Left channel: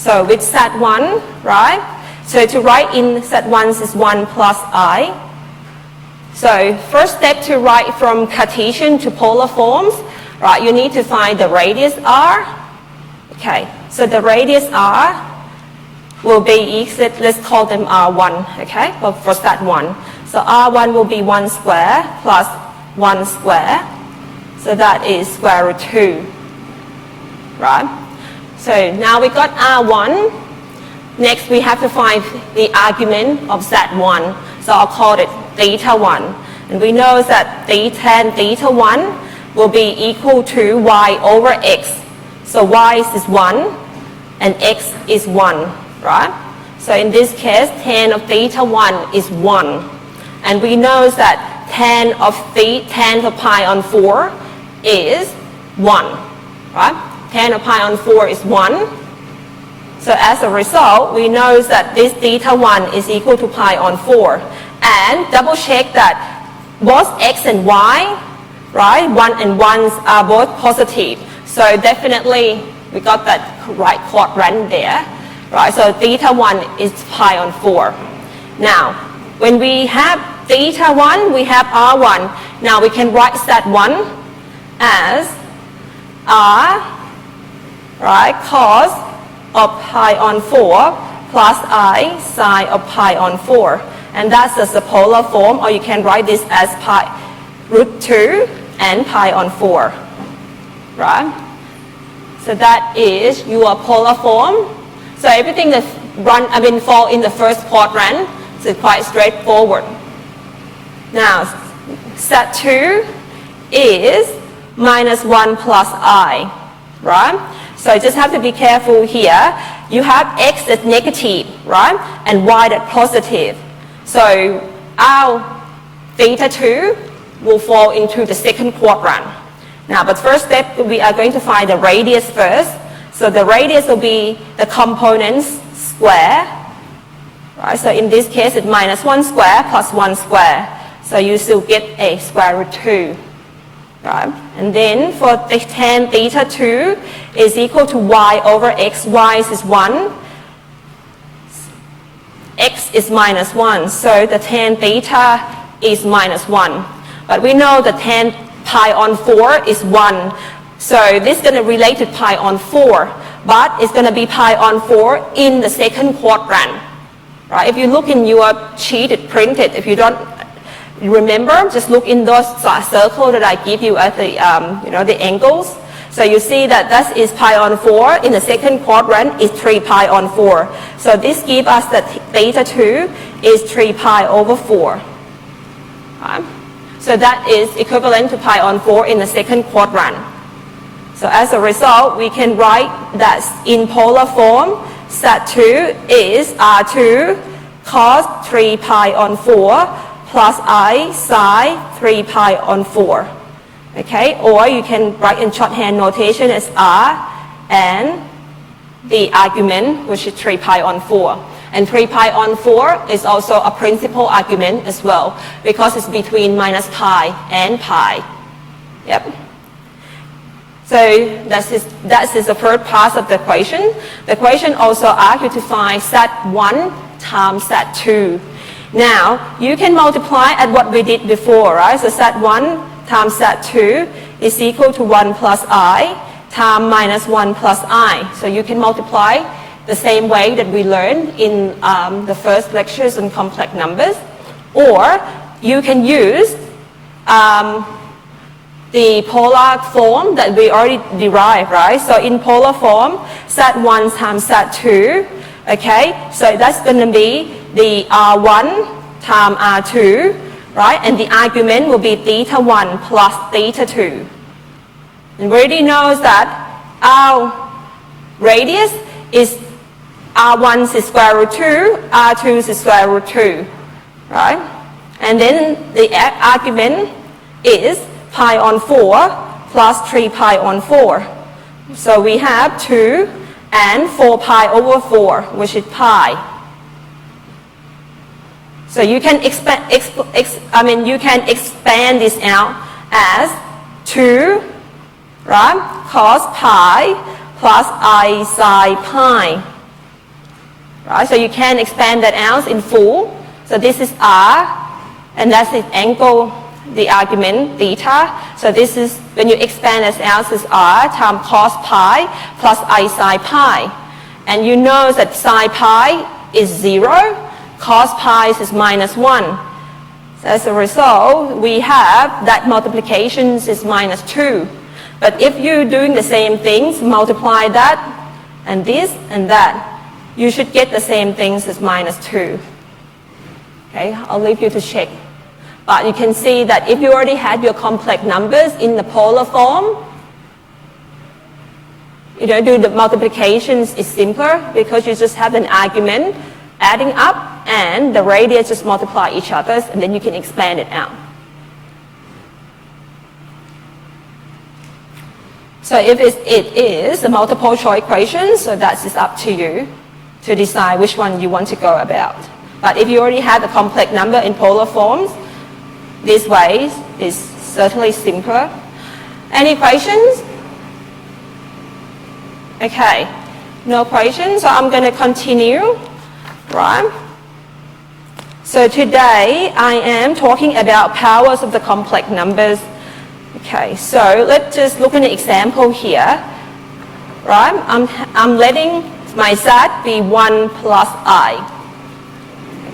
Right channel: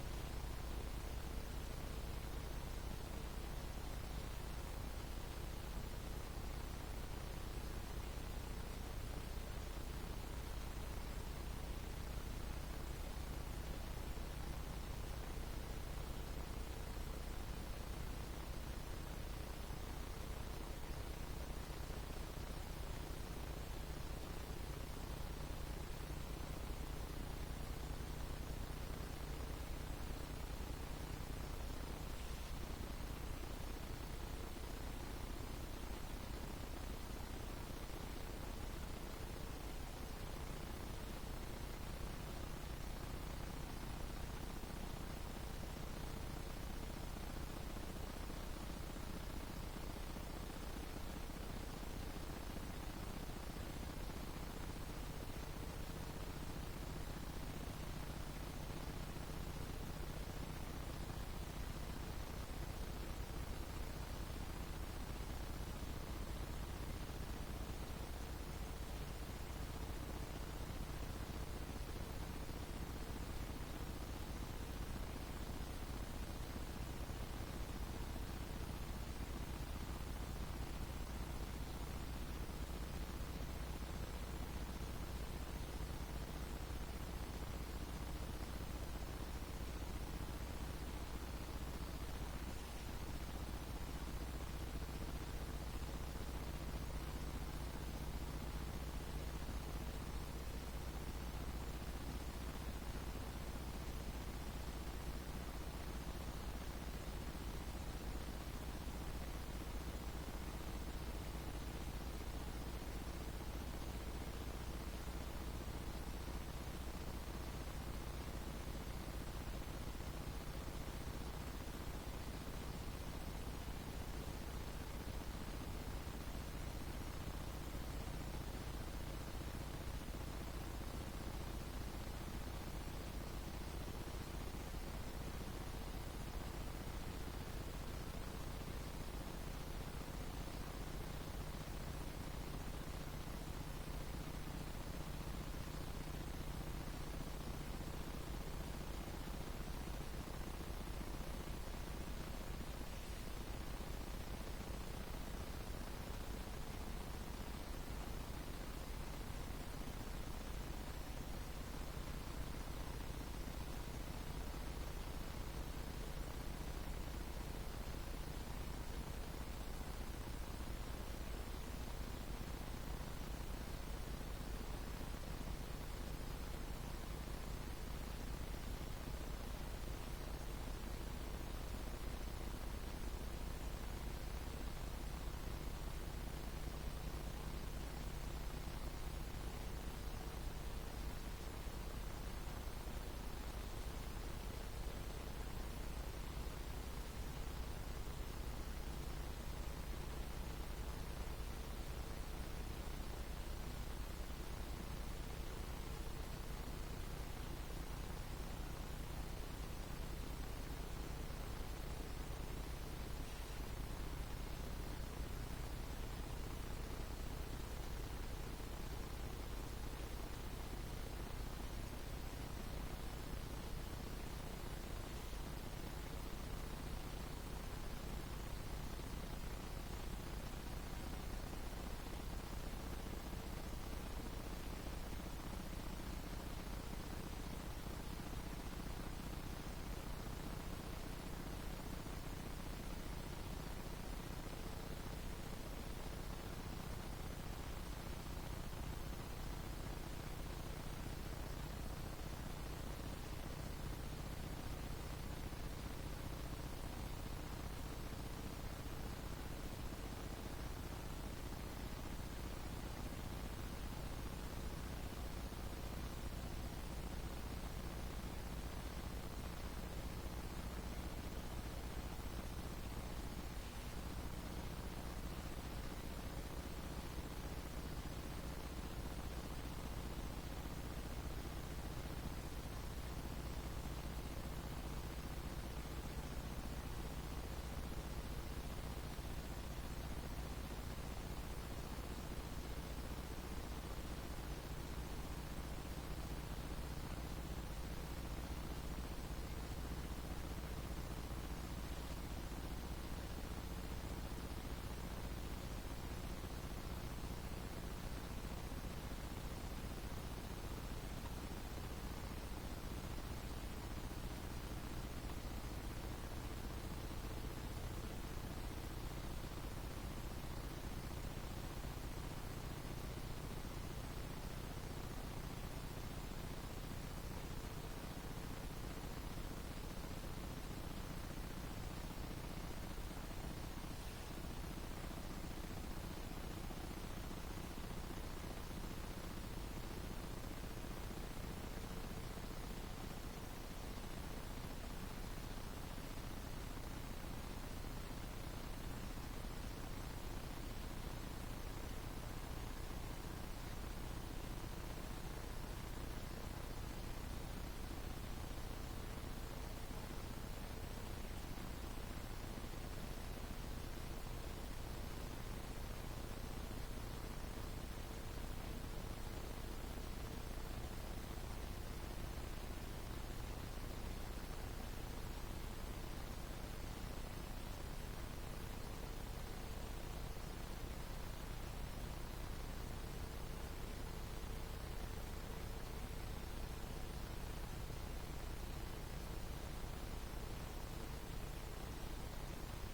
So with Z1, right? So to write in Z1 is 1 plus I. So first step to write from Cartesian to polar forms, right? You need to find the radius r. Okay, so the radius r will be, let's call them r1, okay, for Z1. So r1 will be 1 square plus 1 square. So that is square root 2, right? So now we got r1. Next we have to find the argument of Z1. So I'll call it theta 1. And we know that tan theta 1 will be equal to y over x. So y is 1 and x is 1, right? So in this case, tan of theta 1 is 1. And we know that tan of pi on 4 is 1, right? Tan of pi on 4 is 1. So as a result, we know that this theta 1 is equal to pi on 4. And double check that both x and y, right, 1 and 1s are both positive. So definitely we got that right quadrant there, right? So theta 1 is pi on 4. Now, when we have theta 1, we have r1. Now we can write Z1 as r, right, cos of pi on 4 plus I sine of pi on 4. And that's the polar form, or you can write this as pi root 2 and pi on 4, right? So that is your polar form. So everything that fall in the first quadrant is quite straightforward. Now, Z2 is minus 1 plus I, right? So you just have to be careful here. You have x that's negative, right? And y that's positive. So our theta 2 will fall into the second quadrant. Now, but first step, we are going to find the radius first. So the radius will be the components square, right? So in this case, it's minus 1 square plus 1 square. So you still get a square root 2, right? And then for the tan theta 2 is equal to y over x. Y is 1. X is minus 1. So the tan theta is minus 1. But we know the tan pi on 4 is 1. So this is going to relate to pi on 4. But it's going to be pi on 4 in the second quadrant, right? If you look in your sheet, it's printed. If you don't remember, just look in those circles that I give you at the, the angles. So you see that that is pi on 4. In the second quadrant is 3 pi on 4. So this gives us that theta 2 is 3 pi over 4. Right? So that is equivalent to pi on 4 in the second quadrant. So as a result, we can write that in polar form, Z2 is R2 cos 3 pi on 4 plus I sine 3 pi on 4. Okay, or you can write in shorthand notation as R and the argument, which is 3 pi on 4. And 3 pi on 4 is also a principal argument as well, because it's between minus pi and pi. Yep. So that is the first part of the equation. The equation also asks you to find Z1 times Z2. Now, you can multiply at what we did before, right? So Z1 times Z2 is equal to 1 plus I times minus 1 plus I. So you can multiply the same way that we learned in the first lectures on complex numbers. Or you can use the polar form that we already derived, right? So in polar form, Z1 times Z2, okay? So that's going to be the R1 times R2, right? And the argument will be theta 1 plus theta 2. And we already know that our radius is R1 is square root 2, R2 is square root 2, right? And then the argument is pi on 4 plus 3 pi on 4. So we have 2 and 4 pi over 4, which is pi. So you can expand this out as 2, right, cos pi plus I sine pi. right? So you can expand that out in full. So this is r, and that's the angle, the argument theta. So this is, when you expand this out, is r times cos pi plus I sine pi. And you know that sine pi is 0, cos pi is minus 1. So as a result, we have that multiplications is minus 2. But if you're doing the same things, multiply that and this and that, you should get the same things as minus 2. Okay, I'll leave you to check. But you can see that if you already had your complex numbers in the polar form, you don't do the multiplications is simpler because you just have an argument adding up and the radius just multiply each other and then you can expand it out. So if it is a multiple choice equation, so that is up to you to decide which one you want to go about. But if you already have the complex number in polar forms, this way is certainly simpler. Any questions? Okay, no questions, so I'm going to continue, right? So today I am talking about powers of the complex numbers. Okay, so let's just look at an example here, right? I'm letting my Z be 1 plus I.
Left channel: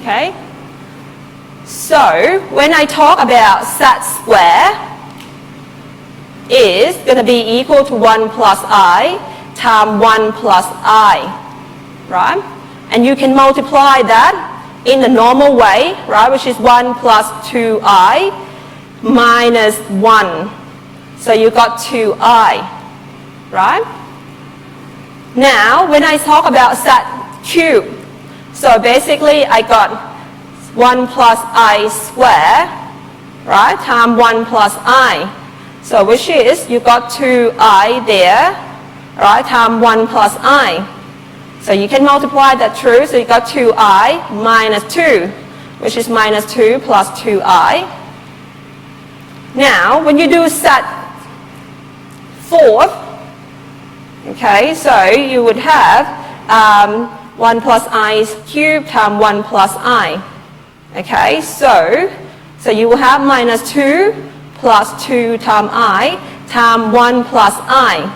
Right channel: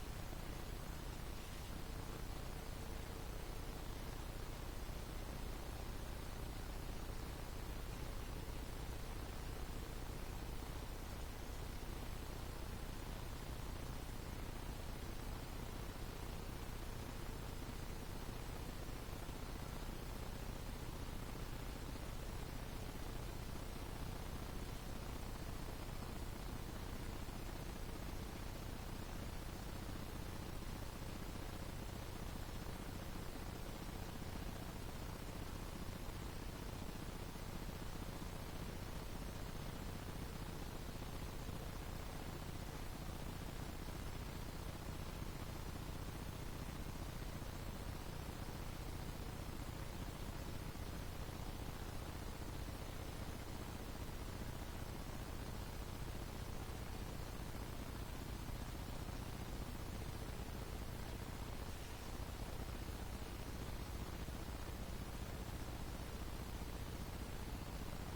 Okay? So when I talk about Z square is going to be equal to 1 plus I times 1 plus I, right? And you can multiply that in the normal way, right, which is 1 plus 2I minus 1. So you got 2I, right? Now, when I talk about Z cubed, so basically I got 1 plus I square, right, times 1 plus I. So which is, you got 2I there, right, times 1 plus I. So you can multiply that through, so you got 2I minus 2, which is minus 2 plus 2I. Now, when you do Z fourth, okay, so you would have 1 plus I cubed times 1 plus I. Okay, so you will have minus 2 plus 2 times I times 1 plus I.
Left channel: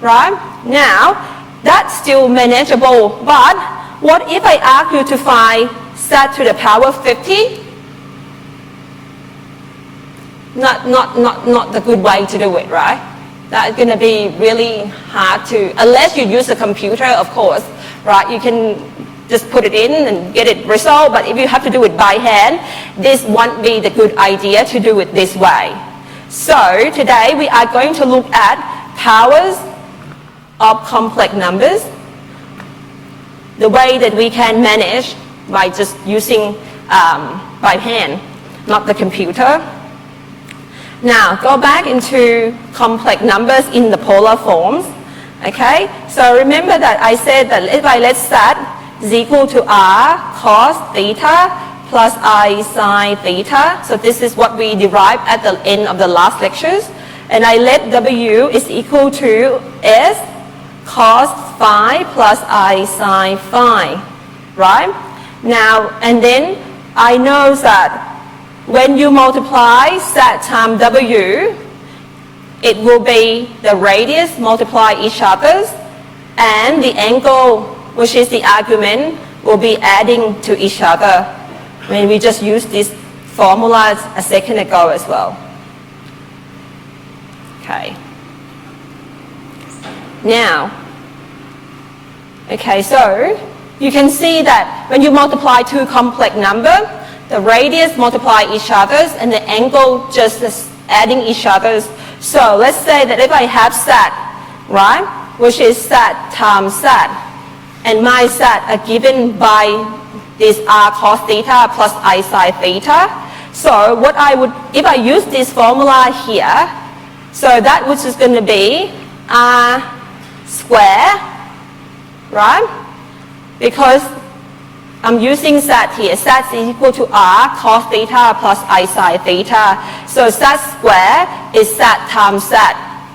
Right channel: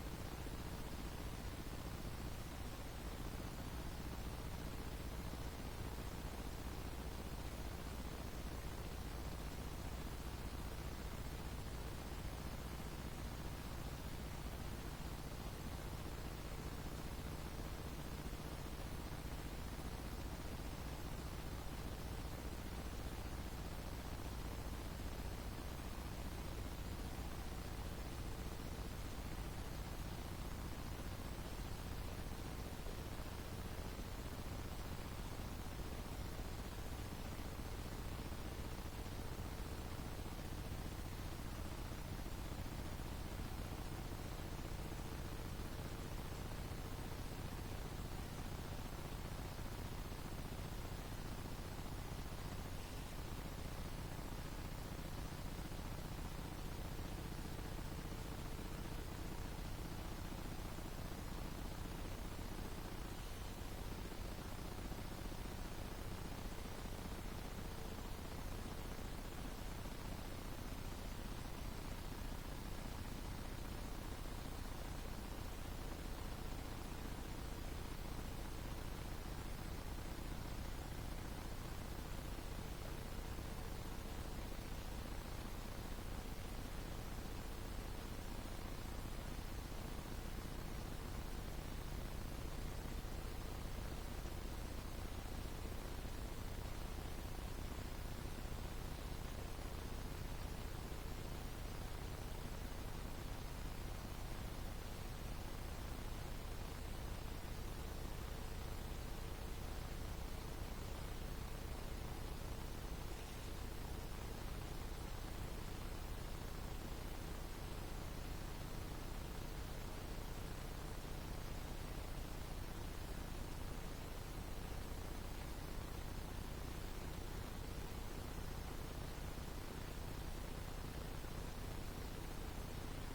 Right? Now, that's still manageable, but what if I ask you to find Z to the power 50? Not the good way to do it, right? That's going to be really hard to, unless you use a computer, of course, right? You can just put it in and get it resolved, but if you have to do it by hand, this won't be the good idea to do it this way. So today we are going to look at powers of complex numbers, the way that we can manage by just using by hand, not the computer. Now, go back into complex numbers in the polar forms. Okay, so remember that I said that if I let Z is equal to R cos theta plus I sine theta. So this is what we derived at the end of the last lectures. And I let W is equal to S cos phi plus I sine phi. Right? Now, and then I know that when you multiply Z times W, it will be the radius multiply each other's, and the angle, which is the argument, will be adding to each other. I mean, we just used this formula a second ago as well. Okay. Now, okay, so you can see that when you multiply two complex numbers, the radius multiply each other's and the angle just is adding each other's. So let's say that if I have Z, right, which is Z times Z, and my Z are given by this R cos theta plus I sine theta. So what I would, if I use this formula here, so that which is going to be R square, right, because I'm using Z here. Z is equal to R cos theta plus I sine theta. So Z square is Z times Z,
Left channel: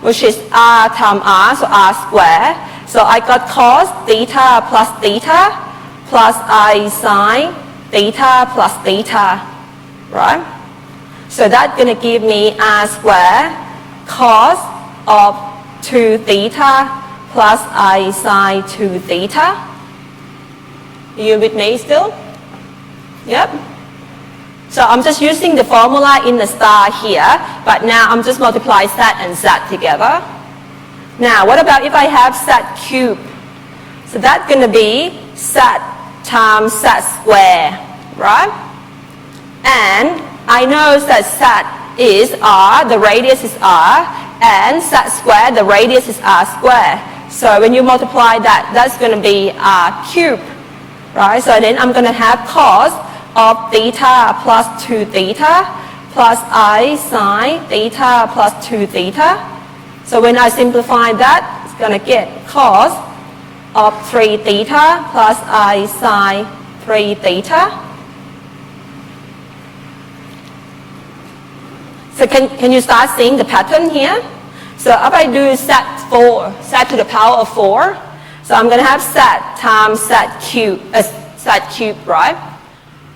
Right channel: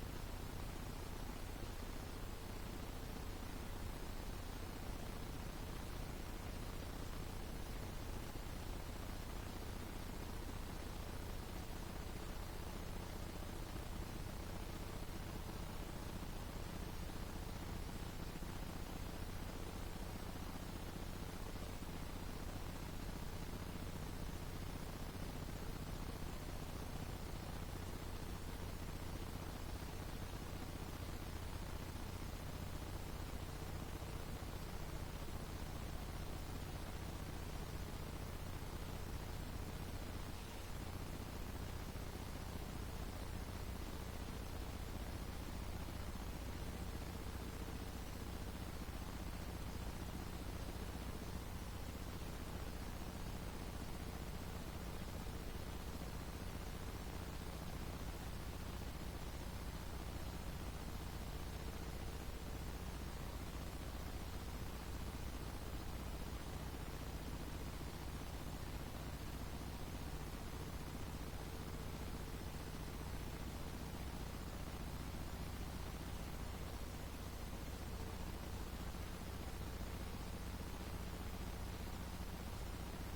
which is R times R, so R square. So I got cos theta plus theta plus I sine theta plus theta, right? So that's going to give me R squared cos of 2 theta plus I sine 2 theta. Are you with me still? Yep. So I'm just using the formula in the star here, but now I'm just multiplying z and z together. Now, what about if I have z cubed? So that's going to be z times z squared, right? And I know that z is r, the radius is r, and z squared, the radius is r squared. So when you multiply that, that's going to be r cubed, right? So then I'm going to have cos of theta plus 2 theta plus I sine theta plus 2 theta. So when I simplify that, it's going to get cos of 3 theta plus I sine 3 theta. So can you start seeing the pattern here? So if I do z to the power of 4, so I'm going to have z times z cubed, right?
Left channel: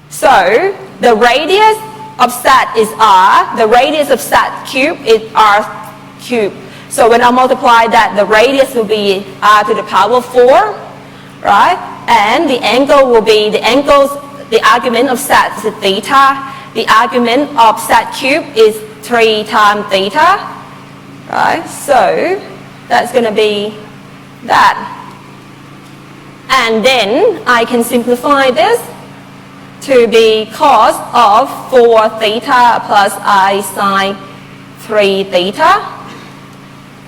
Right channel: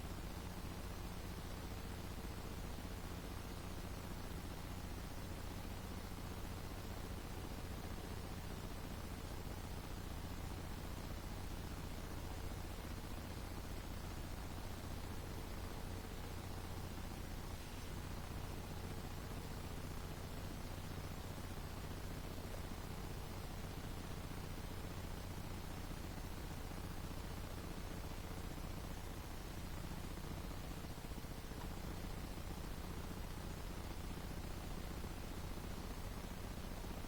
So the radius of z is r, the radius of z cubed is r cubed. So when I multiply that, the radius will be r to the power of 4, right? And the angle will be, the argument of z is theta, the argument of z cubed is 3 times theta, right? So that's going to be that. And then I can simplify this to be cos of 4 theta plus I sine 3 theta.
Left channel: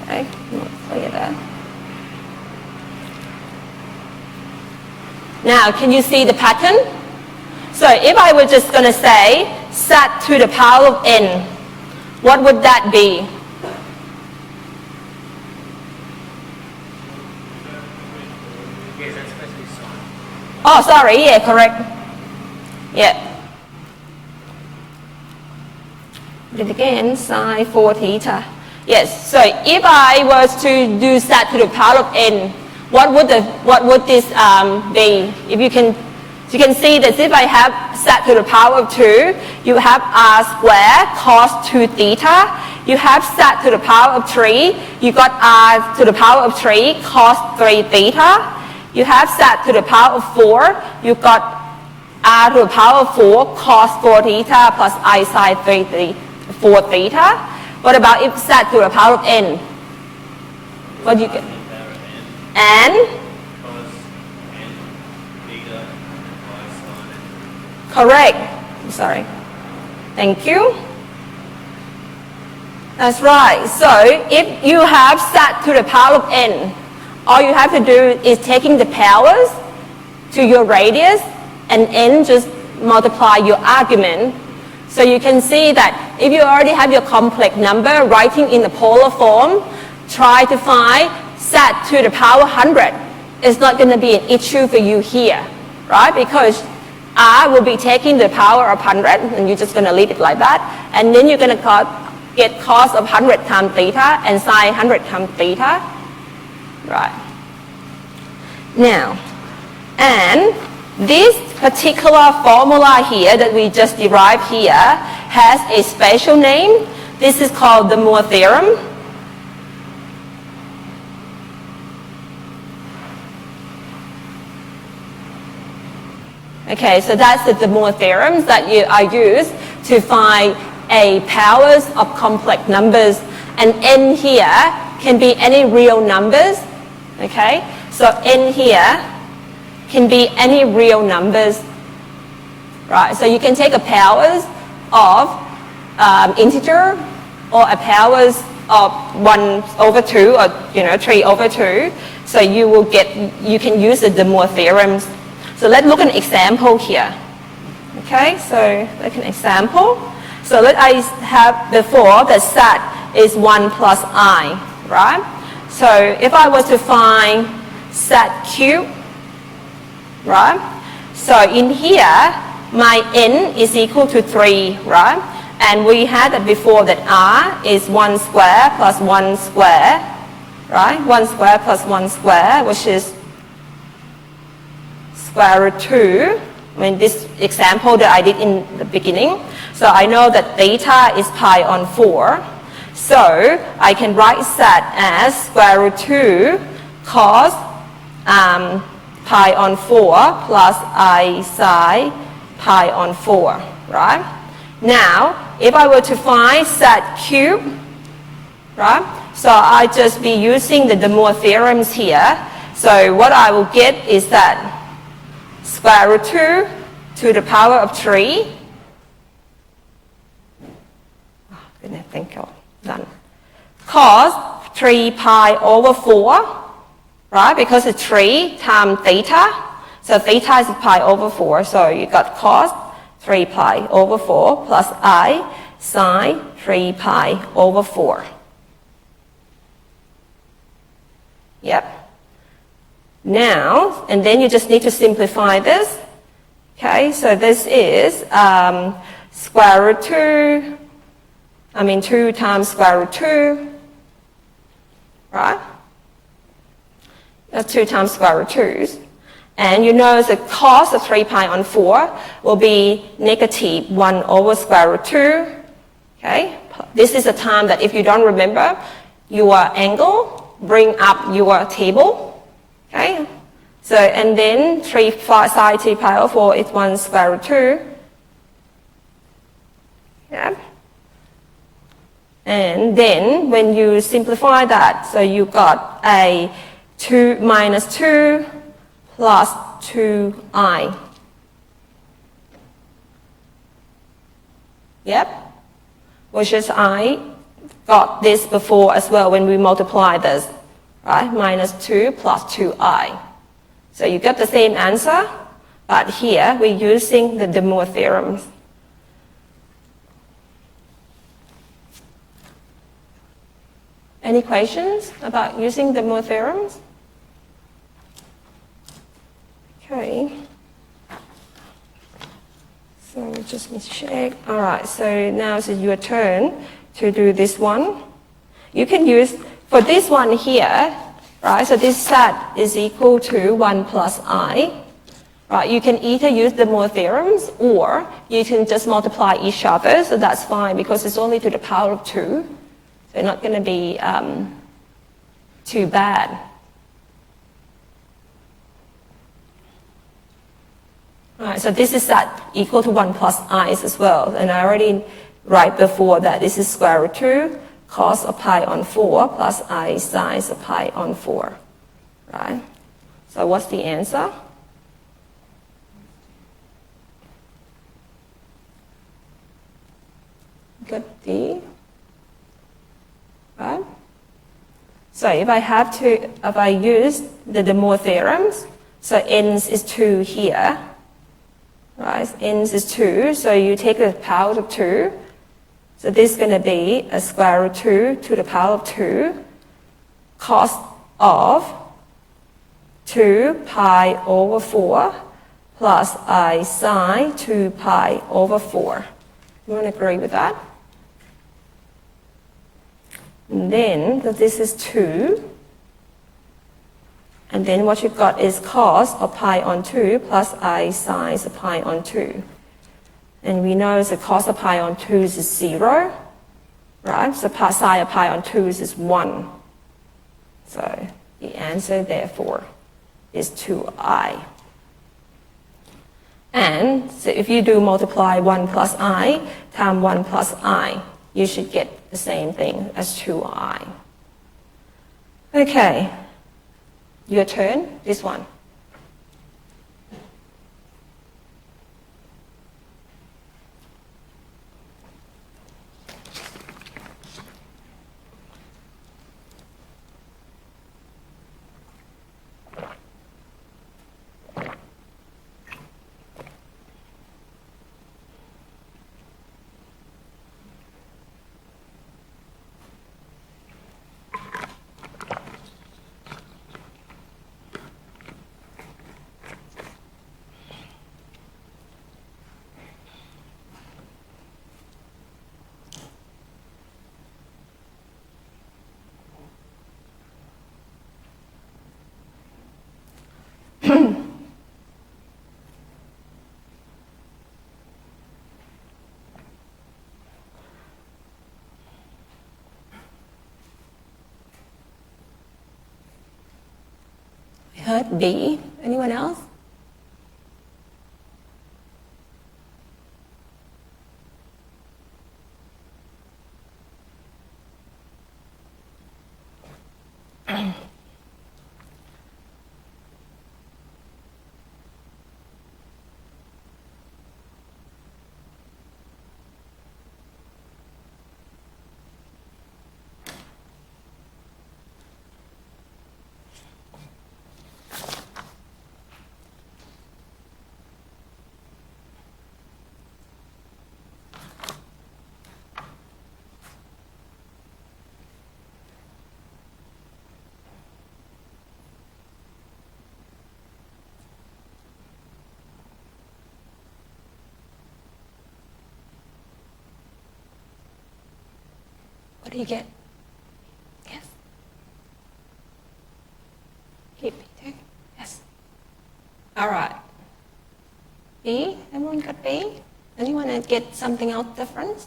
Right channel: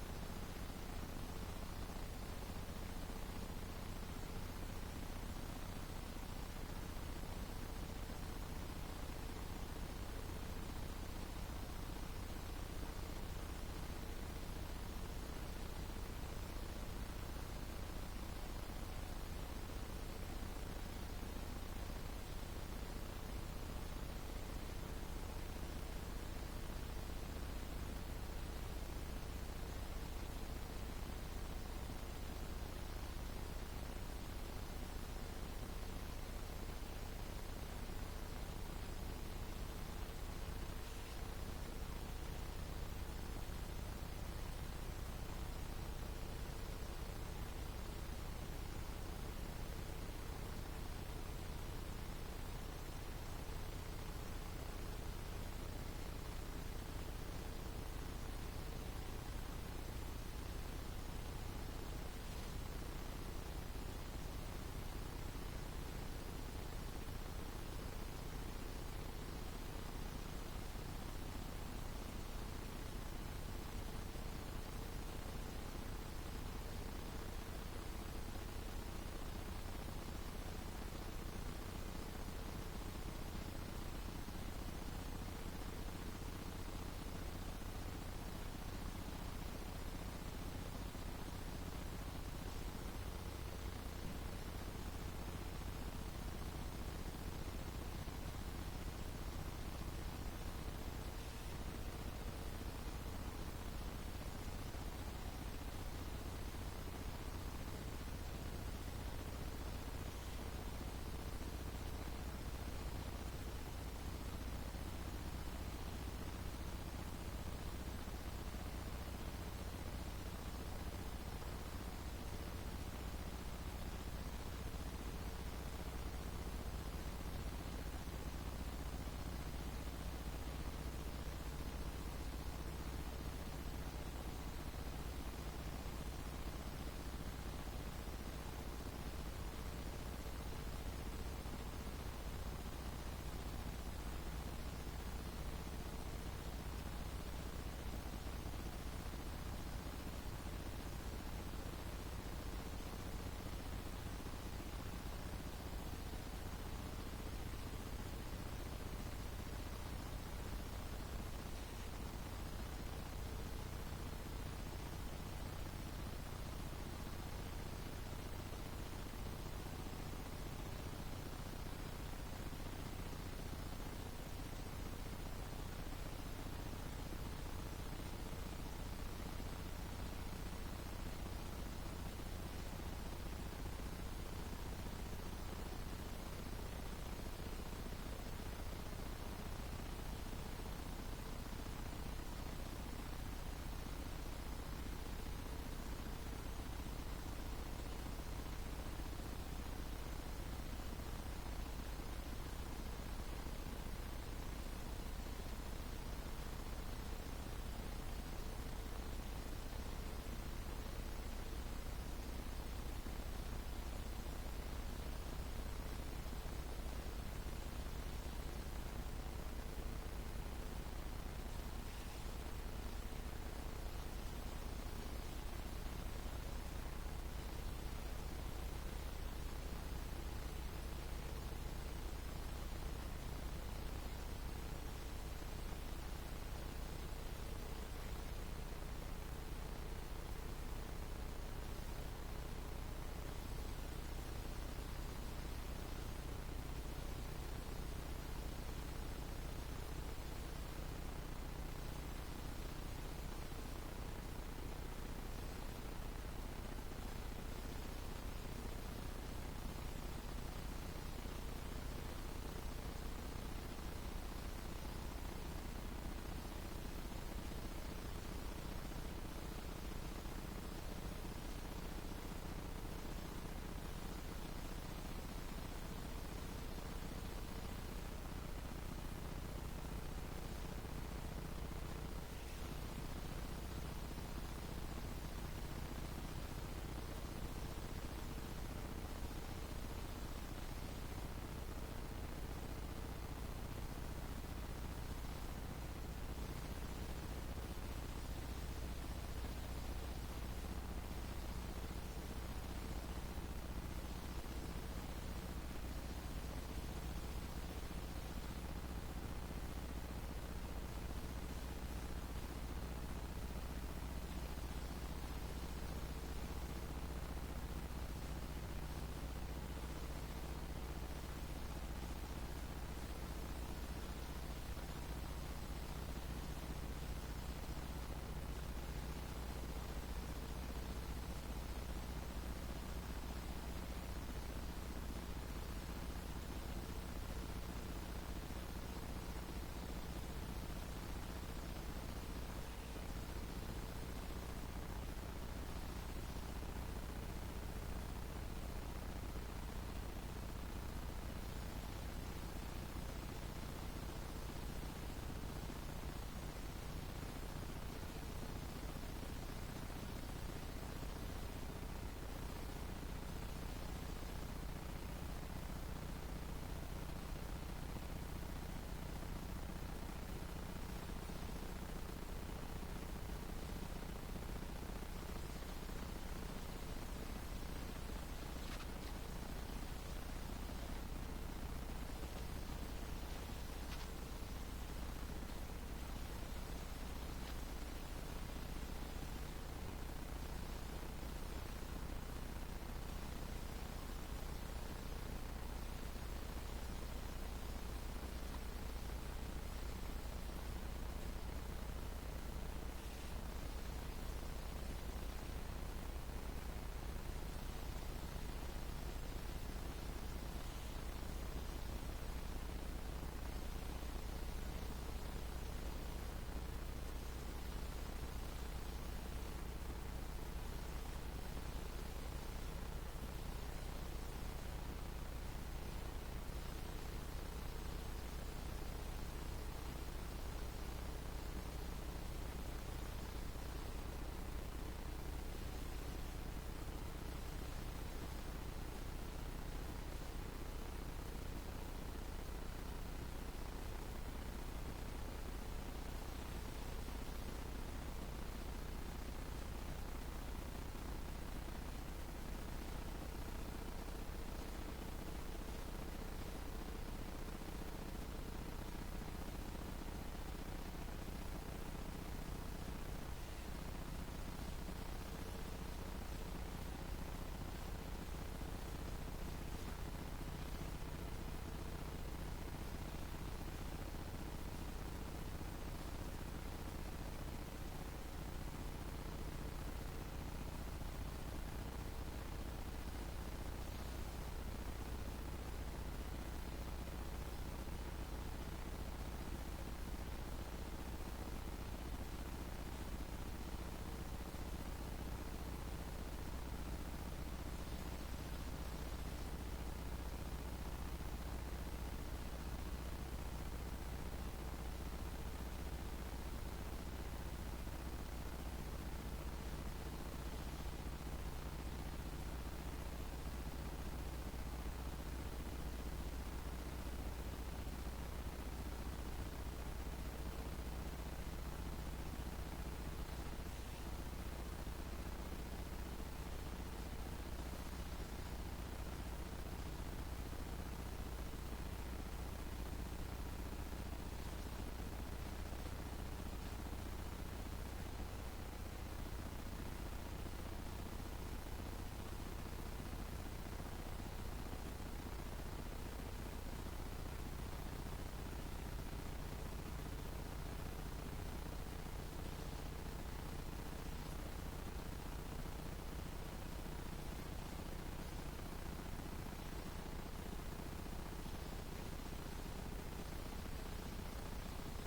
Okay, look at that. Now, can you see the pattern? So if I were just going to say z to the power of n, what would that be? Oh, sorry, yeah, correct. Yeah. Do it again, sine 4 theta. Yes, so if I was to do z to the power of n, what would this be? If you can see that if I have z to the power of 2, you have r squared cos 2 theta. You have z to the power of 3, you got r to the power of 3 cos 3 theta. You have z to the power of 4, you got r to the power of 4 cos 4 theta plus I sine 4 theta. What about if z to the power of n? What do you get? N? Correct. Sorry. Thank you. That's right. So if you have z to the power of n, all you have to do is taking the powers to your radius and n just multiply your argument. So you can see that if you already have your complex number writing in the polar form, try to find z to the power 100. It's not going to be an issue for you here, right? Because r will be taking the power of 100 and you're just going to leave it like that. And then you're going to get cos of 100 times theta and sine 100 times theta. Right. Now, and this particular formula here that we just derived here has a special name. This is called the Moore theorem. Okay, so that's the Moore theorems that are used to find a powers of complex numbers, and n here can be any real numbers. Okay, so n here can be any real numbers, right? So you can take a powers of integer or a powers of 1/2 or 3/2. So you can use the Moore theorems. So let's look at an example here. Okay, so like an example. So let I have before that z is 1 plus I, right? So if I were to find z cubed, right? So in here, my n is equal to 3, right? And we had that before that r is 1 square plus 1 square, right? 1 square plus 1 square, which is square root 2, I mean this example that I did in the beginning. So I know that theta is pi on 4. So I can write that as square root 2 cos pi on 4 plus I sine pi on 4, right? Now, if I were to find that cube, right? So I just be using the De Moivre theorems here. So what I will get is that square root 2 to the power of 3. I think I'm done. Cos 3 pi over 4, right? Because it's 3 times theta. So theta is pi over 4. So you got cos 3 pi over 4 plus I sine 3 pi over 4. Yep. Now, and then you just need to simplify this. Okay, so this is square root 2, 2 times square root 2, right? That's 2 times square root 2's. And you know the cos of 3 pi on 4 will be negative 1 over square root 2. Okay, this is a time that if you don't remember your angle, bring up your table. Okay, so and then 3 sine 3 pi over 4 is 1 square root 2. Yeah. And then when you simplify that, so you got a 2 minus 2 plus 2i. Yep. Which is I got this before as well when we multiply this. Right? Minus 2 plus 2i. So you get the same answer, but here we're using the De Moivre theorems. Any questions about using the De Moivre theorems? Okay. So we just need to check. All right, so now it's your turn to do this one. You can use, for this one here, right, so this set is equal to 1 plus I. Right, you can either use the De Moivre theorems or you can just multiply each other, so that's fine because it's only to the power of 2. They're not going to be too bad. All right, so this is that equal to 1 plus i's as well. And I already write before that this is square root 2 cos of pi on 4 plus I sine of pi on 4. Right? So what's the answer? Good D. Right? So if I use the De Moivre theorems, so n is 2 here. Right, n is 2, so you take the power of 2. So this is going to be a square root 2 to the power of 2 cos of 2 pi over 4 plus I sine 2 pi over 4. You want to agree with that? And then this is 2. And then what you've got is cos of pi on 2 plus I sine of pi on 2. And we know the cos of pi on 2 is 0, right? So sine of pi on 2 is 1. So the answer, therefore, is 2i. And so if you do multiply 1 plus I times 1 plus I, you should get the same thing as 2i. Okay. Your turn, this one. heard B. Anyone else? What do you get? Yes. Keep it. Yes. All right. B. Everyone got B? Anyone get something else different?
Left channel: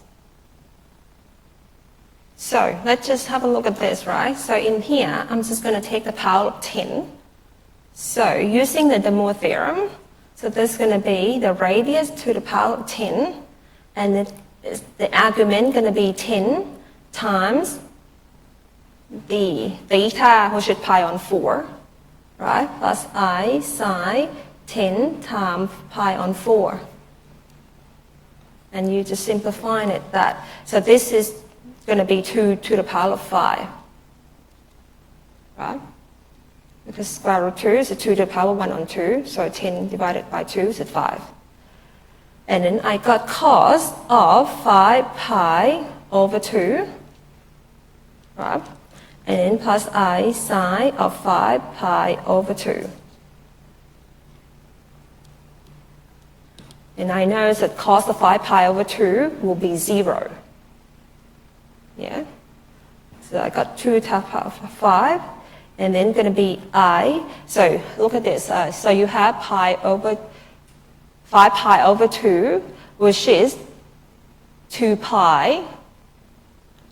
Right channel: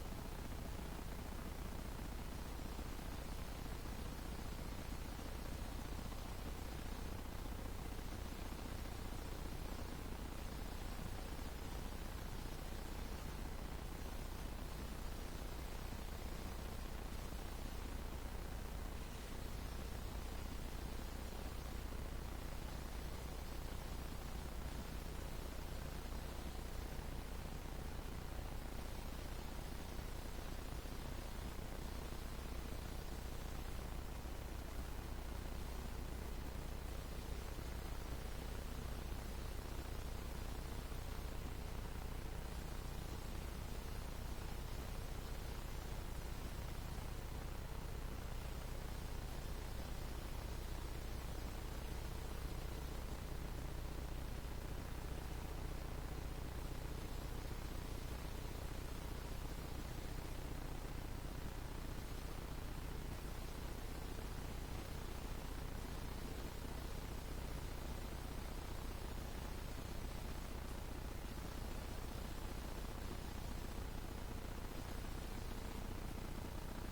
So let's just have a look at this, right? So in here, I'm just going to take the power of 10. So using the De Moivre theorem, so this is going to be the radius to the power of 10, and the argument going to be 10 times the theta, which is pi on 4, right? Plus I sine 10 times pi on 4. And you just simplifying it that. So this is going to be 2 to the power of 5, right? Because square root 2 is 2 to the power 1 on 2, so 10 divided by 2 is 5. And then I got cos of 5 pi over 2, right? And then plus I sine of 5 pi over 2. And I know that cos of 5 pi over 2 will be 0. Yeah? So I got 2 to the power of 5, and then going to be I. So look at this. So you have 5 pi over 2, which is 2 pi,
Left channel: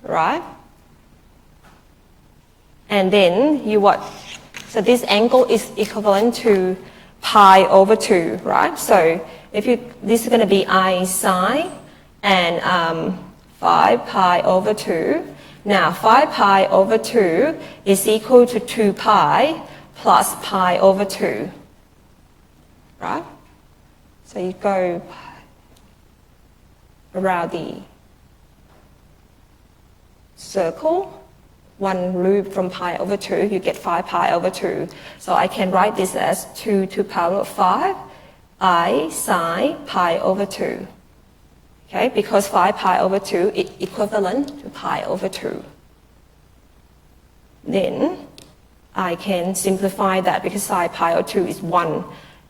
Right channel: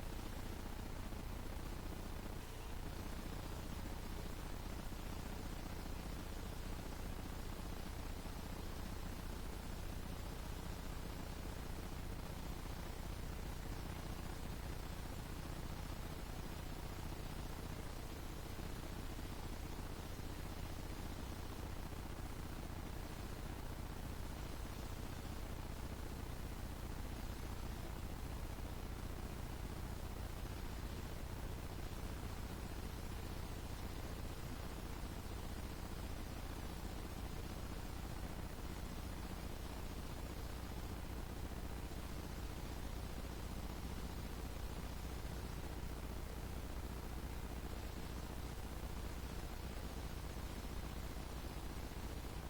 right? And then you what? So this angle is equivalent to pi over 2, right? So if you, this is going to be I sine and 5 pi over 2. Now 5 pi over 2 is equal to 2 pi plus pi over 2, right? So you go around the circle, one loop from pi over 2, you get 5 pi over 2. So I can write this as 2 to the power of 5, I sine pi over 2. Okay, because 5 pi over 2 is equivalent to pi over 2. Then I can simplify that because sine pi over 2 is 1,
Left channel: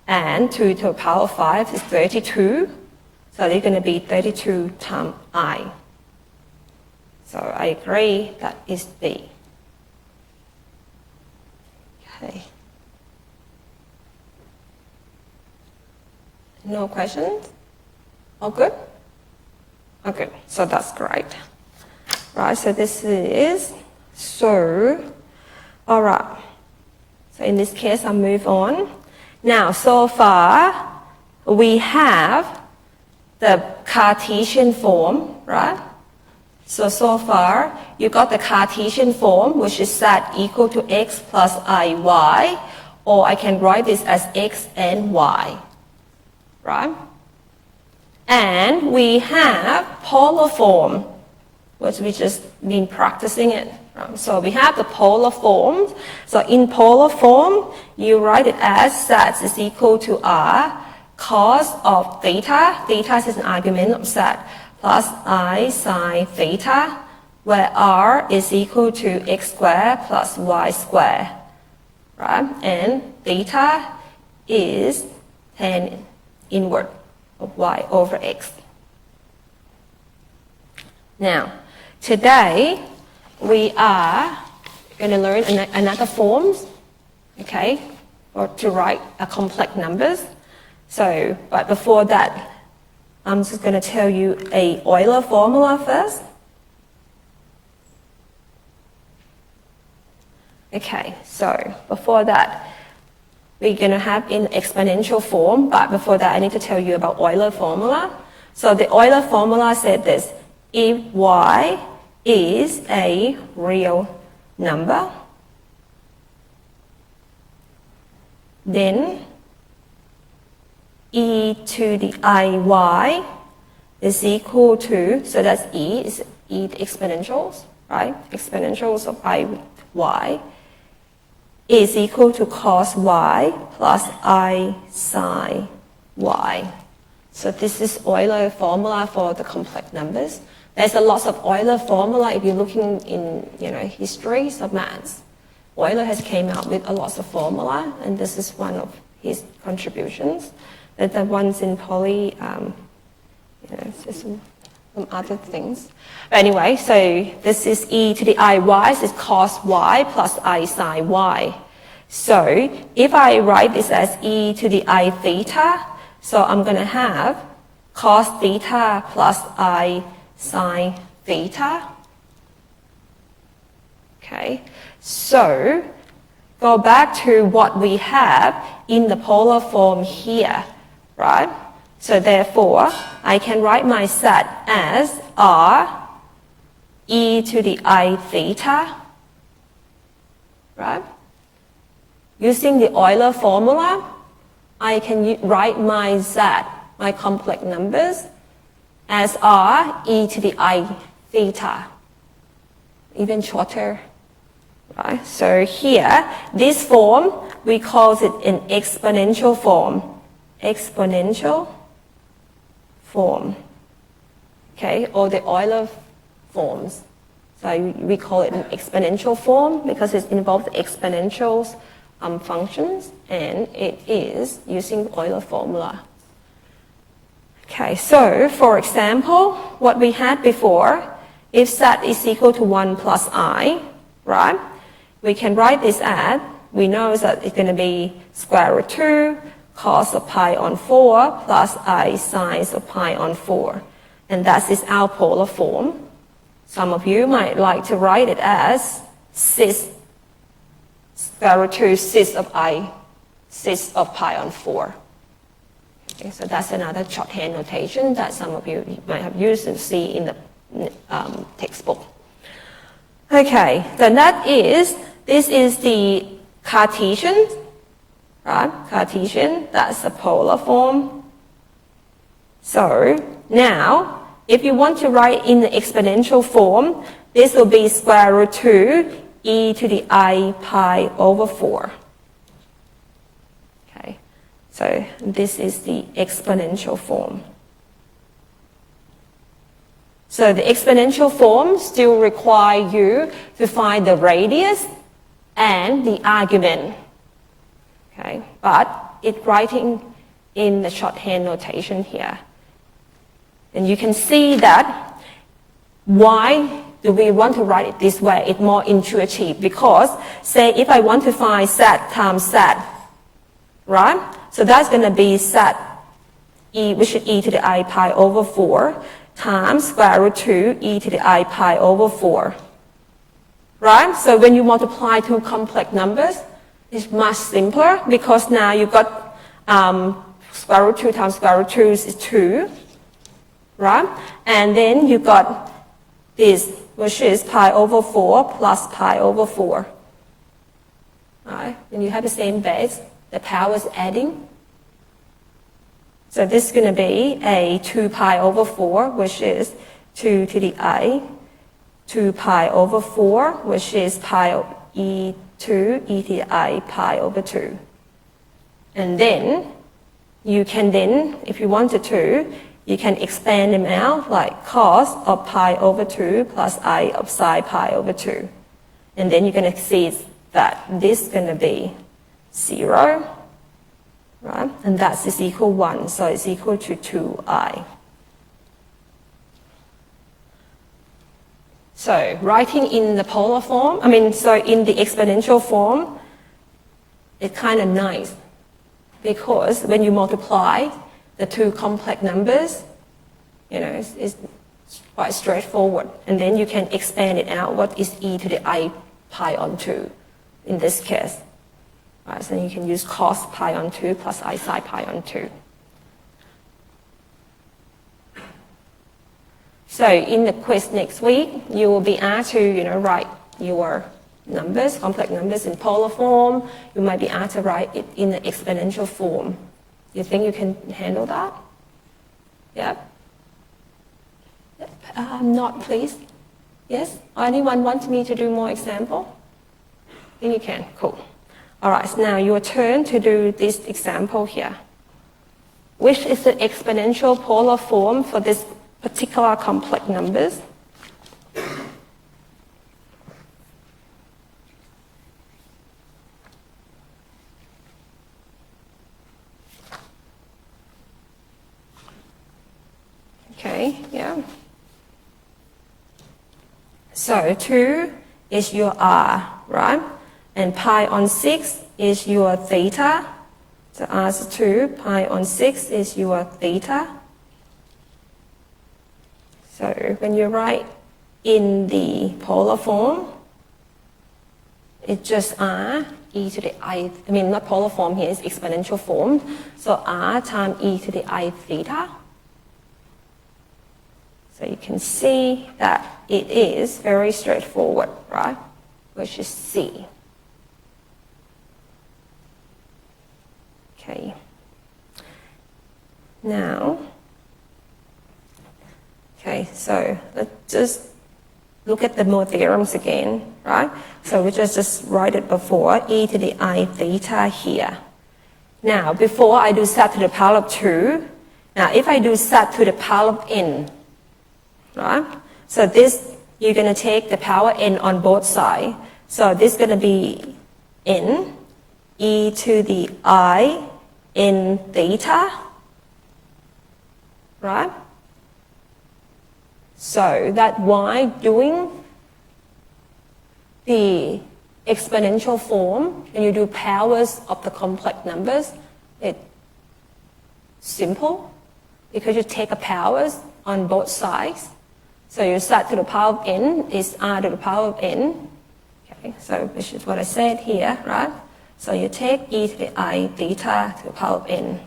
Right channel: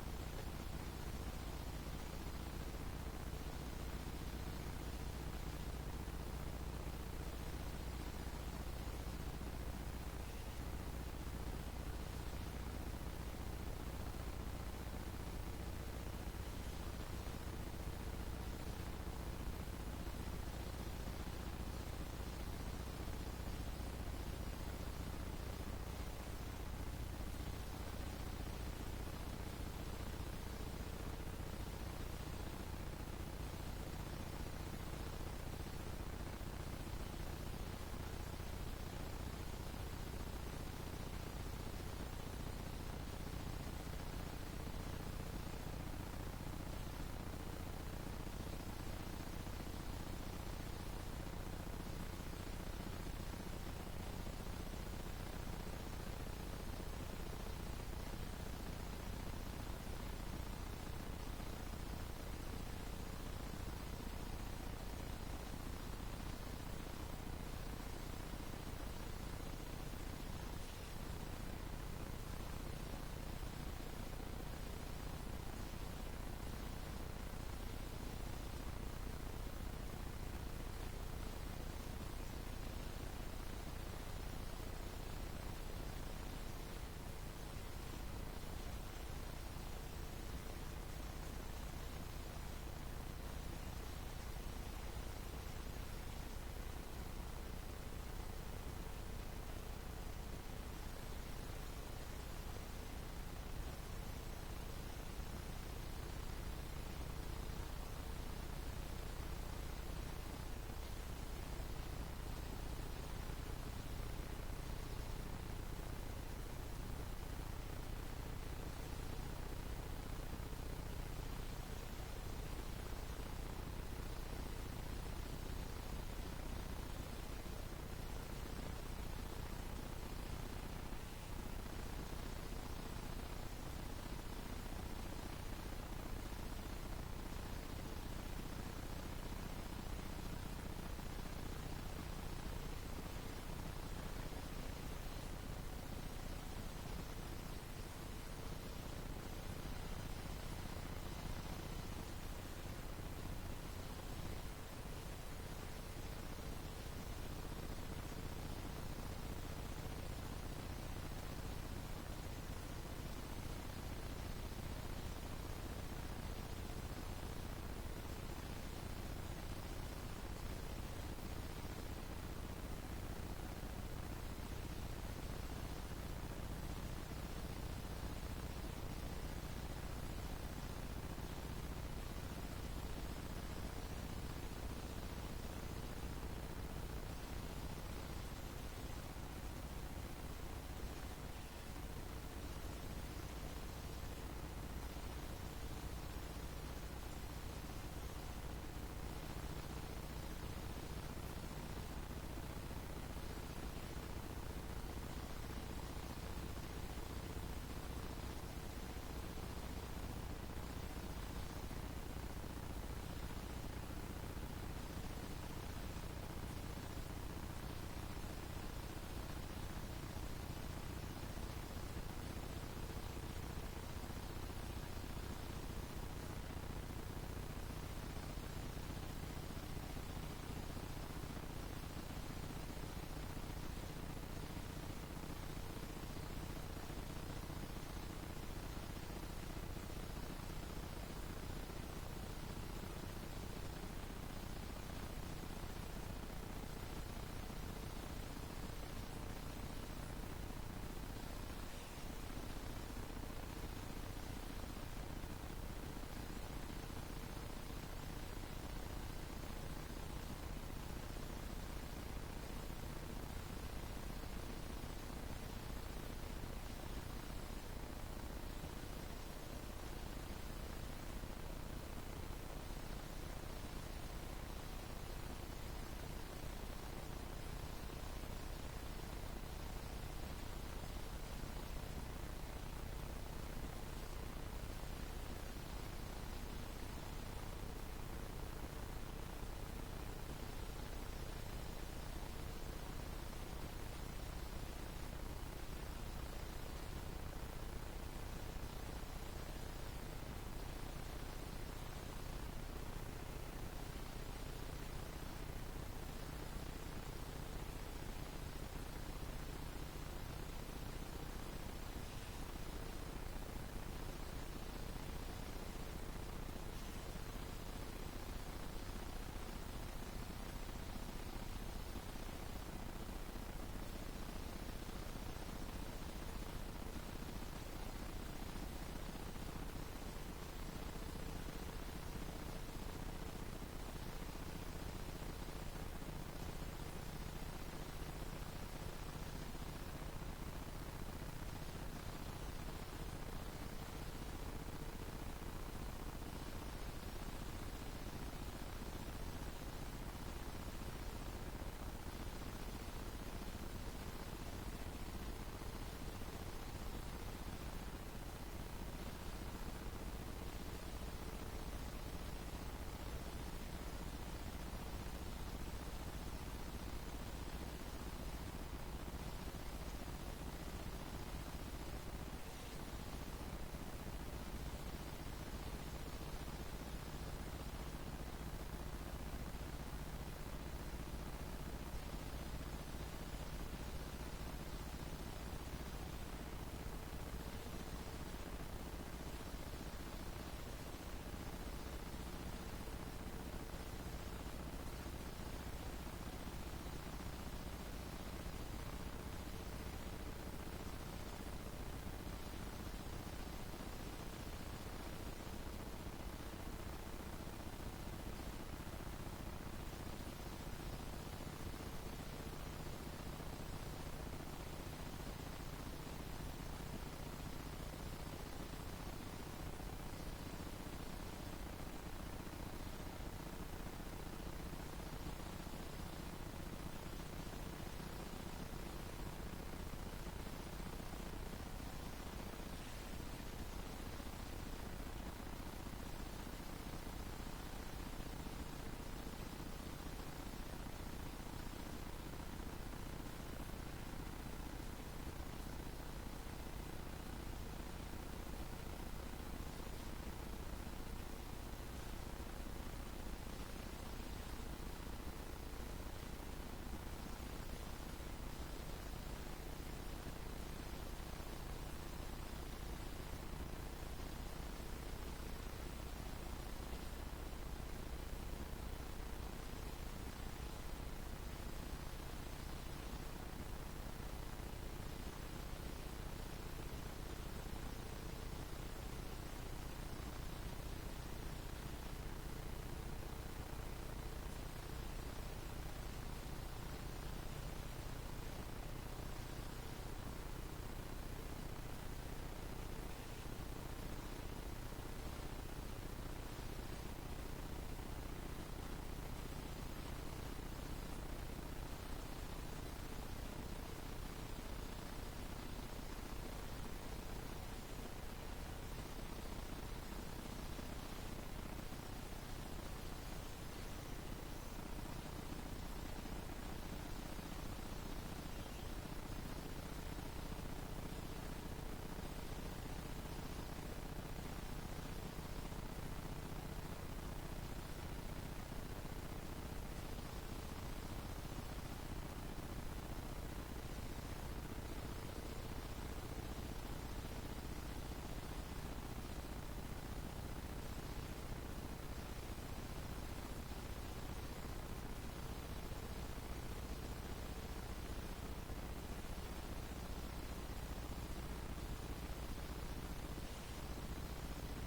and 2 to the power of 5 is 32. So they're going to be 32 times I. So I agree that is B. Okay. No questions? All good? Okay, so that's great. Right, so this is, so, all right. So in this case, I'll move on. Now, so far, we have the Cartesian form, right? So far, you got the Cartesian form, which is z equal to x plus iy, or I can write this as x and y, right? And we have polar form, which we just been practicing it. Right? So we have the polar form. So in polar form, you write it as z is equal to r cos of theta. Theta is an argument of z, plus I sine theta, where r is equal to x squared plus y squared. Right? And theta is tan inverse of y over x. Now, today we are going to learn another forms, okay, or to write a complex numbers. So, but before that, I'm just going to tell you a Euler formula first. Okay, so before that, we're going to have in exponential form, but before that I need to tell you about Euler formula. So the Euler formula said this: if y is a real number, then e to the iy is equal to, so that's e, is e the exponentials, right? Exponentials of iy is equal to cos y plus I sine y. So this is Euler formula for the complex numbers. There's a lot of Euler formula if you're looking in histories of maths. Euler has came out with a lot of formula, and this is one of his contributions. But the ones in poly, some other things. But anyway, so this is e to the iy, so it's cos y plus I sine y. So if I write this as e to the I theta, so I'm going to have cos theta plus I sine theta. Okay, so go back to what we have in the polar form here, right? So therefore, I can write my set as r e to the I theta, right? Using the Euler formula, I can write my z, my complex numbers, as r e to the I theta, even shorter, right? So here, this form, we call it an exponential form. Exponential form, okay, or the Euler forms. So we call it an exponential form because it involves exponentials functions, and it is using Euler formula. Okay, so for example, what we had before, if z is equal to 1 plus I, right, we can write this as, we know that it's going to be square root 2 cos of pi on 4 plus I sine of pi on 4. And that is our polar form. Some of you might like to write it as cis, square root 2 cis of pi on 4. Okay, so that's another shorthand notation that some of you might have used and see in the textbook. Okay, then this is the Cartesian, right? Cartesian, that's the polar form. So now, if you want to write in the exponential form, this will be square root 2 e to the I pi over 4. Okay, so this is the exponential form. So the exponential form still require you to find the radius and the argument. Okay, but it's writing in the shorthand notation here. And you can see that why do we want to write it this way? It's more intuitive because, say, if I want to find z times z, right? So that's going to be z, which is e to the I pi over 4, times square root 2 e to the I pi over 4. Right? So when you multiply two complex numbers, it's much simpler because now you've got square root 2 times square root 2 is 2. Right? And then you've got this, which is pi over 4 plus pi over 4. Right? And you have the same base, the power is adding. So this is going to be a 2 pi over 4, which is 2 to the I, 2 pi over 4, which is pi e to the I pi over 2. And then you can then, if you wanted to, you can expand them out like cos of pi over 2 plus I of sine pi over 2. And then you're going to see that this is going to be 0, right? And that is equal 1, so it's equal to 2I. So writing in the polar form, so in the exponential form, it's kind of nice because when you multiply the two complex numbers, it's quite straightforward. And then you can expand it out. What is e to the I pi on 2 in this case? Right, so you can use cos pi on 2 plus I sine pi on 2. So in the quiz next week, you will be asked to, write your numbers, complex numbers in polar form. You might be asked to write it in the exponential form. You think you can handle that? Yep. Not, please. Yes? Anyone want me to do more example? I think you can. Cool. All right, so now your turn to do this example here. Which is the exponential polar form for this particular complex numbers? Okay, yeah. So 2 is your r, right? And pi on 6 is your theta. So r is 2, pi on 6 is your theta. So when you write in the polar form, it's just r e to the I mean not polar form here, it's exponential form. So r times e to the I theta. So you can see that it is very straightforward, right? Which is C. Okay. Now, okay, so let's just look at the more theorems again, right? So we just write it before, e to the I theta here. Now, before I do z to the power of 2, now if I do z to the power of n, right? So this, you're going to take the power n on both sides. So this is going to be n, e to the I n theta, right? So that's why doing the exponential form, when you do powers of the complex numbers, it's simple because you take the powers on both sides. So you start to the power of n is r to the power of n. Okay, so which is what I said here, right? So you take e to the I theta to the power of n.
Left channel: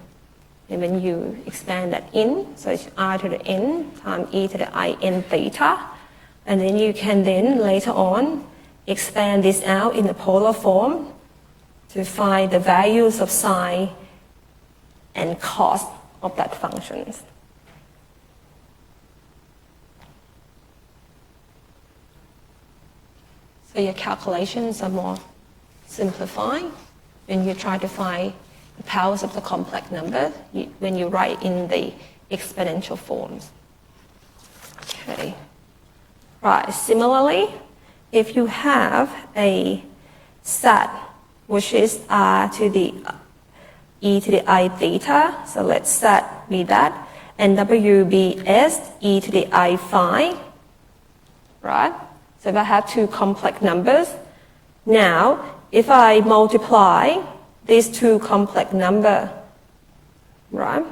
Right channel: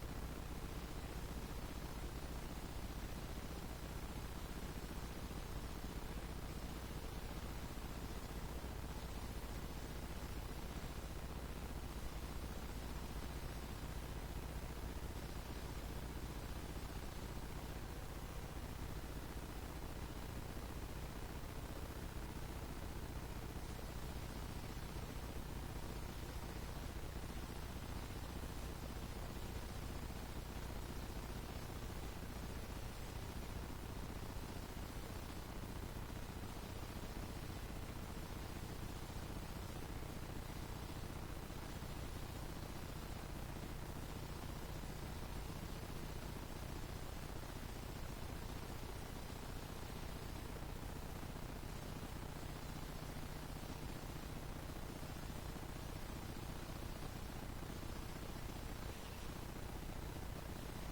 And when you expand that in, so it's r to the n times e to the I n theta. And then you can then later on expand this out in the polar form to find the values of sine and cos of that functions. So your calculations are more simplified when you try to find the powers of the complex number when you write in the exponential forms. Okay. Right, similarly, if you have a set which is r to the e to the I theta, so let's set be that, and w be s e to the I phi, right? So if I have two complex numbers, now if I multiply these two complex numbers, right?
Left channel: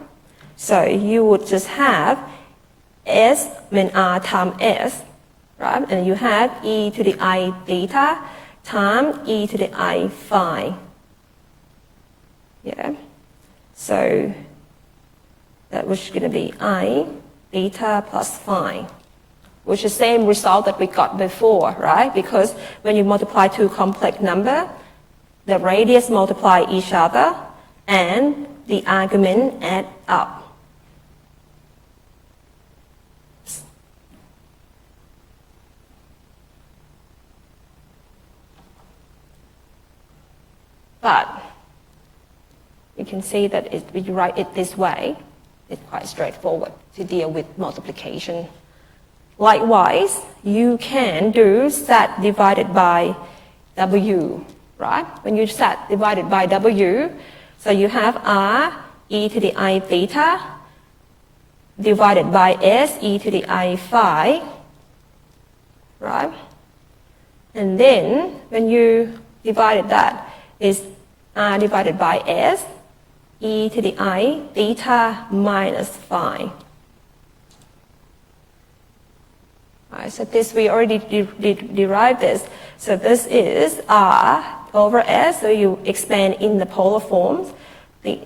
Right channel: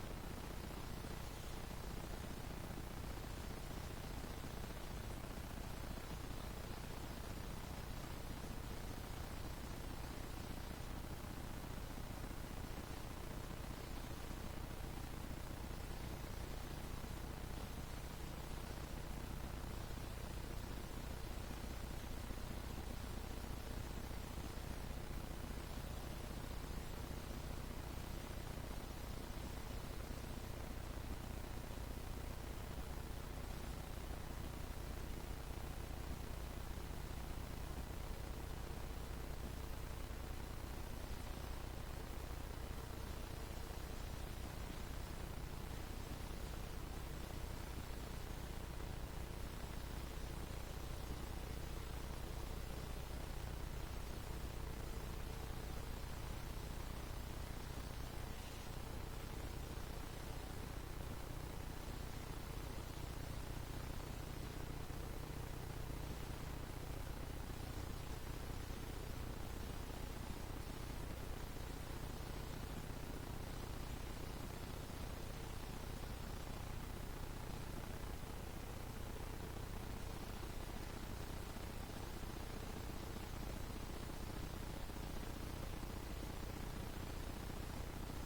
So you would just have s, r times s, right? And you have e to the I theta times e to the I phi. Yeah. So that was going to be I theta plus phi, which is the same result that we got before, right? Because when you multiply two complex numbers, the radius multiply each other and the argument add up. But you can see that if you write it this way, it's quite straightforward to deal with multiplication. Likewise, you can do z divided by w, right? When you z divided by w, so you have r e to the I theta divided by s e to the I phi, right? And then when you divided that, is r divided by s e to the I theta minus phi. Right, so this we already derived this. So this is r over S, so you expand in the polar forms, the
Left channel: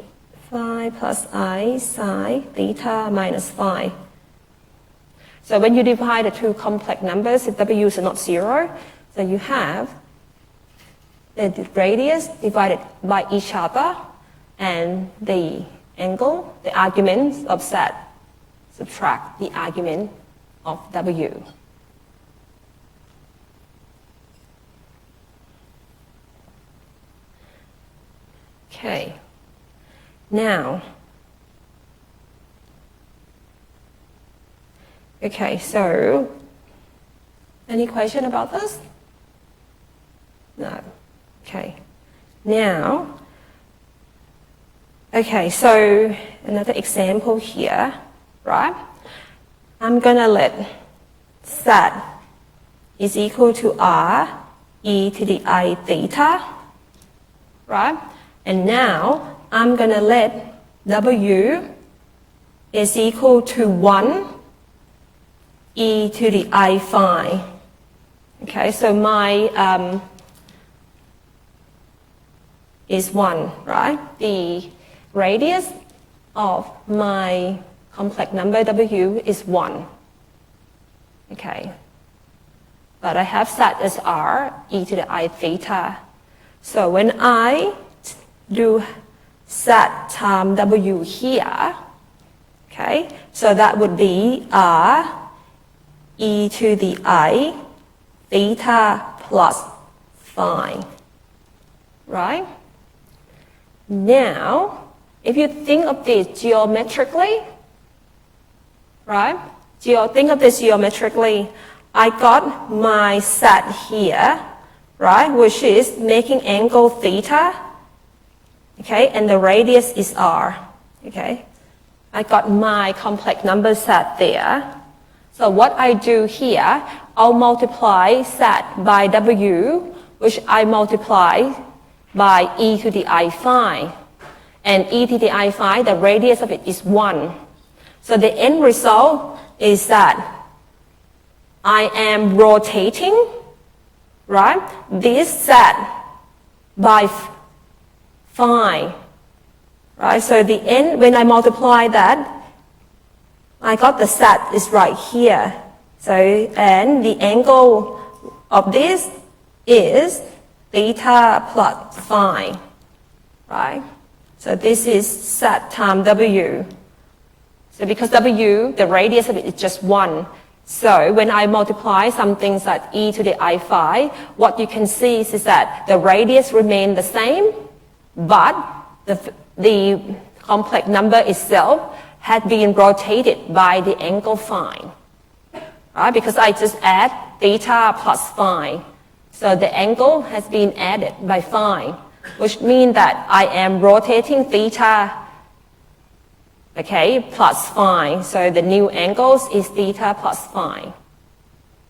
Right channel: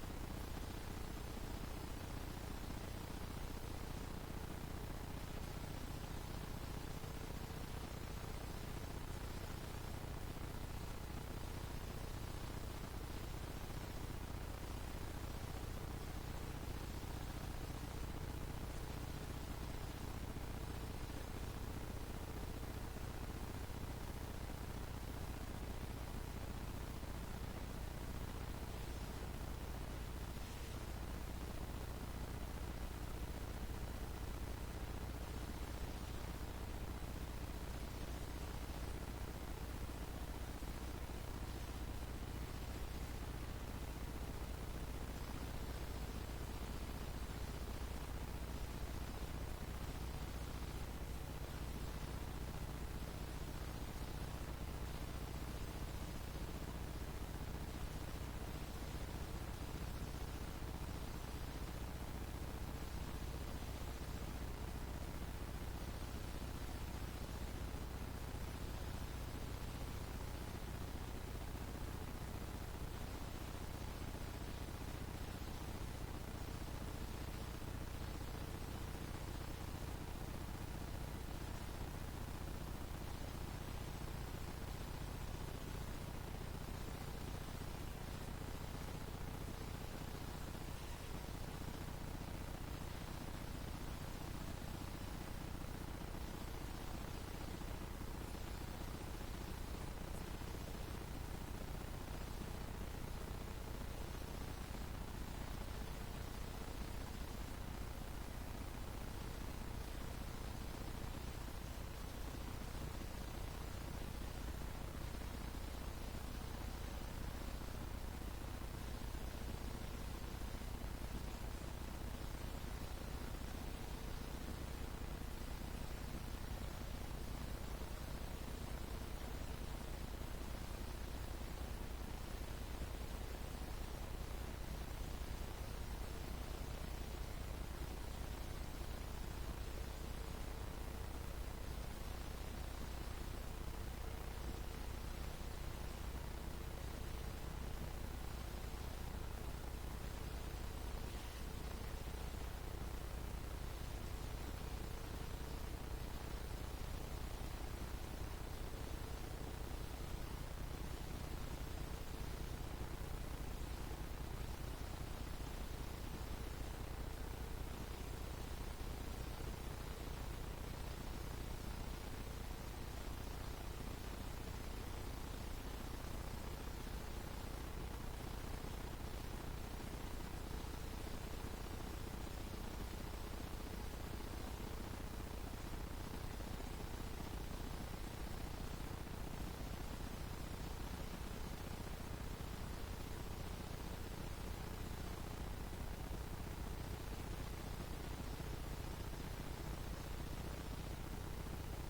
phi plus I sine theta minus phi. So when you divide the two complex numbers, if W's are not zero, so you have the radius divided by each other and the angle, the arguments of Z, subtract the argument of W. Okay, now, okay, so any question about this? No. Okay, now, okay, so another example here, right? I'm gonna let Z is equal to R e to the I theta, right? And now I'm gonna let W is equal to 1 e to the I phi. Okay, so my is 1, right? The radius of my complex number W is 1. Okay. But I have set as R e to the I theta. So when I do set times W here, okay, so that would be R e to the I theta plus phi, right? Now, if you think of this geometrically, right? Think of this geometrically. I got my set here, right, which is making angle theta, okay, and the radius is R, okay. I got my complex number set there. So what I do here, I'll multiply set by W, which I multiply by e to the I phi. And e to the I phi, the radius of it is 1. So the end result is that I am rotating, right, this set by phi, right? So the end, when I multiply that, I got the set is right here. So, and the angle of this is theta plus phi, right? So this is set times W. So because W, the radius of it is just 1. So when I multiply some things like e to the I phi, what you can see is that the radius remains the same, but the complex number itself had been rotated by the angle phi, right? Because I just add theta plus phi. So the angle has been added by phi, which means that I am rotating theta, okay, plus phi. So the new angles is theta plus phi.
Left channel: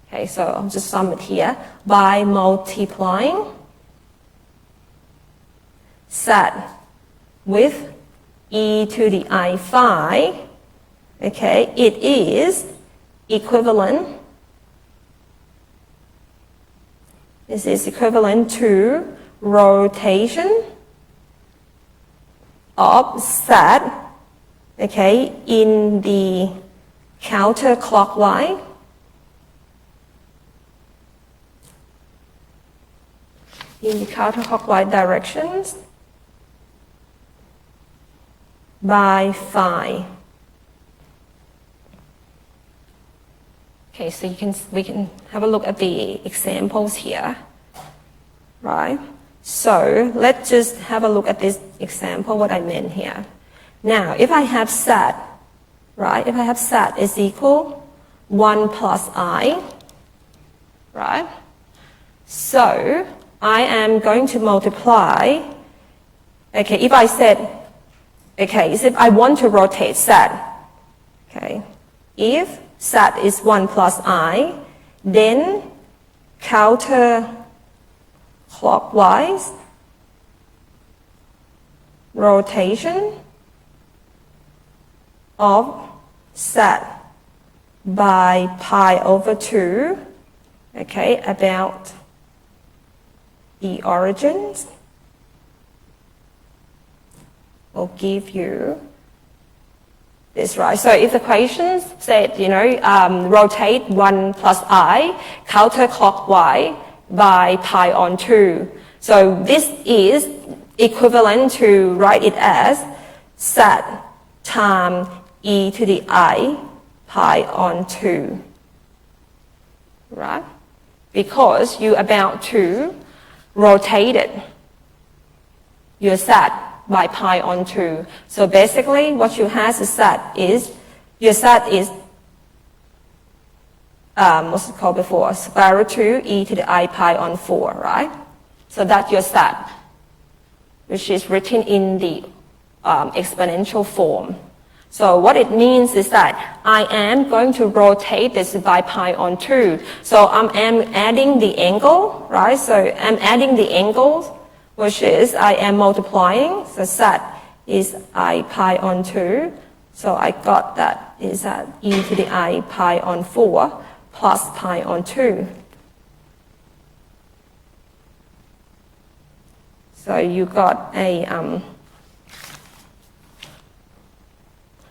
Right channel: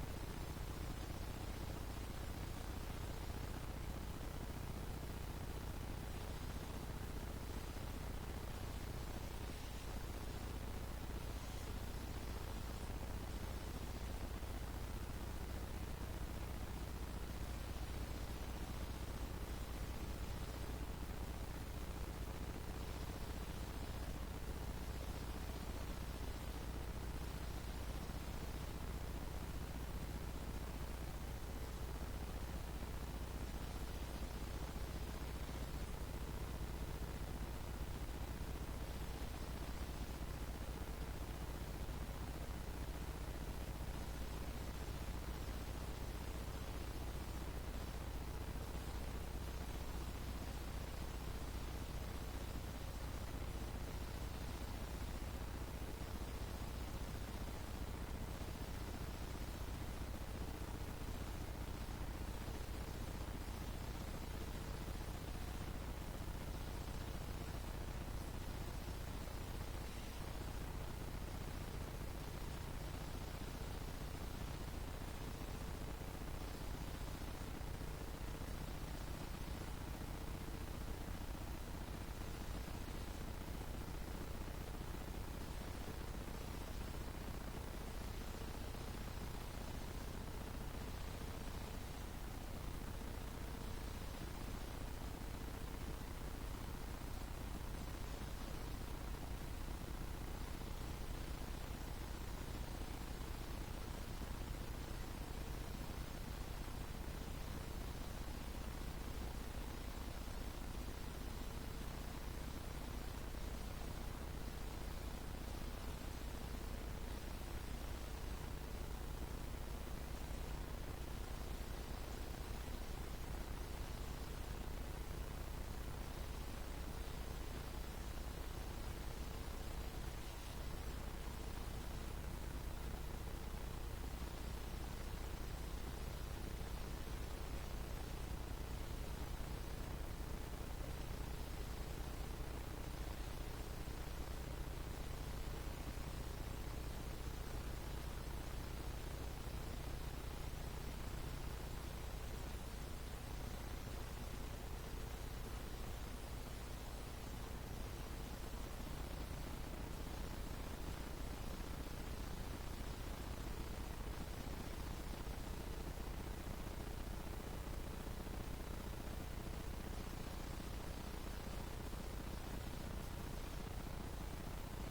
Okay, so I'll just sum it here by multiplying set with e to the I phi. Okay, it is equivalent. This is equivalent to rotation of set, okay, in the counterclockwise directions by phi. Okay, so we can have a look at the examples here, right? So let's just have a look at this example, what I meant here. Now, if I have set, right? If I have set is equal 1 plus I, right? So I am going to multiply, okay, if I said, okay, if I want to rotate set, okay, if set is 1 plus I, then counterclockwise rotation of set by pi over 2, okay, about the origins will give you this, right? So if the question said, rotate 1 plus I counterclockwise by pi on 2. So this is equivalent to write it as z times e to the I pi on 2, right? Because you're about to rotate it, your z by pi on 2. So basically what you have is your z is what's it called before? Square root 2 e to the I pi on 4, right? So that's your z, which is written in the exponential form. So what it means is that I am going to rotate this by pi on 2. So I'm adding the angle, right? So I'm adding the angles, which is I am multiplying. So z is I pi on 2. So I got that is at e to the I pi on 4 plus pi on 2. So you got a...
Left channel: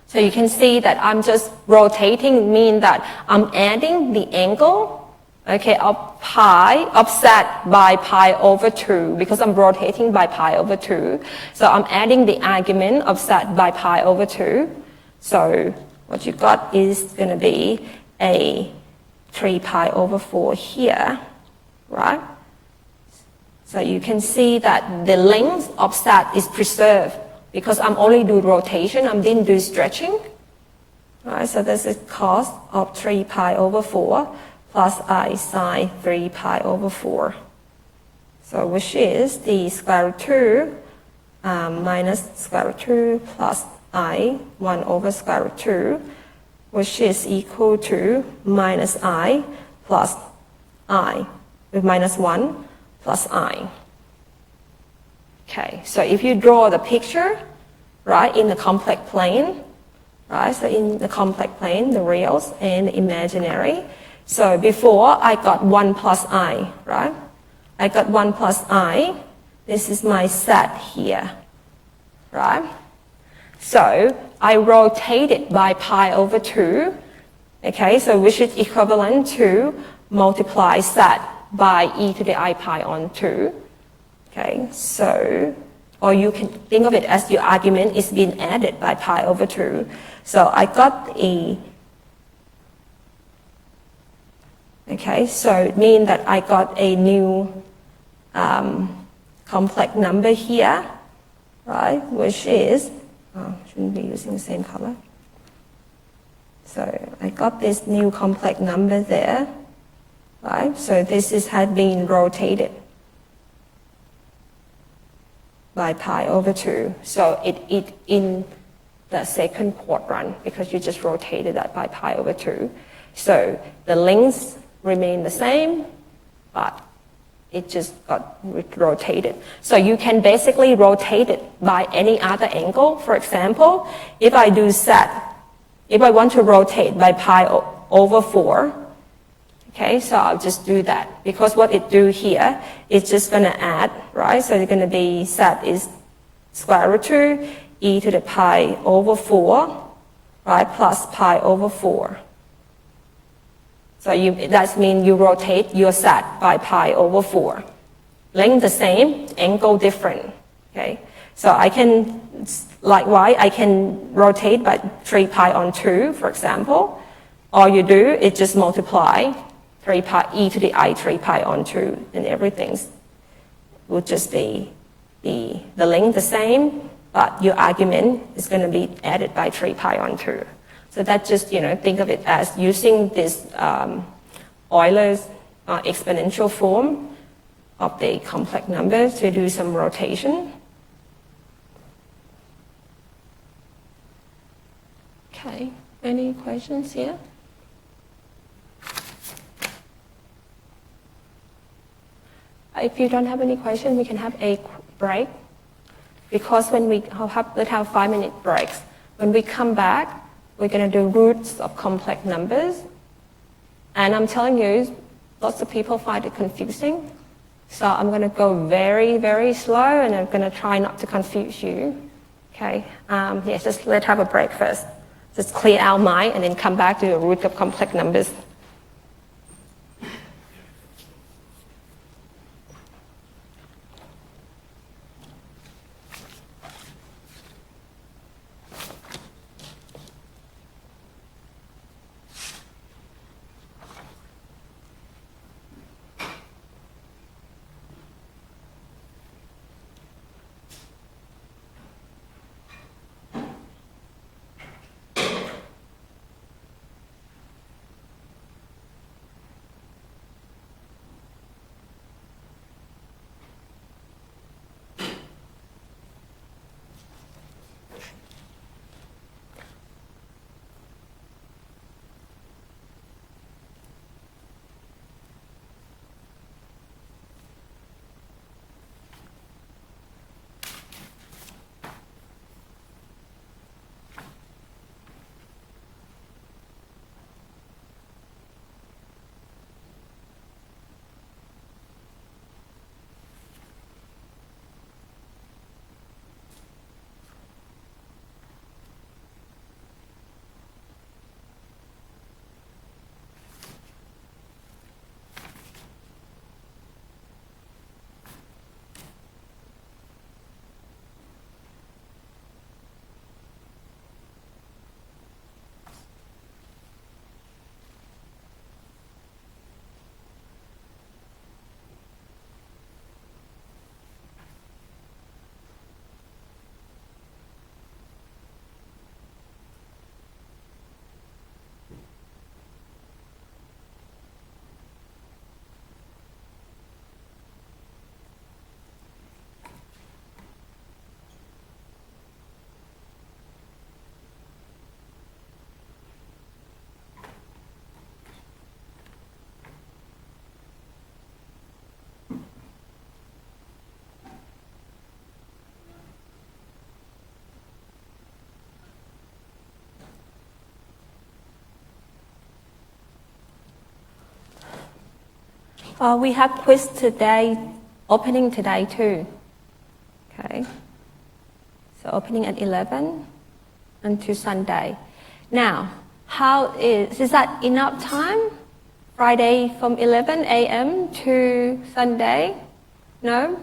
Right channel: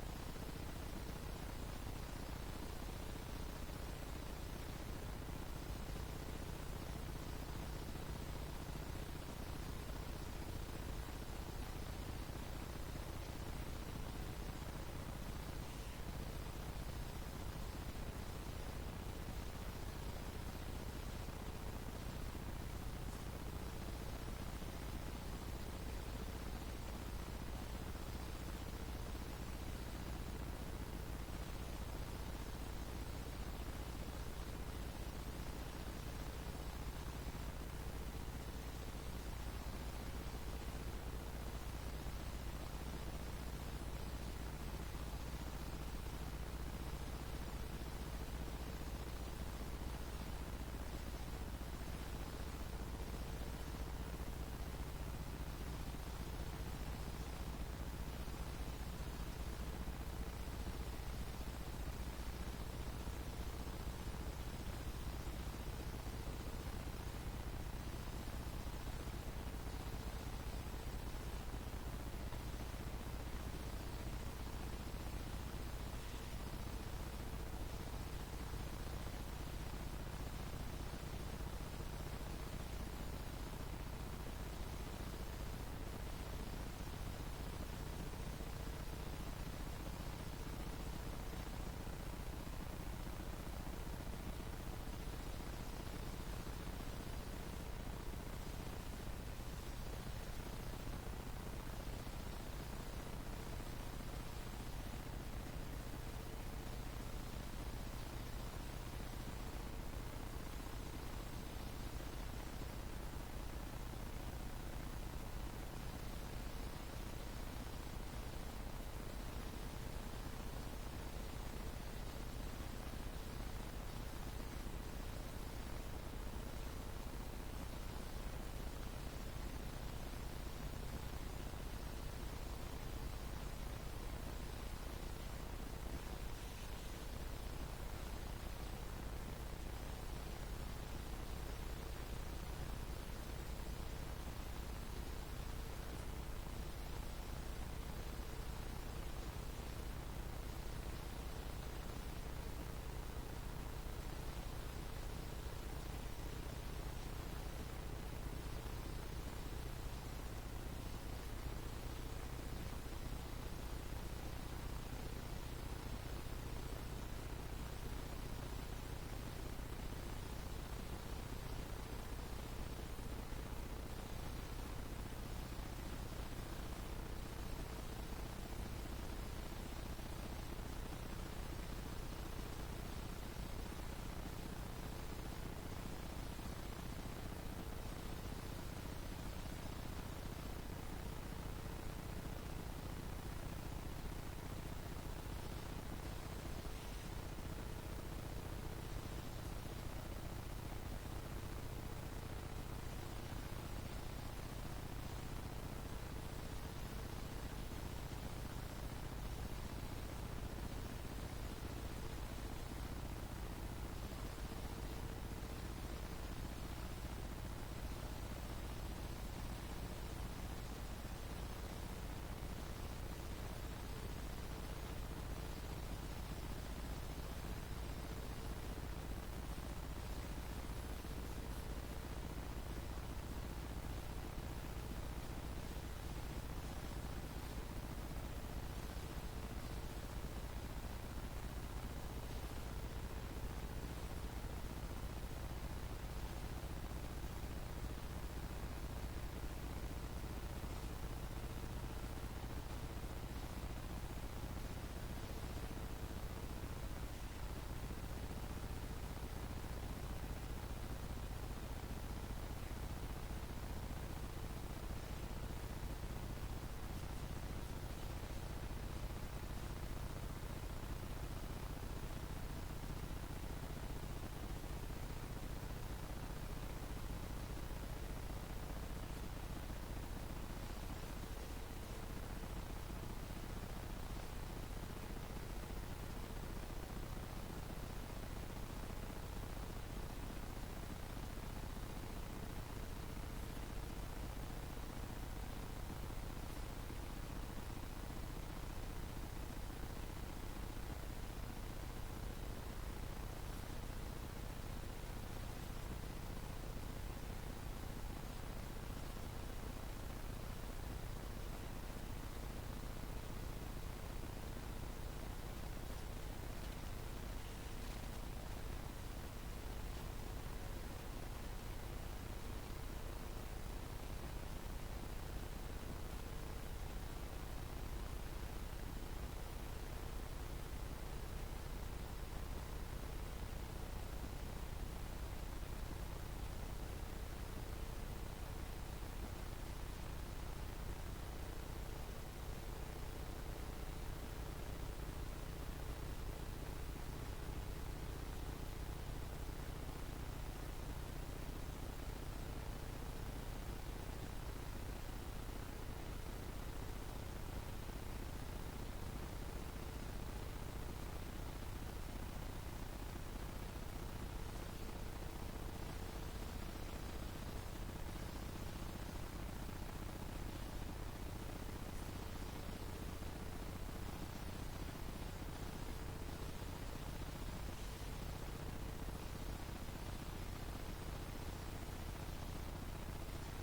So you can see that I'm just rotating, mean that I'm adding the angle, okay, of z by pi over 2, because I'm rotating by pi over 2. So I'm adding the argument of z by pi over 2. So what you got is going to be a 3 pi over 4 here, right? So you can see that the length of z is preserved, because I'm only doing rotation, I didn't do stretching. Right, so this is cos of 3 pi over 4 plus I sine 3 pi over 4. So which is the square root 2 minus square root 2 plus I 1 over square root 2, which is equal to minus I plus I, with minus 1 plus I. Okay, so if you draw the picture, right, in the complex plane, right, so in the complex plane, the reals and the imaginary. So before I got 1 plus I, right? I got 1 plus I. This is my set here, right? So I rotate it by pi over 2, okay, so which is equivalent to multiply set by e to the I pi on 2. Okay, so, or you can think of it as your argument is being added by pi over 2. So I got a, okay, so it means that I got a new complex number here, right, which is, shouldn't be using the same color. So I got this new complex number there, right, so this has been rotated by pi over 2. So it in the second quadrant, because you just rotated that by pi over 2. So the lengths remain the same, but it just got rotated. So you can basically rotate it by any other angle. For example, if I do set, if I want to rotate by pi over 4, okay, so I'll just do that, because what it do here is just going to add, right? So it's going to be set is square root 2 e to the pi over 4, right, plus pi over 4. So that means you rotate your set by pi over 4. Length the same, angle different, okay? So I can, likewise, I can rotate by 3 pi on 2, for example. All you do is just multiply 3 pi e to the I 3 pi on 2, and everything would just be the length the same, but your argument is going to be added by 3 pi on 2. So that just, think of it as using this Euler's exponential form of the complex numbers to do some rotation. Okay, any questions here? If you don't have any questions, we can have a break, because when let's have 5-minute breaks. When we come back, we're going to do roots of complex numbers. And I'm telling you, lots of people find it confusing. So I'm going to go very, very slow, and I'm going to try not to confuse you. Okay, yes, just let's have a break first. Just clear our mind and then come back to the root of complex numbers. We have quiz today, opening today too. Okay. So opening at 11 until Sunday. Now, is that enough time? Friday from 11 a.m. to Sunday? No?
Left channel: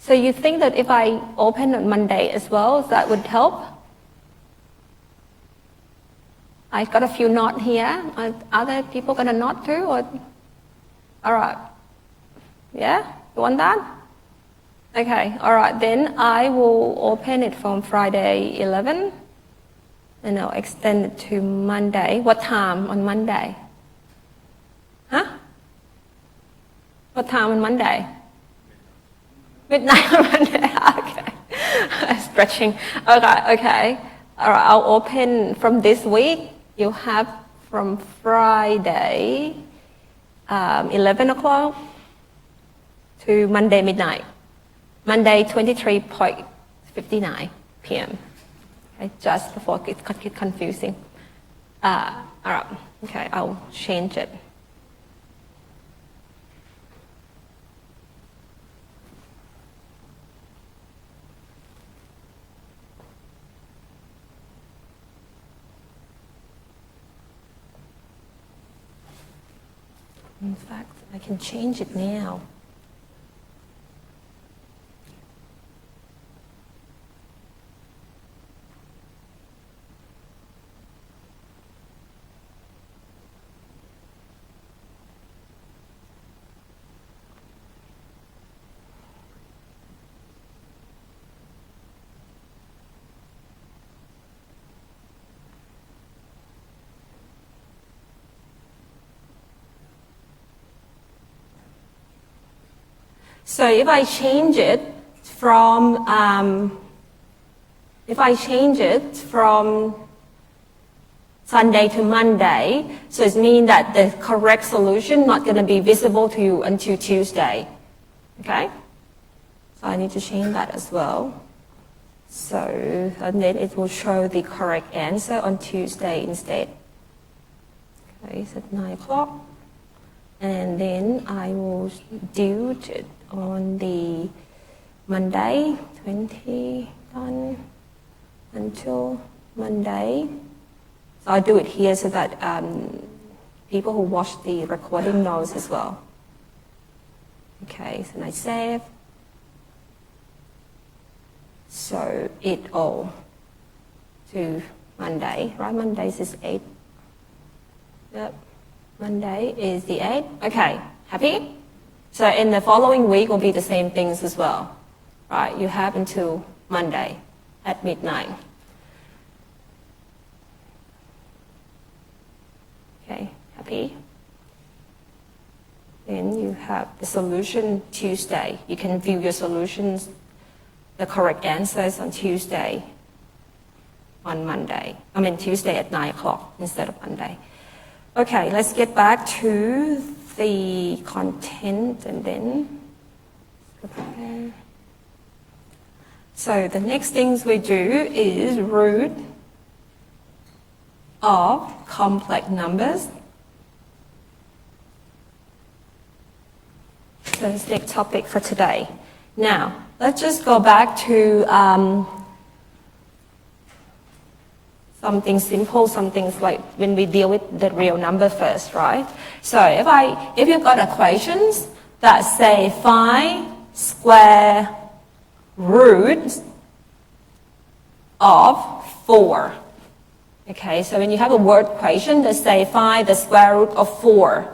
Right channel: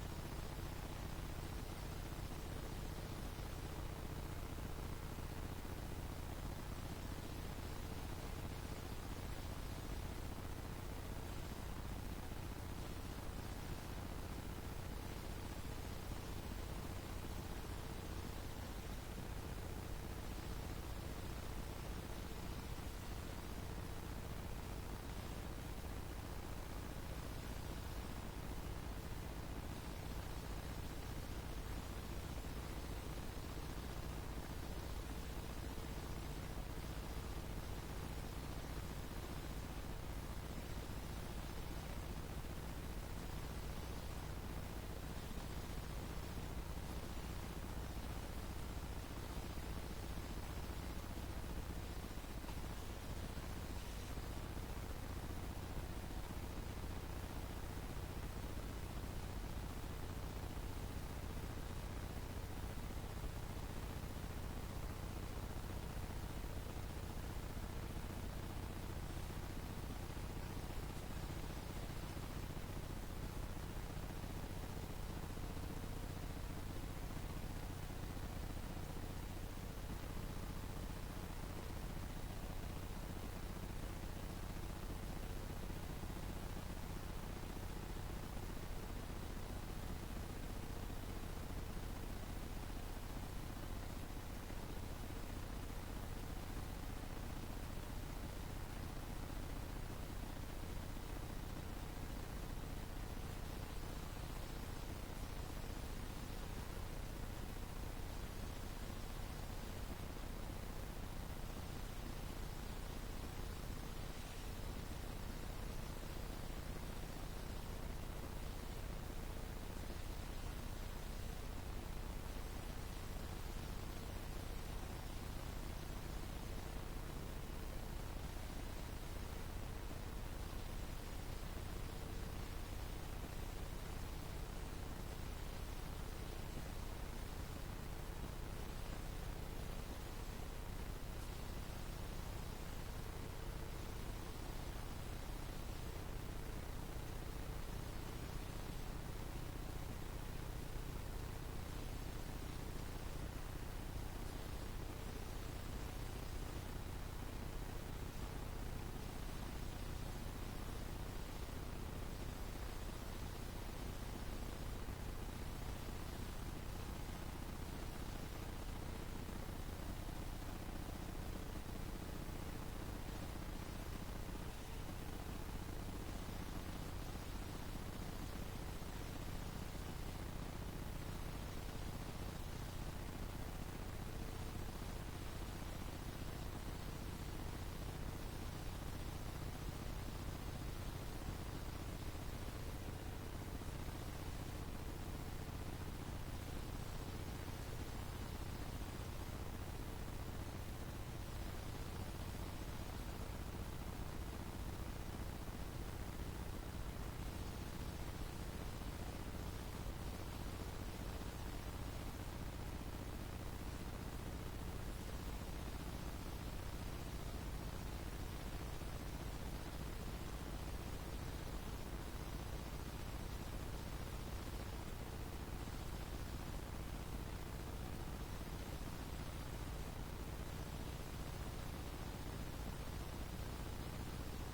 So you think that if I open on Monday as well, that would help? I got a few nods here. Are other people gonna nod too? Or? All right. Yeah? You want that? Okay, all right. Then I will open it from Friday 11 and I'll extend it to Monday. What time on Monday? Huh? What time on Monday? Midnight on Monday. Okay. Stretching. Okay. All right, I'll open from this week. You have from Friday 11 o'clock to Monday midnight. Monday 23:59 p.m. Okay, just before it gets confusing. All right, okay, I'll change it. In fact, I can change it now. So if I change it from Sunday to Monday, so it means that the correct solution not going to be visible to you until Tuesday. Okay? So I need to change that as well. So and then it will show the correct answer on Tuesday instead. Okay, it's at 9 o'clock. And then I will do it on the Monday, 21 until Monday. So I'll do it here so that people who watch the recording knows as well. Okay, so I save. So it all to Monday, right? Monday is 8. Yep, Monday is the 8. Okay, happy? So in the following week will be the same things as well, right? You have until Monday at midnight. Okay, happy? Then you have the solution Tuesday. You can view your solutions, the correct answers on Tuesday, on Monday. I mean Tuesday at 9 o'clock instead of Monday. Okay, let's get back to the content and then. Okay. So the next things we do is root of complex numbers. So that's the next topic for today. Now, let's just go back to something simple, some things like when we deal with the real number first, right? So if you've got equations that say find square root of 4. Okay, so when you have a word equation that say find the square root of 4.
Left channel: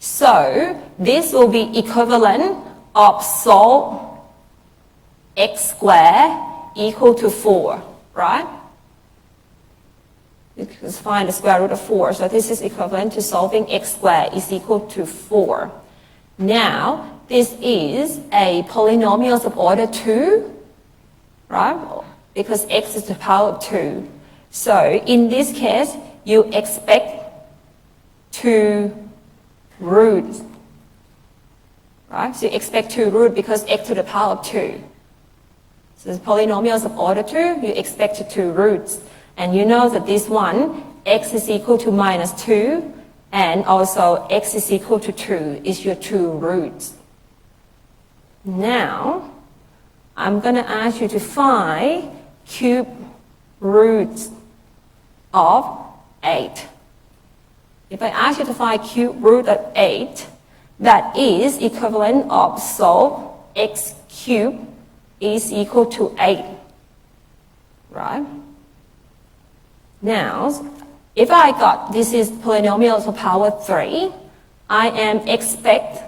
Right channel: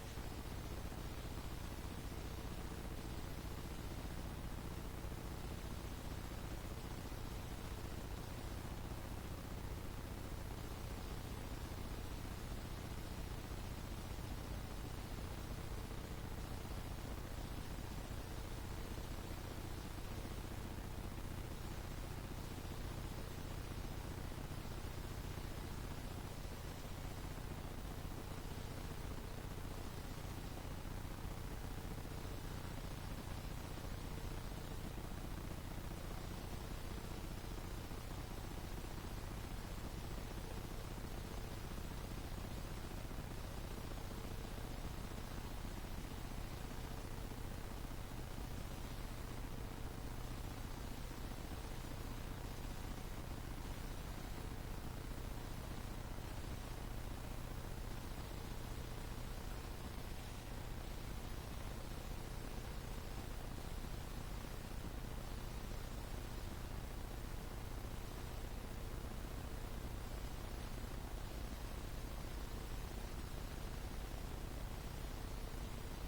So this will be equivalent of solve x squared equal to 4, right? Because find the square root of 4. So this is equivalent to solving x squared is equal to 4. Now, this is a polynomial of order 2, right? Because x is the power of 2. So in this case, you expect 2 roots, right? So you expect 2 roots because x to the power of 2. So the polynomials of order 2, you expect 2 roots. And you know that this one, x is equal to minus 2, and also x is equal to 2 is your 2 roots. Now, I'm going to ask you to find cube roots of 8. If I ask you to find cube root of 8, that is equivalent of solve x cubed is equal to 8, right? Now, if I got this is polynomial of power 3, I am expect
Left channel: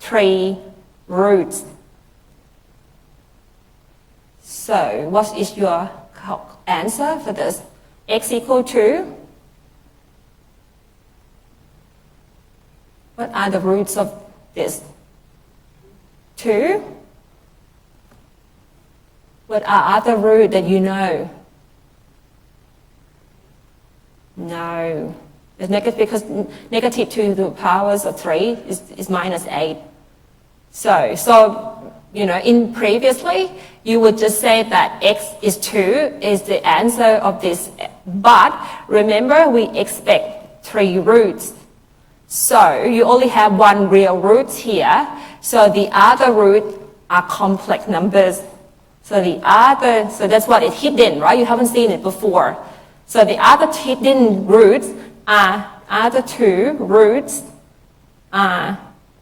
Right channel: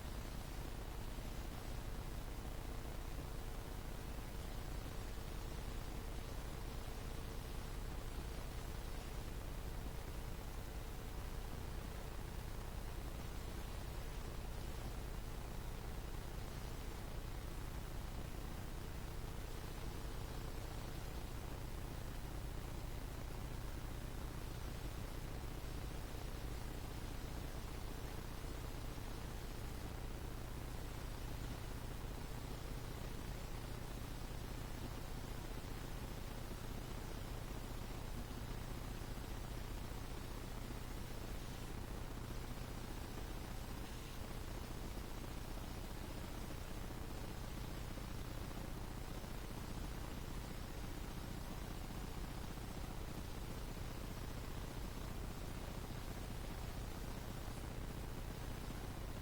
3 roots. So what is your answer for this? X equal to? What are the roots of this? 2? What are other roots that you know? No. It's negative because negative to the powers of 3 is minus 8. So you know, in previously, you would just say that x is 2 is the answer of this. But remember, we expect 3 roots. So you only have 1 real root here. So the other root are complex numbers. So that's what is hidden, right? You haven't seen it before. So the other hidden roots are, other 2 roots are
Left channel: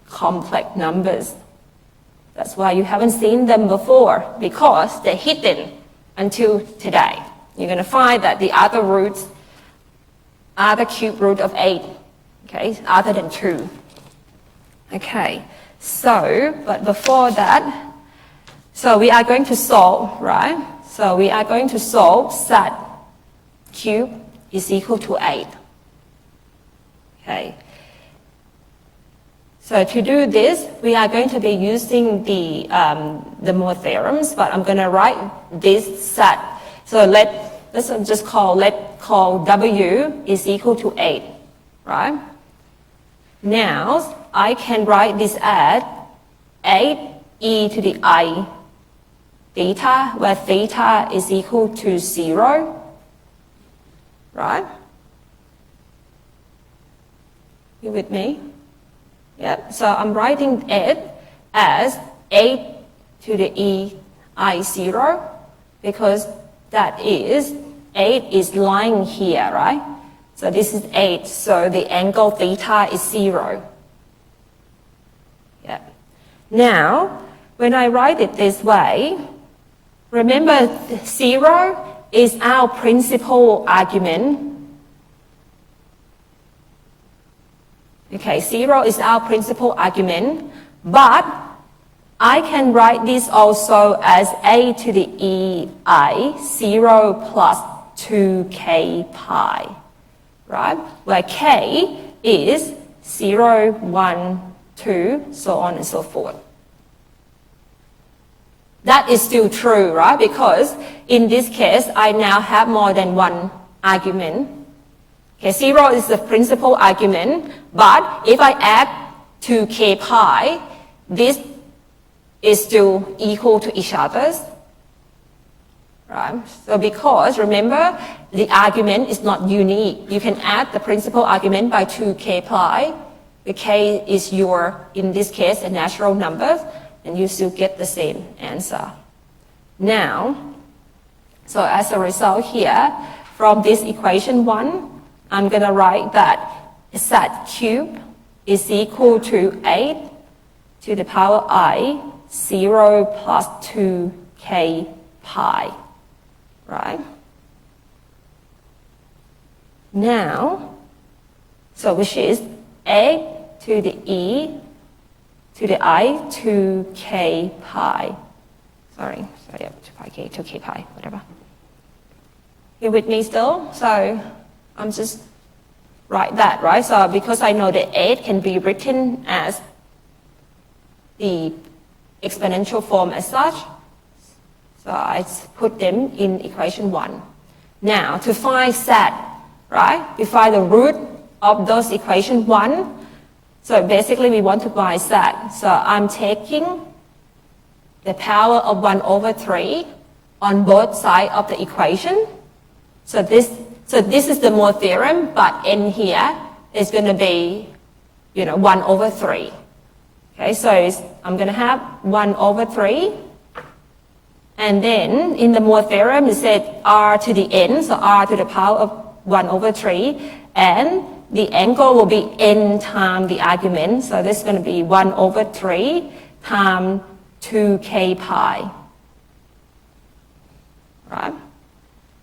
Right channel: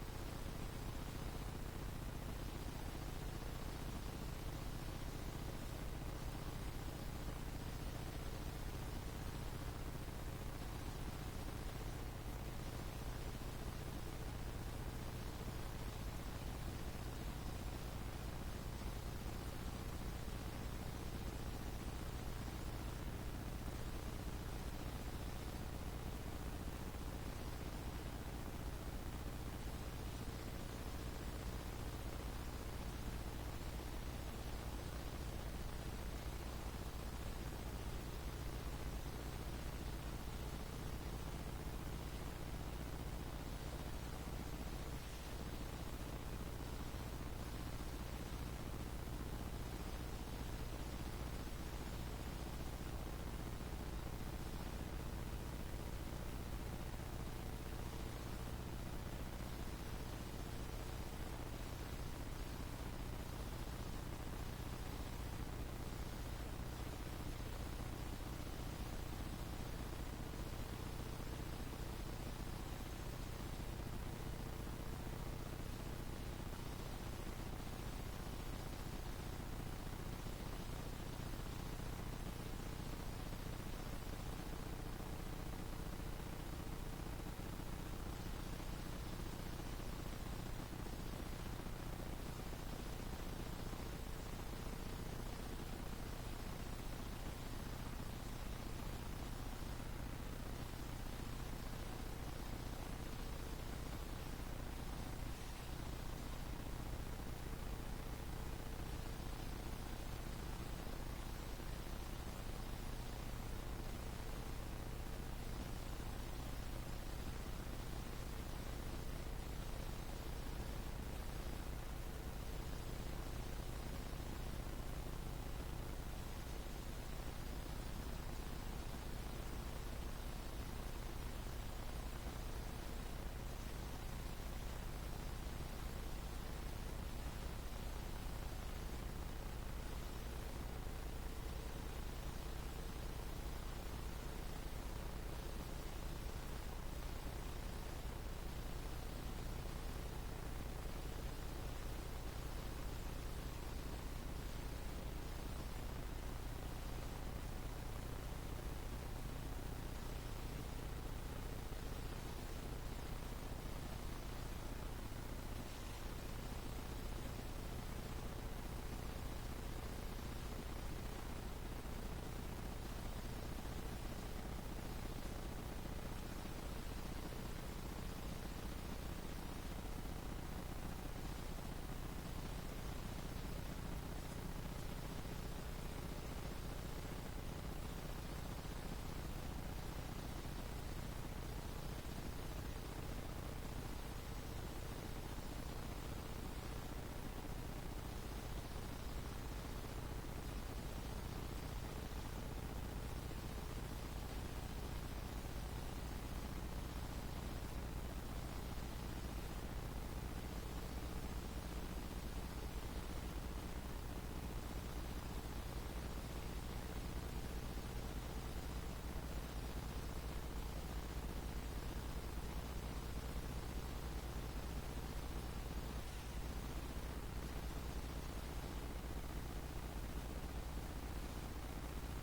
complex numbers. That's why you haven't seen them before, because they're hidden until today. You're going to find that the other roots are the cube root of 8, okay, other than 2. Okay, so, but before that, so we are going to solve, right? So we are going to solve such cube is equal to 8. Okay. So to do this, we are going to be using the Moore theorems, but I'm going to write this set. So let's just call W is equal to 8, right? Now I can write this as 8e to the I theta, where theta is equal to 0, right? You with me? Yep. So I'm writing it as 8 to the e I 0, because that is 8 is lying here, right? So this is 8, so the angle theta is 0. Yeah. Now, when I write it this way, remember 0 is our principal argument. Okay, 0 is our principal argument, but I can write this also as a to the e I 0 plus 2k pi, right? Where k is 0, 1, 2, so on and so forth. That is still true, right? Because in this case, I now have more than one argument. Okay, 0 is the principal argument, but if I add 2k pi, this is still equal to each other. Right? So because, remember, the argument is not unique. You can add the principal argument by 2k pi. The k is your, in this case, a natural number, and you still get the same answer. Now, so as a result here, from this equation 1, I'm going to write that z cubed is equal to 8 to the power I 0 plus 2k pi, right? Now, so which is 8 to the e to the I 2k pi. Sorry, 2k pi, whatever. You with me still? So I'm just write that, right? So because I know that 8 can be written as the exponential form as such, so I put them in equation 1. Now, to find z, right? We find the root of those equation 1. So basically, we want to find z. So I'm taking the power of 1 over 3 on both sides of the equation. So this is the Moore theorem, but in here is going to be, 1 over 3. Okay, so I'm going to have 1 over 3. And then in the Moore theorem, it said r to the n, so r to the power of 1 over 3. And the angle will be n times the argument. So this is going to be 1 over 3 times 2k pi. Right?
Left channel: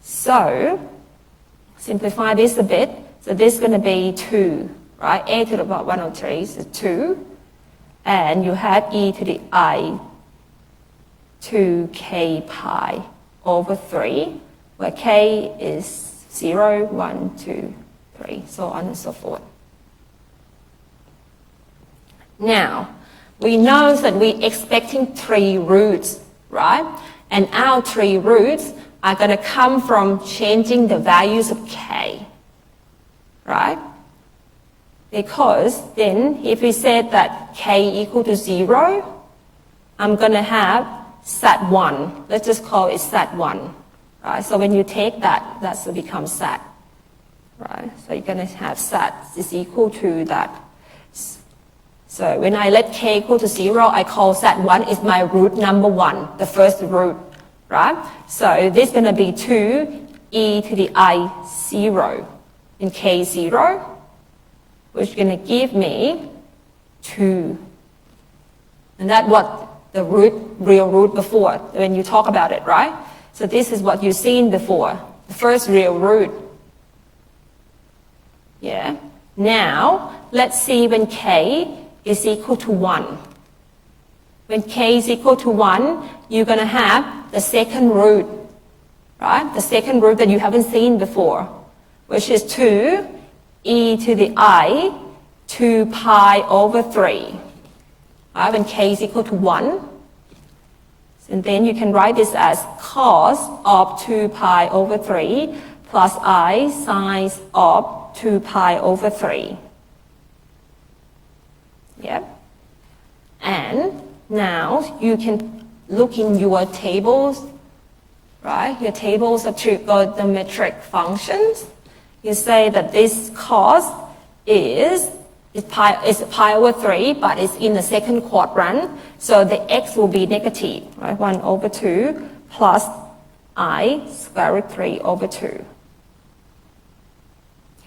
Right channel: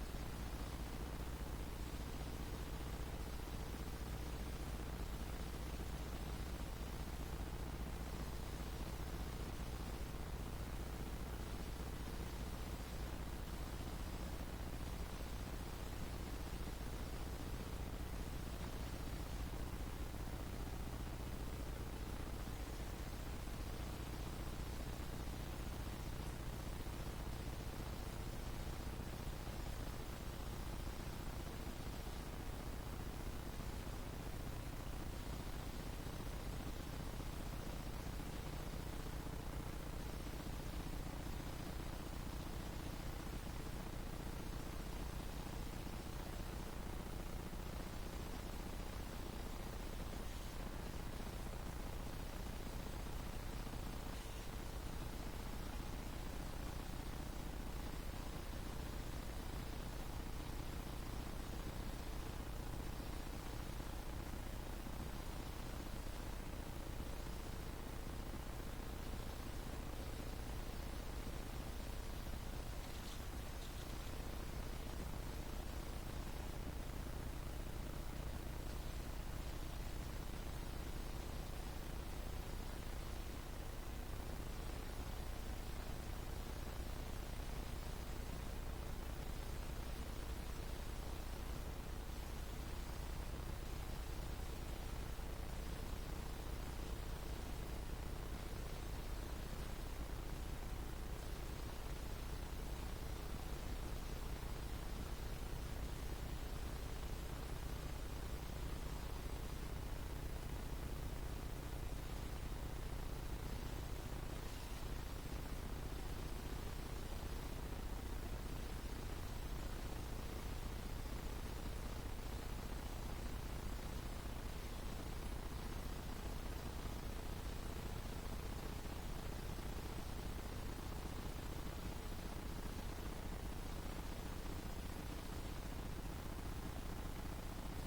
So simplify this a bit. So this is going to be 2, right? A to the power 1 over 3 is 2. And you have e to the I 2k pi over 3, where k is 0, 1, 2, 3, so on and so forth. Now, we know that we're expecting 3 roots, right? And our 3 roots are going to come from changing the values of k, right? Because then if we said that k equal to 0, I'm going to have z1. Let's just call it z1. Right? So when you take that, that's will become z. Right? So you're going to have z is equal to that. So when I let k equal to 0, I call z1 is my root number 1, the first root. Right? So this is going to be 2 e to the I 0 in k 0. Which is going to give me 2. And that's what the real root before, when you talk about it, right? So this is what you've seen before, the first real root. Yeah. Now, let's see when k is equal to 1. When k is equal to 1, you're going to have the second root, right? The second root that you haven't seen before, which is 2 e to the I 2 pi over 3. Right, when k is equal to 1. And then you can write this as cos of 2 pi over 3 plus I sine of 2 pi over 3. Yep. And now you can look in your tables, right? Your tables of trigonometric functions. You say that this cos is is pi over 3, but it's in the second quadrant, so the x will be negative, right? 1 over 2 plus I square root 3 over 2.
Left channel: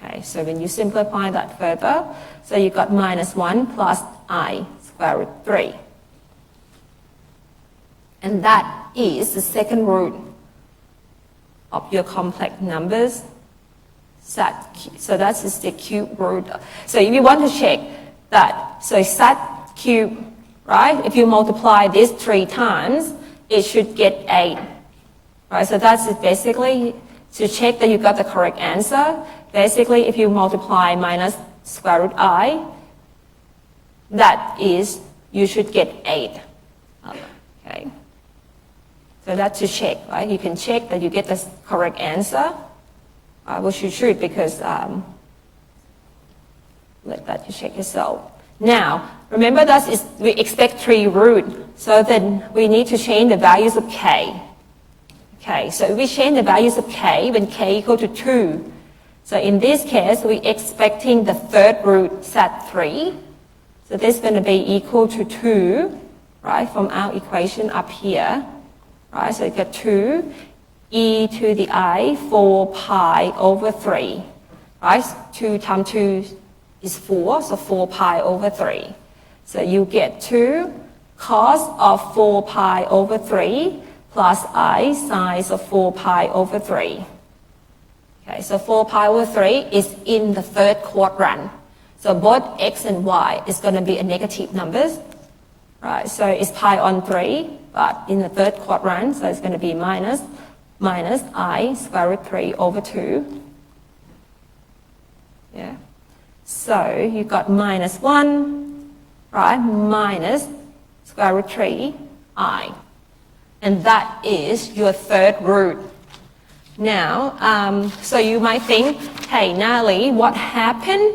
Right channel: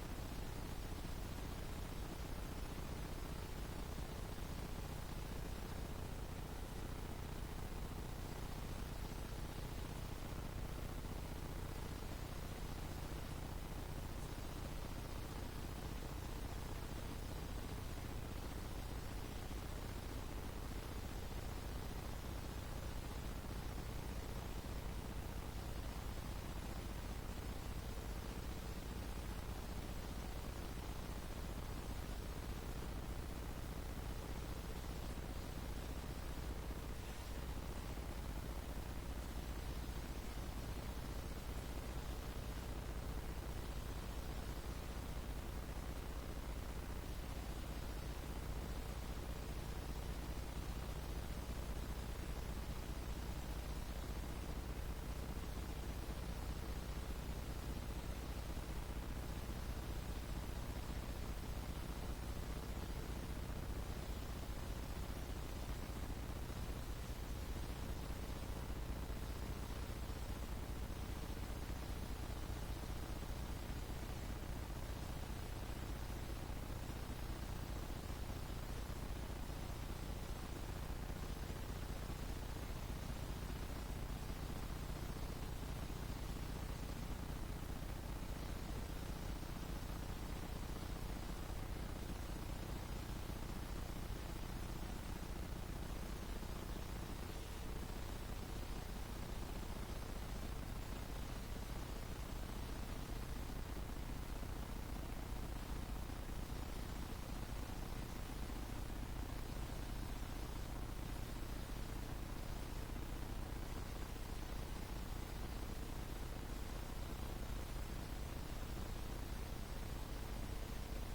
Okay, so when you simplify that further, so you got minus 1 plus I square root 3. And that is the second root of your complex numbers. So that is the cube root. So if you want to check that, so Z cube, right? If you multiply this 3 times, it should get 8. Right? So that's basically to check that you got the correct answer. Basically, if you multiply minus square root I, that is, you should get 8. Okay. So that's to check, right? You can check that you get the correct answer. Which you should, because let that you check yourself. Now, remember that we expect 3 root, so then we need to change the values of k. Okay, so if we change the values of k when k equal to 2. So in this case, we're expecting the third root set 3. So this is going to be equal to 2, right, from our equation up here. Right, so you get 2. E to the I 4 pi over 3, right? 2 times 2 is 4, so 4 pi over 3. So you get 2 cos of 4 pi over 3 plus I sine of 4 pi over 3. Okay, so 4 pi over 3 is in the third quadrant. So both x and y is going to be a negative numbers, right? So it's pi on 3, but in the third quadrant, so it's going to be minus I square root 3 over 2. Yeah. So you got minus 1, right, minus square root 3 I. And that is your third root. Now, so you might think, hey, Natalie, what happened?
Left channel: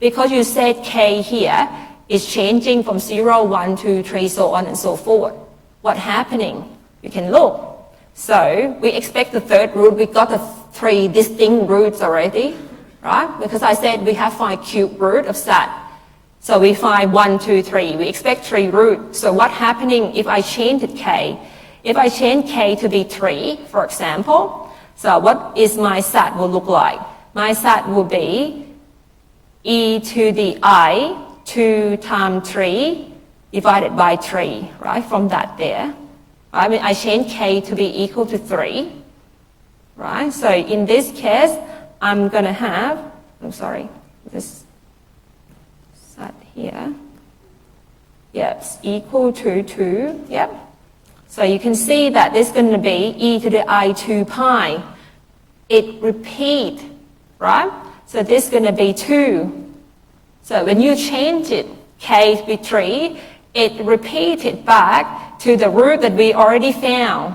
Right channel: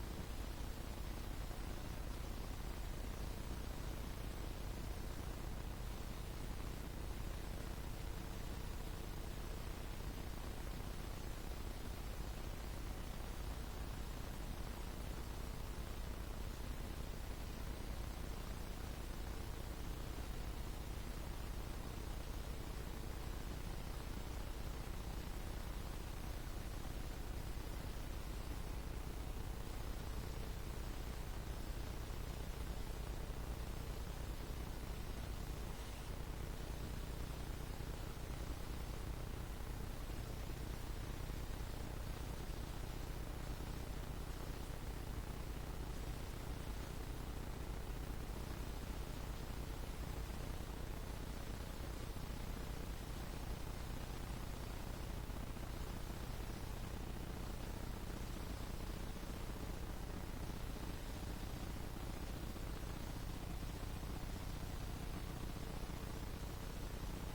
Because you said k here is changing from 0, 1, 2, 3, so on and so forth. What's happening? You can look. So we expect the third root. We got the 3 distinct roots already, right? Because I said we have 5 cube root of that. So we find 1, 2, 3. We expect 3 roots. So what's happening if I change it k? If I change k to be 3, for example, so what is my set will look like? My set will be e to the I 2 times 3 divided by 3, right? From that there. I mean, I change k to be equal to 3, right? So in this case, I'm going to have, this set here. Yes, equal to 2, yep. So you can see that this is going to be e to the I 2 pi. It repeats, right? So this is going to be 2. So when you change it, k to be 3, it repeated back to the root that we already found.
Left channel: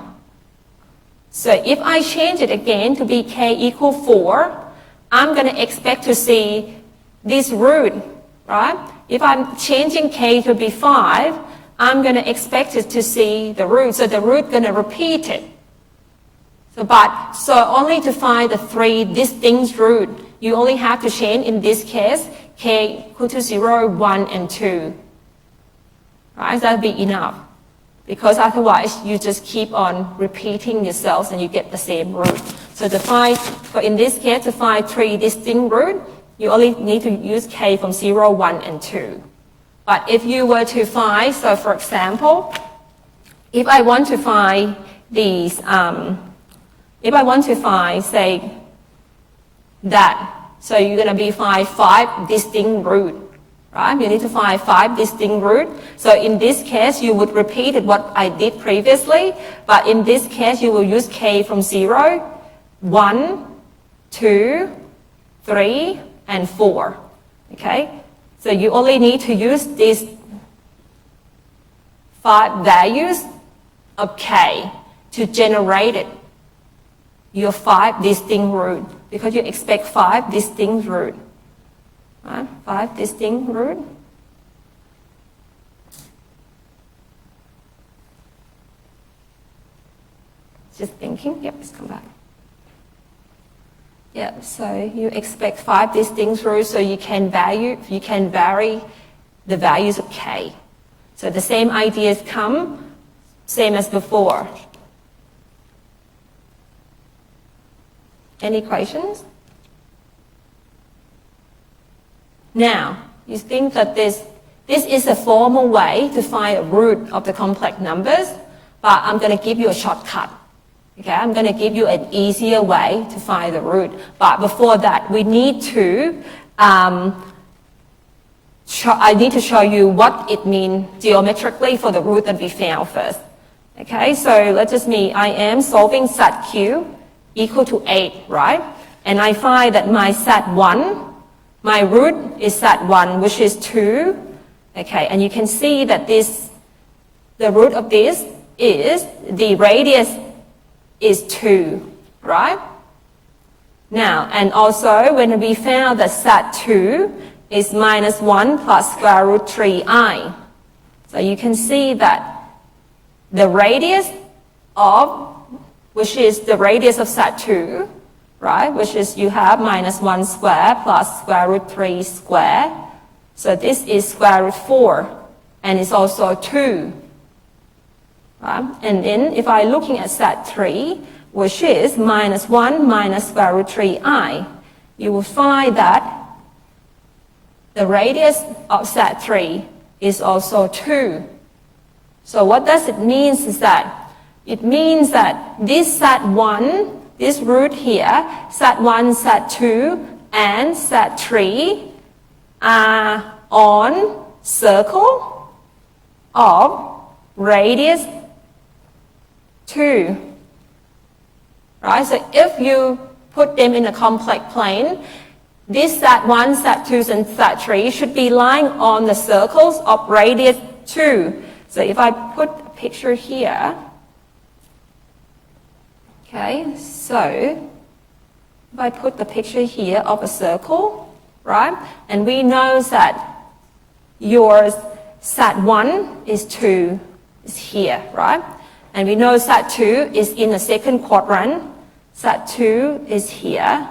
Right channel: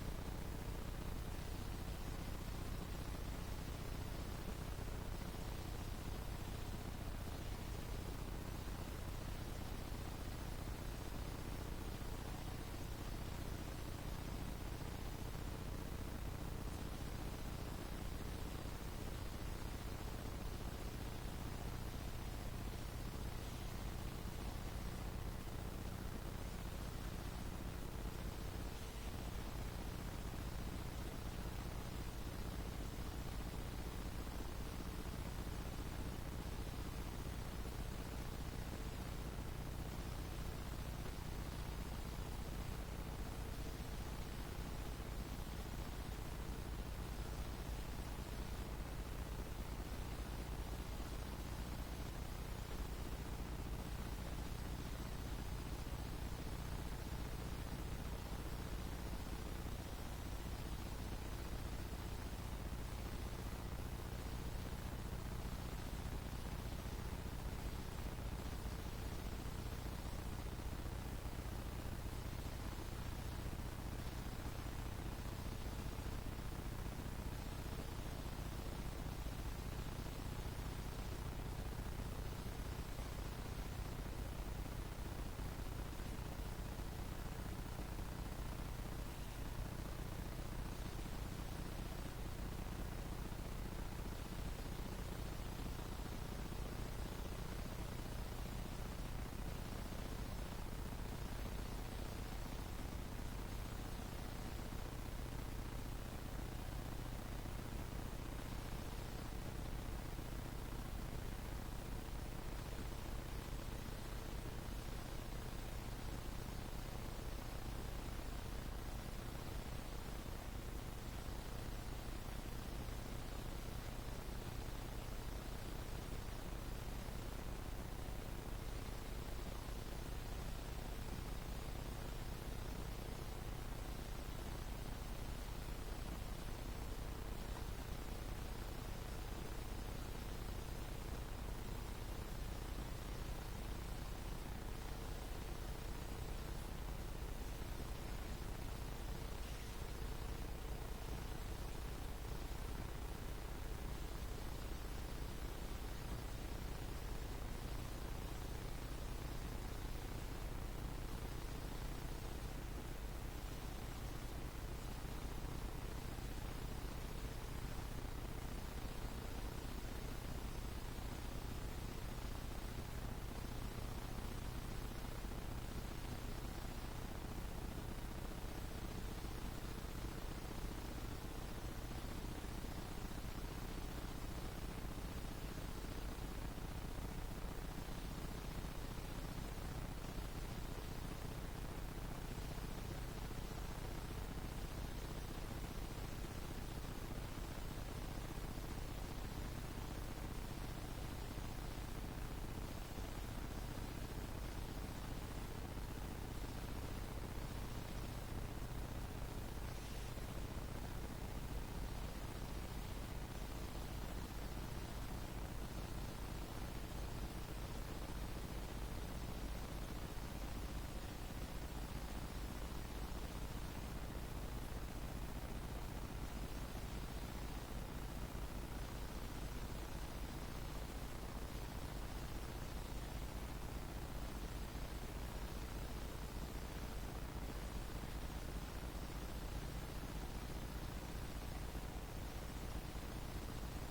So if I change it again to be k equal 4, I'm going to expect to see this root, right? If I'm changing k to be 5, I'm going to expect it to see the root. So the root going to repeat it. So only to find the 3 distinct root, you only have to change, in this case, k equal to 0, 1, and 2. Right? That will be enough. Because otherwise, you just keep on repeating yourselves and you get the same root. So in this case, to find 3 distinct roots, you only need to use k from 0, 1, and 2. But if you were to find, so for example, if I want to find these, if I want to find, say, that, so you're going to be find 5 distinct roots. Right? You need to find 5 distinct roots. So in this case, you would repeat what I did previously, but in this case, you will use k from 0, 1, 2, 3, and 4. Okay? So you only need to use these 5 values of k to generate your 5 distinct roots, because you expect 5 distinct roots. 5 distinct roots. Just thinking. Yep, let's come back. Yeah, so you expect 5 distinct roots, so you can vary the values of k. So the same ideas come, same as before. Any questions? Now, you think that this is a formal way to find a root of the complex numbers, but I'm going to give you a shortcut. Okay, I'm going to give you an easier way to find the root. But before that, we need to, I need to show you what it means geometrically for the root that we found first. Okay, so let's just mean I am solving set q equal to 8, right? And I find that my set 1, my root is set 1, which is 2. Okay, and you can see that the root of this is, the radius is 2, right? Now, and also when we found that set 2 is minus 1 plus square root 3i. So you can see that the radius of, which is the radius of set 2, right? Which is you have minus 1 square plus square root 3 square. So this is square root 4, and it's also 2. Right? And then if I'm looking at set 3, which is minus 1 minus square root 3i, you will find that the radius of set 3 is also 2. So what does it mean is that it means that this set 1, this root here, set 1, set 2, and set 3 are on circle of radius 2. Right? So if you put them in a complex plane, this set 1, set 2, and set 3 should be lying on the circles of radius 2. So if I put a picture here, okay, so if I put the picture here of a circle, right, and we know that your set 1 is 2, is here, right? And we know set 2 is in the second quadrant, set 2 is here,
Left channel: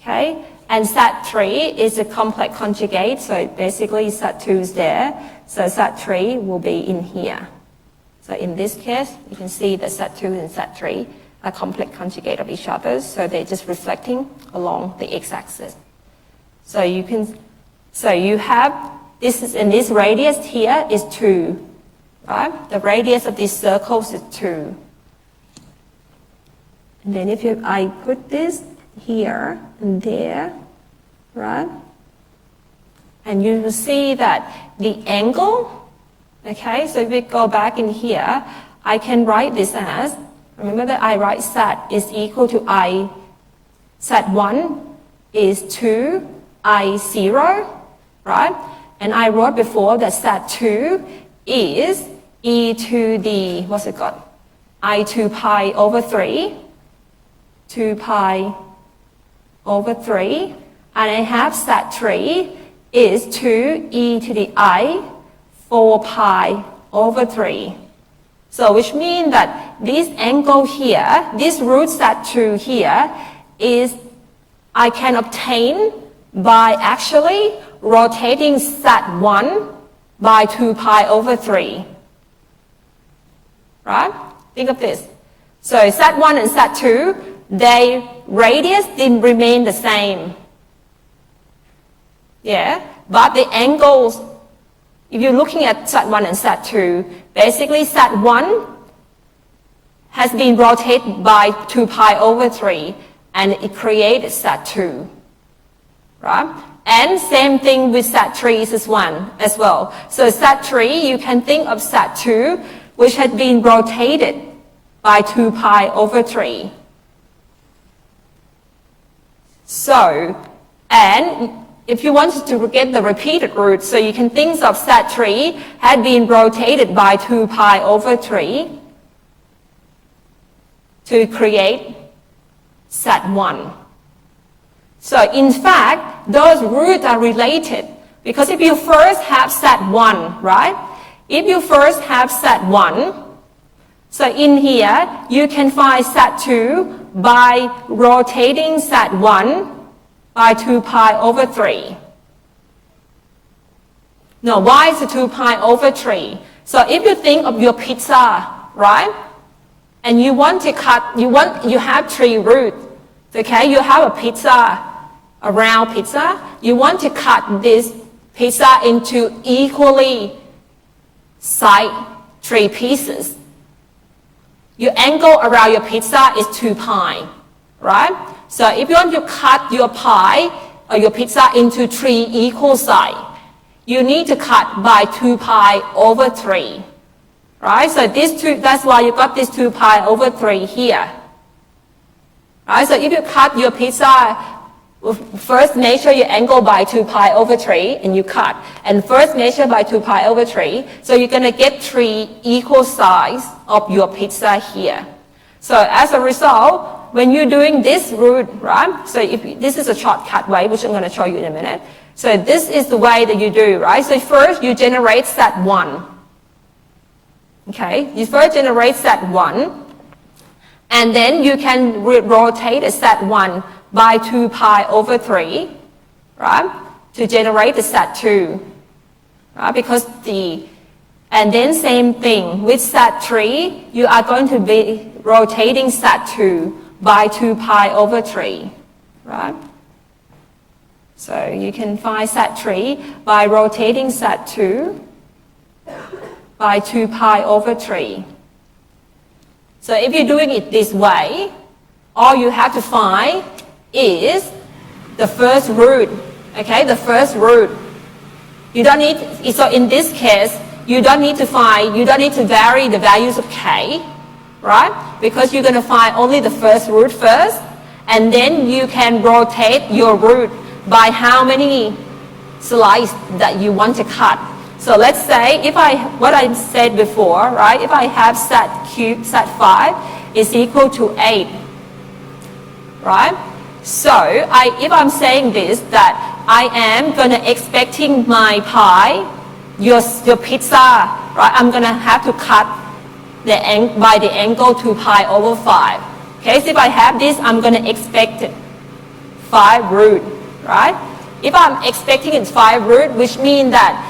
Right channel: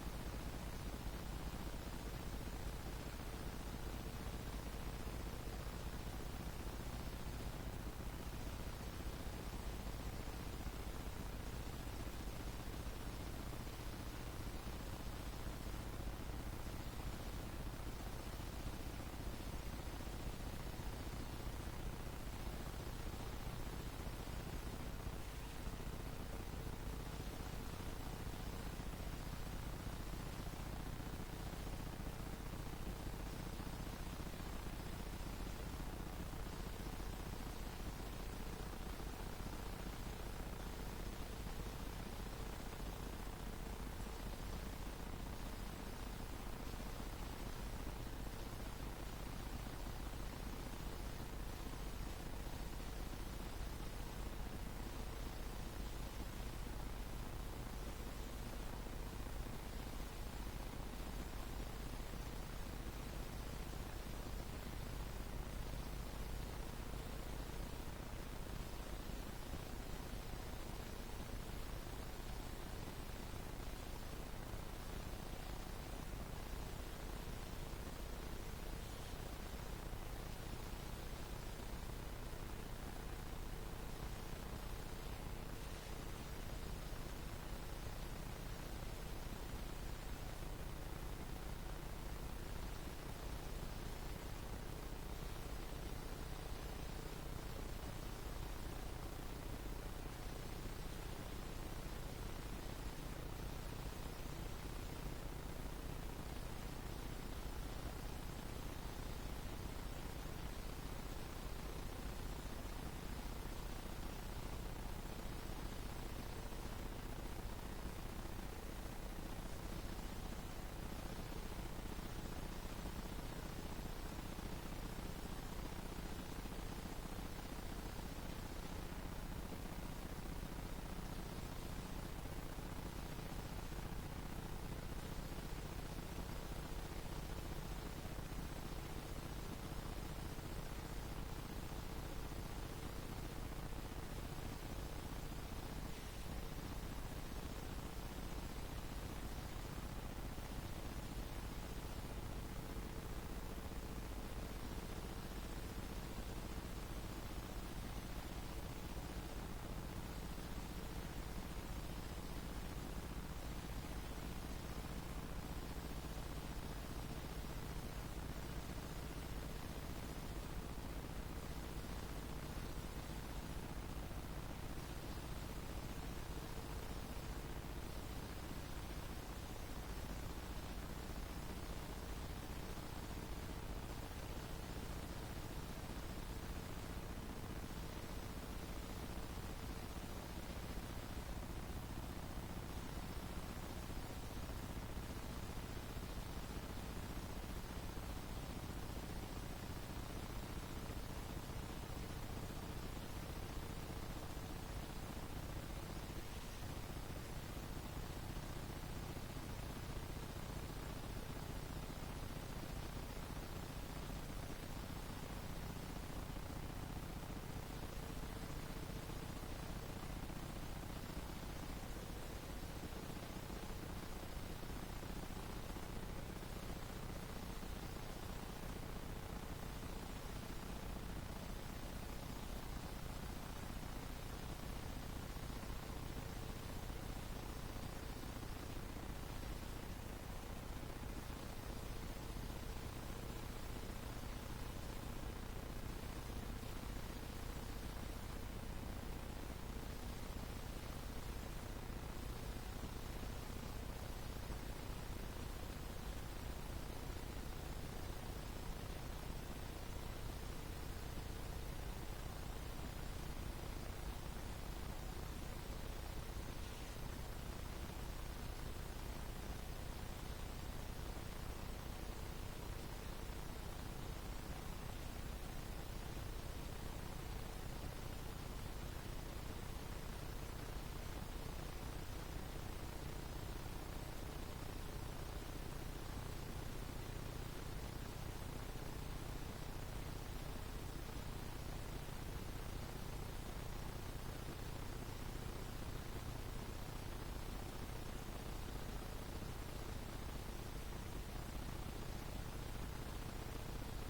okay? And set 3 is a complex conjugate, so basically set 2 is there, so set 3 will be in here. So in this case, you can see that set 2 and set 3 are complex conjugate of each other, so they're just reflecting along the x-axis. So you can, so you have, this is, and this radius here is 2. Right? The radius of these circles is 2. And then if I put this here and there, right? And you will see that the angle, okay, so if we go back in here, I can write this as, remember that I write set is equal to I, set 1 is 2, I0, right? And I wrote before that set 2 is e to the, what's it called? I 2 pi over 3, 2 pi over 3, and I have set 3 is 2 e to the I 4 pi over 3. So which means that this angle here, this root set 2 here, is I can obtain by actually rotating set 1 by 2 pi over 3. Right? Think of this. So set 1 and set 2, their radius didn't remain the same. Yeah? But the angles, if you're looking at set 1 and set 2, basically set 1 has been rotated by 2 pi over 3, and it created set 2. Right? And same thing with set 3 as well. So set 3, you can think of set 2, which had been rotated by 2 pi over 3. So, and if you wanted to get the repeated root, so you can think of set 3 had been rotated by 2 pi over 3 to create set 1. So in fact, those roots are related, because if you first have set 1, right? If you first have set 1, so in here, you can find set 2 by rotating Z1 by 2 pi over 3. No, why is it 2 pi over 3? So if you think of your pizza, right? And you want to cut, you have 3 roots, okay? You have a pizza, a round pizza. You want to cut this pizza into equally sized 3 pieces. Your angle around your pizza is 2 pi, right? So if you want to cut your pie or your pizza into 3 equal sizes, you need to cut by 2 pi over 3, right? So that's why you got this 2 pi over 3 here, right? So if you cut your pizza, first measure your angle by 2 pi over 3 and you cut, and first measure by 2 pi over 3, so you're going to get 3 equal sides of your pizza here. So as a result, when you're doing this route, right? So this is a shortcut way, which I'm going to show you in a minute. So this is the way that you do, right? So first you generate Z1. Okay, you first generate Z1, and then you can rotate a Z1 by 2 pi over 3, right? To generate the Z2, right? Because and then same thing with Z3, you are going to be rotating Z2 by 2 pi over 3, right? So you can find Z3 by rotating Z2 by 2 pi over 3. So if you're doing it this way, all you have to find is the first root, okay, the first root. You don't need, so in this case, you don't need to vary the values of k, right? Because you're going to find only the first root first, and then you can rotate your root by how many slices that you want to cut. So let's say what I said before, right? If I have Z5 is equal to 8, right? So if I'm saying this, that I am going to expecting my pie, your pizza, right? I'm going to have to cut by the angle 2 pi over 5. Okay, so if I have this, I'm going to expect 5 root, right? If I'm expecting it's 5 root, which means that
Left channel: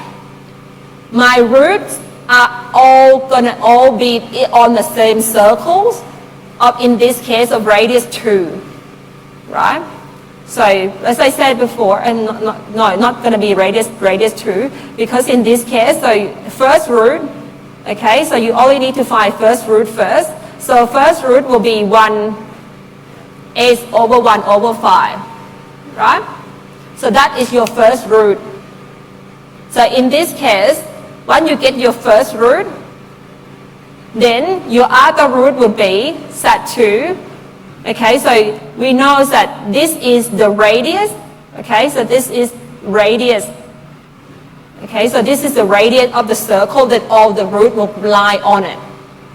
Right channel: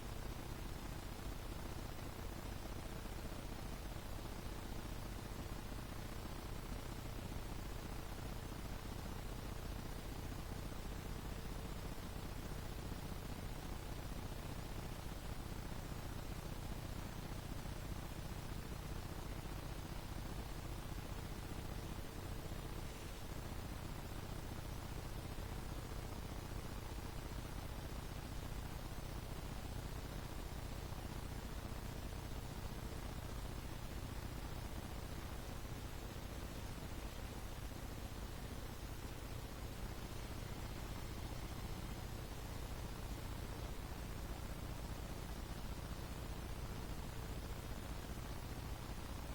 my roots are going to be on the same circles of, in this case, of radius 2, right? So as I said before, and not going to be radius 2, because in this case, so first root, okay, so you only need to find first root first. So first root will be 1/8 over 1 over 5, right? So that is your first root. So in this case, when you get your first root, then your other root will be Z2. Okay, so we know that this is the radius. Okay, so this is radius. Okay, so this is the radius of the circle that all the root will lie on it.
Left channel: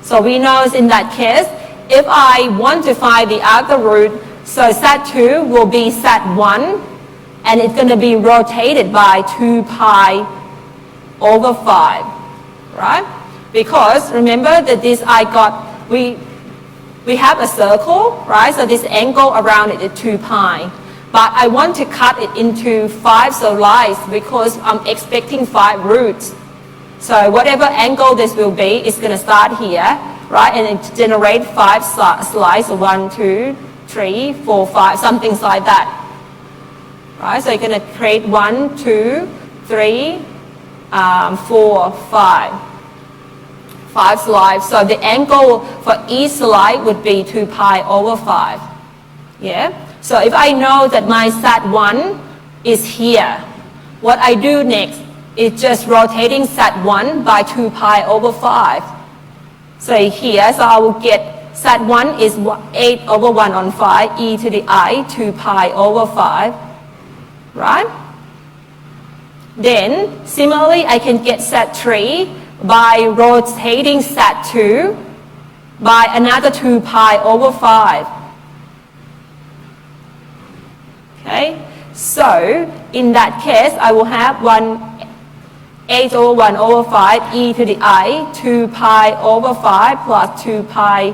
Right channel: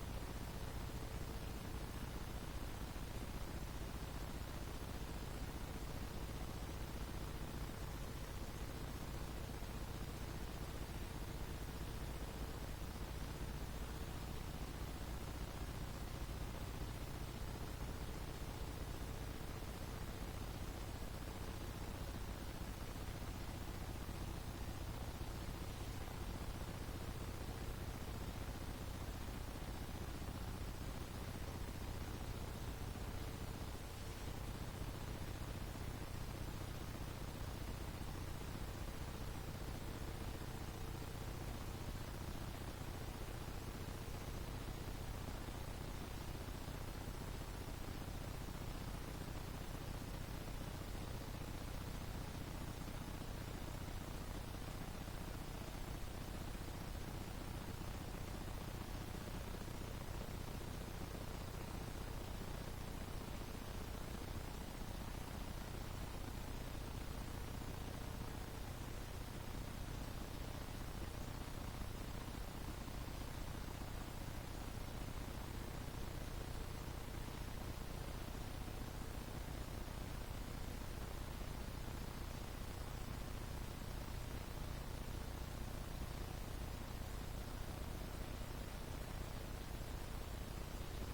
So we know in that case, if I want to find the other root, so Z2 will be Z1, and it's going to be rotated by 2 pi over 5, right? Because remember that we have a circle, right? So this angle around it is 2 pi. But I want to cut it into 5 slices because I'm expecting 5 roots. So whatever angle this will be, it's going to start here, right? And it generate 5 slices, 1, 2, 3, 4, 5, something like that. Right? So you're going to create 1, 2, 3, 4, 5. 5 slides. So the angle for each slide would be 2 pi over 5. Yeah? So if I know that my Z1 is here, what I do next is just rotating Z1 by 2 pi over 5. So here, so I will get Z1 is 8 over 1 on 5, e to the I, 2 pi over 5. Right? Then, similarly, I can get Z3 by rotating Z2 by another 2 pi over 5. Okay? So, in that case, I will have 8 over 1 over 5 e to the I, 2 pi over 5 plus 2 pi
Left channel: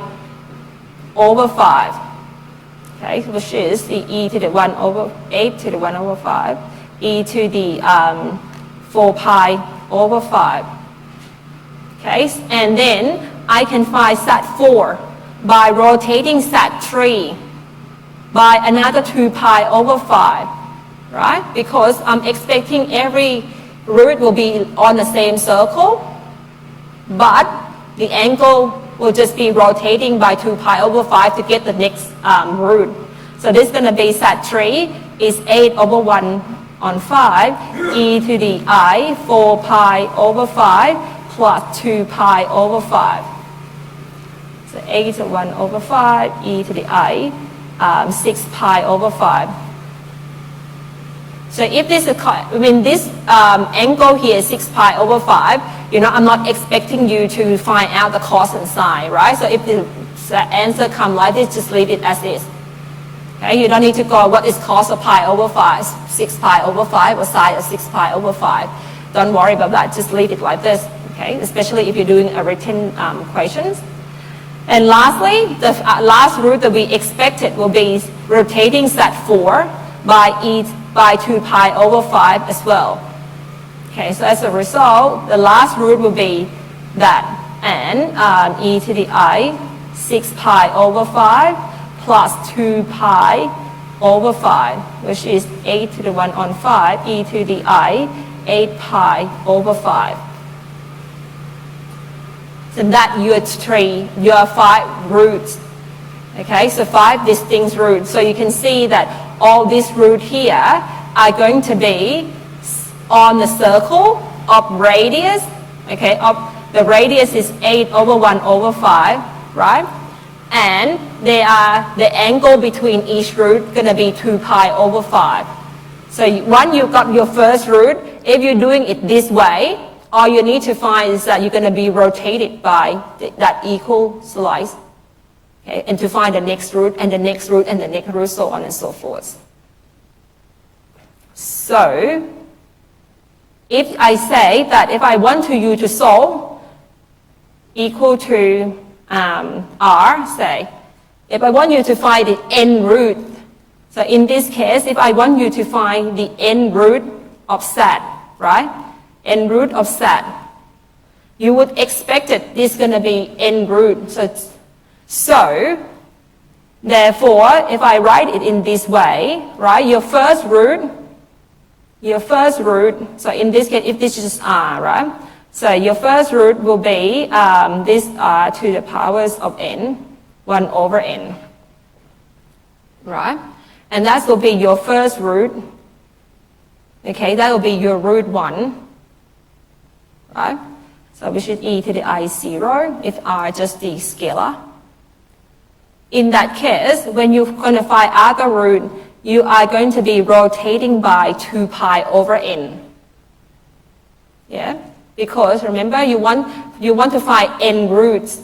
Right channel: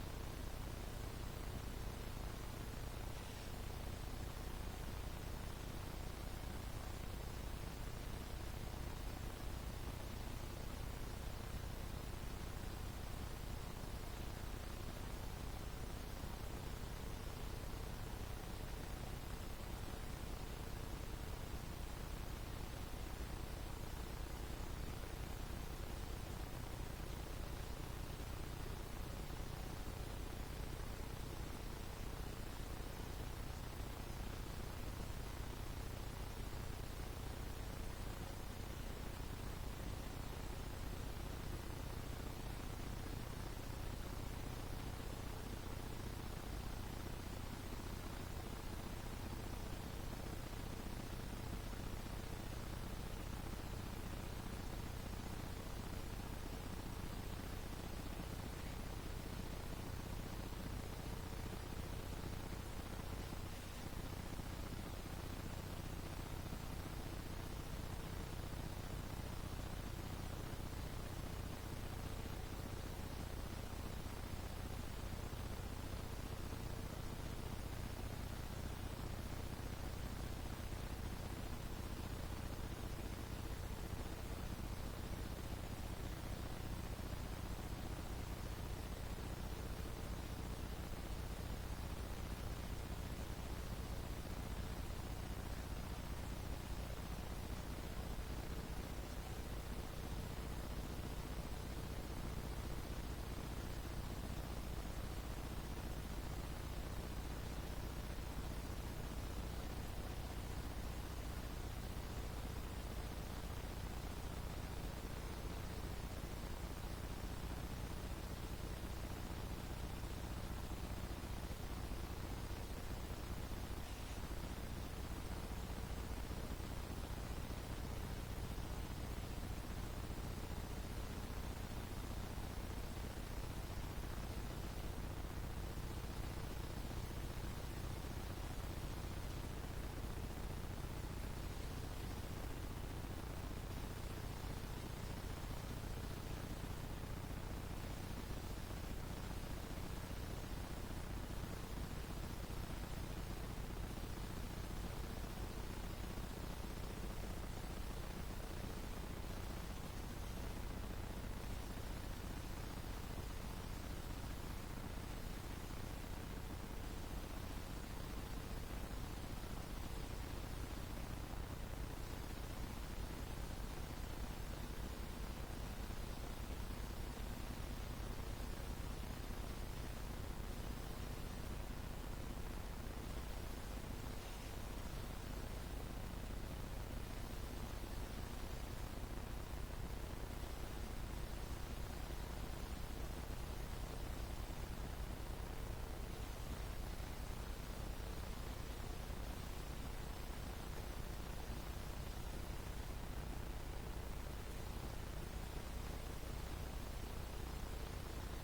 over 5. okay, which is the e to the 1 over 8 to the 1 over 5, e to the 4 pi over 5. Okay, and then I can find set 4 by rotating set 3 by another 2 pi over 5, right? Because I'm expecting every root will be on the same circle, but the angle will just be rotating by 2 pi over 5 to get the next root. So this is going to be set 3 is 8 over 1 on 5, e to the I 4 pi over 5 plus 2 pi over 5. So 8 to 1 over 5, e to the I 6 pi over 5. So if this is, this angle here is 6 pi over 5, I'm not expecting you to find out the cos and sine, right? So if the answer comes like this, just leave it as is. Okay, you don't need to go, what is cos of pi over 5, 6 pi over 5, or sine of 6 pi over 5. Don't worry about that, just leave it like this, okay? Especially if you're doing a written questions. And lastly, the last root that we expected will be rotating set 4 by 2 pi over 5 as well. Okay, so as a result, the last root will be that, and e to the I 6 pi over 5 plus 2 pi over 5, which is 8 to the 1 on 5, e to the I 8 pi over 5. So that your 5 roots. Okay, so 5 distinct roots. So you can see that all these roots here are going to be on the circle of radius. Okay, the radius is 8 over 1 over 5, right? And the angle between each root going to be 2 pi over 5. So once you've got your first root, if you're doing it this way, all you need to find is that you're going to be rotated by that equal slice. Okay, and to find the next root, and the next root, and the next root, so on and so forth. So, if I say that if I want you to solve equal to r, say, if I want you to find the n root, so in this case, if I want you to find the n root of set, right? N root of set, you would expect that this is going to be n root. So, therefore, if I write it in this way, right, your first root, so in this case, if this is r, right, so your first root will be this r to the powers of n, 1 over n, right? And that will be your first root, okay, that will be your root 1, right? So which is e to the I 0, if r just the scalar. In that case, when you're going to find other root, you are going to be rotating by 2 pi over n. Yeah? Because remember, you want to find n roots.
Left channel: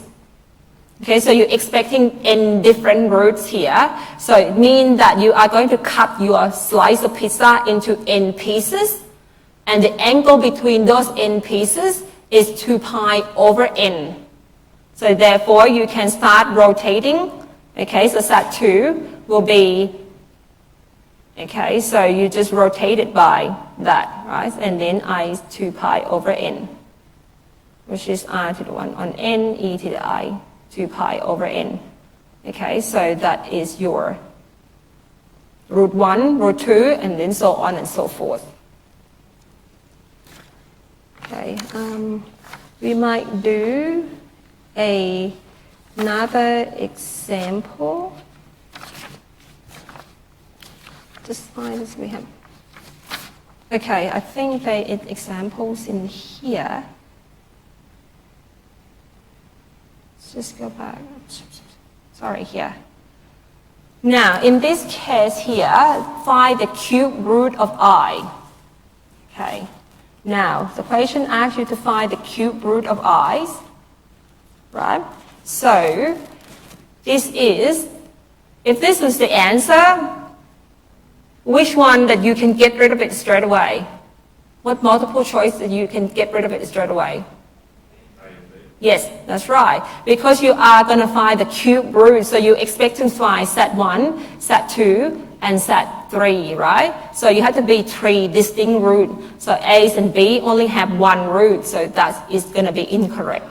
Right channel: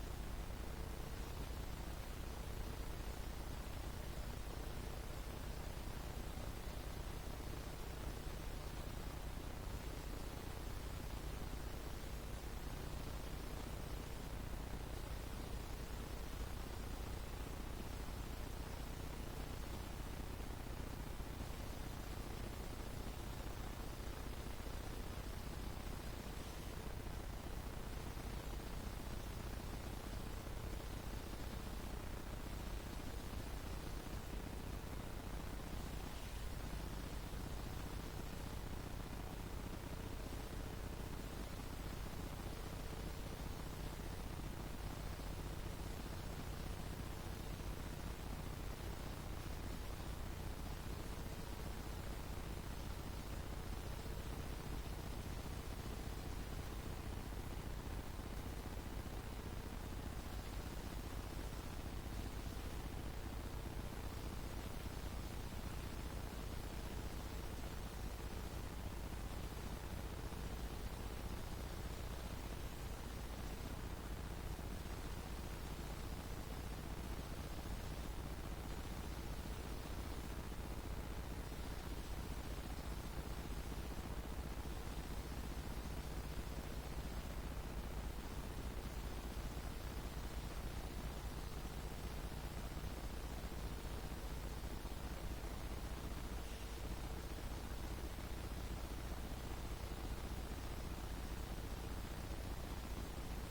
Okay, so you're expecting n different roots here. So it means that you are going to cut your slice of pizza into n pieces, and the angle between those n pieces is 2 pi over n. So therefore, you can start rotating. Okay, so set 2 will be, okay, so you just rotate it by that, right? And then I is 2 pi over n, which is r to the 1 on n, e to the I, 2 pi over n. Okay, so that is your root 1, root 2, and then so on and so forth. Okay, we might do another example. Just find this we have. Okay, I think there are examples in here. Let's just go back. Sorry, here. Now, in this case here, find the cube root of I. Okay. Now, the question asks you to find the cube root of i's, right? So, this is, if this is the answer, which one that you can get rid of it straight away? What multiple choice that you can get rid of it straight away? Yes, that's right. Because you are going to find the cube root, so you expect to find set1, set2, and set3, right? So you have to be 3 distinct roots. So A and B only have 1 root, so that is going to be incorrect,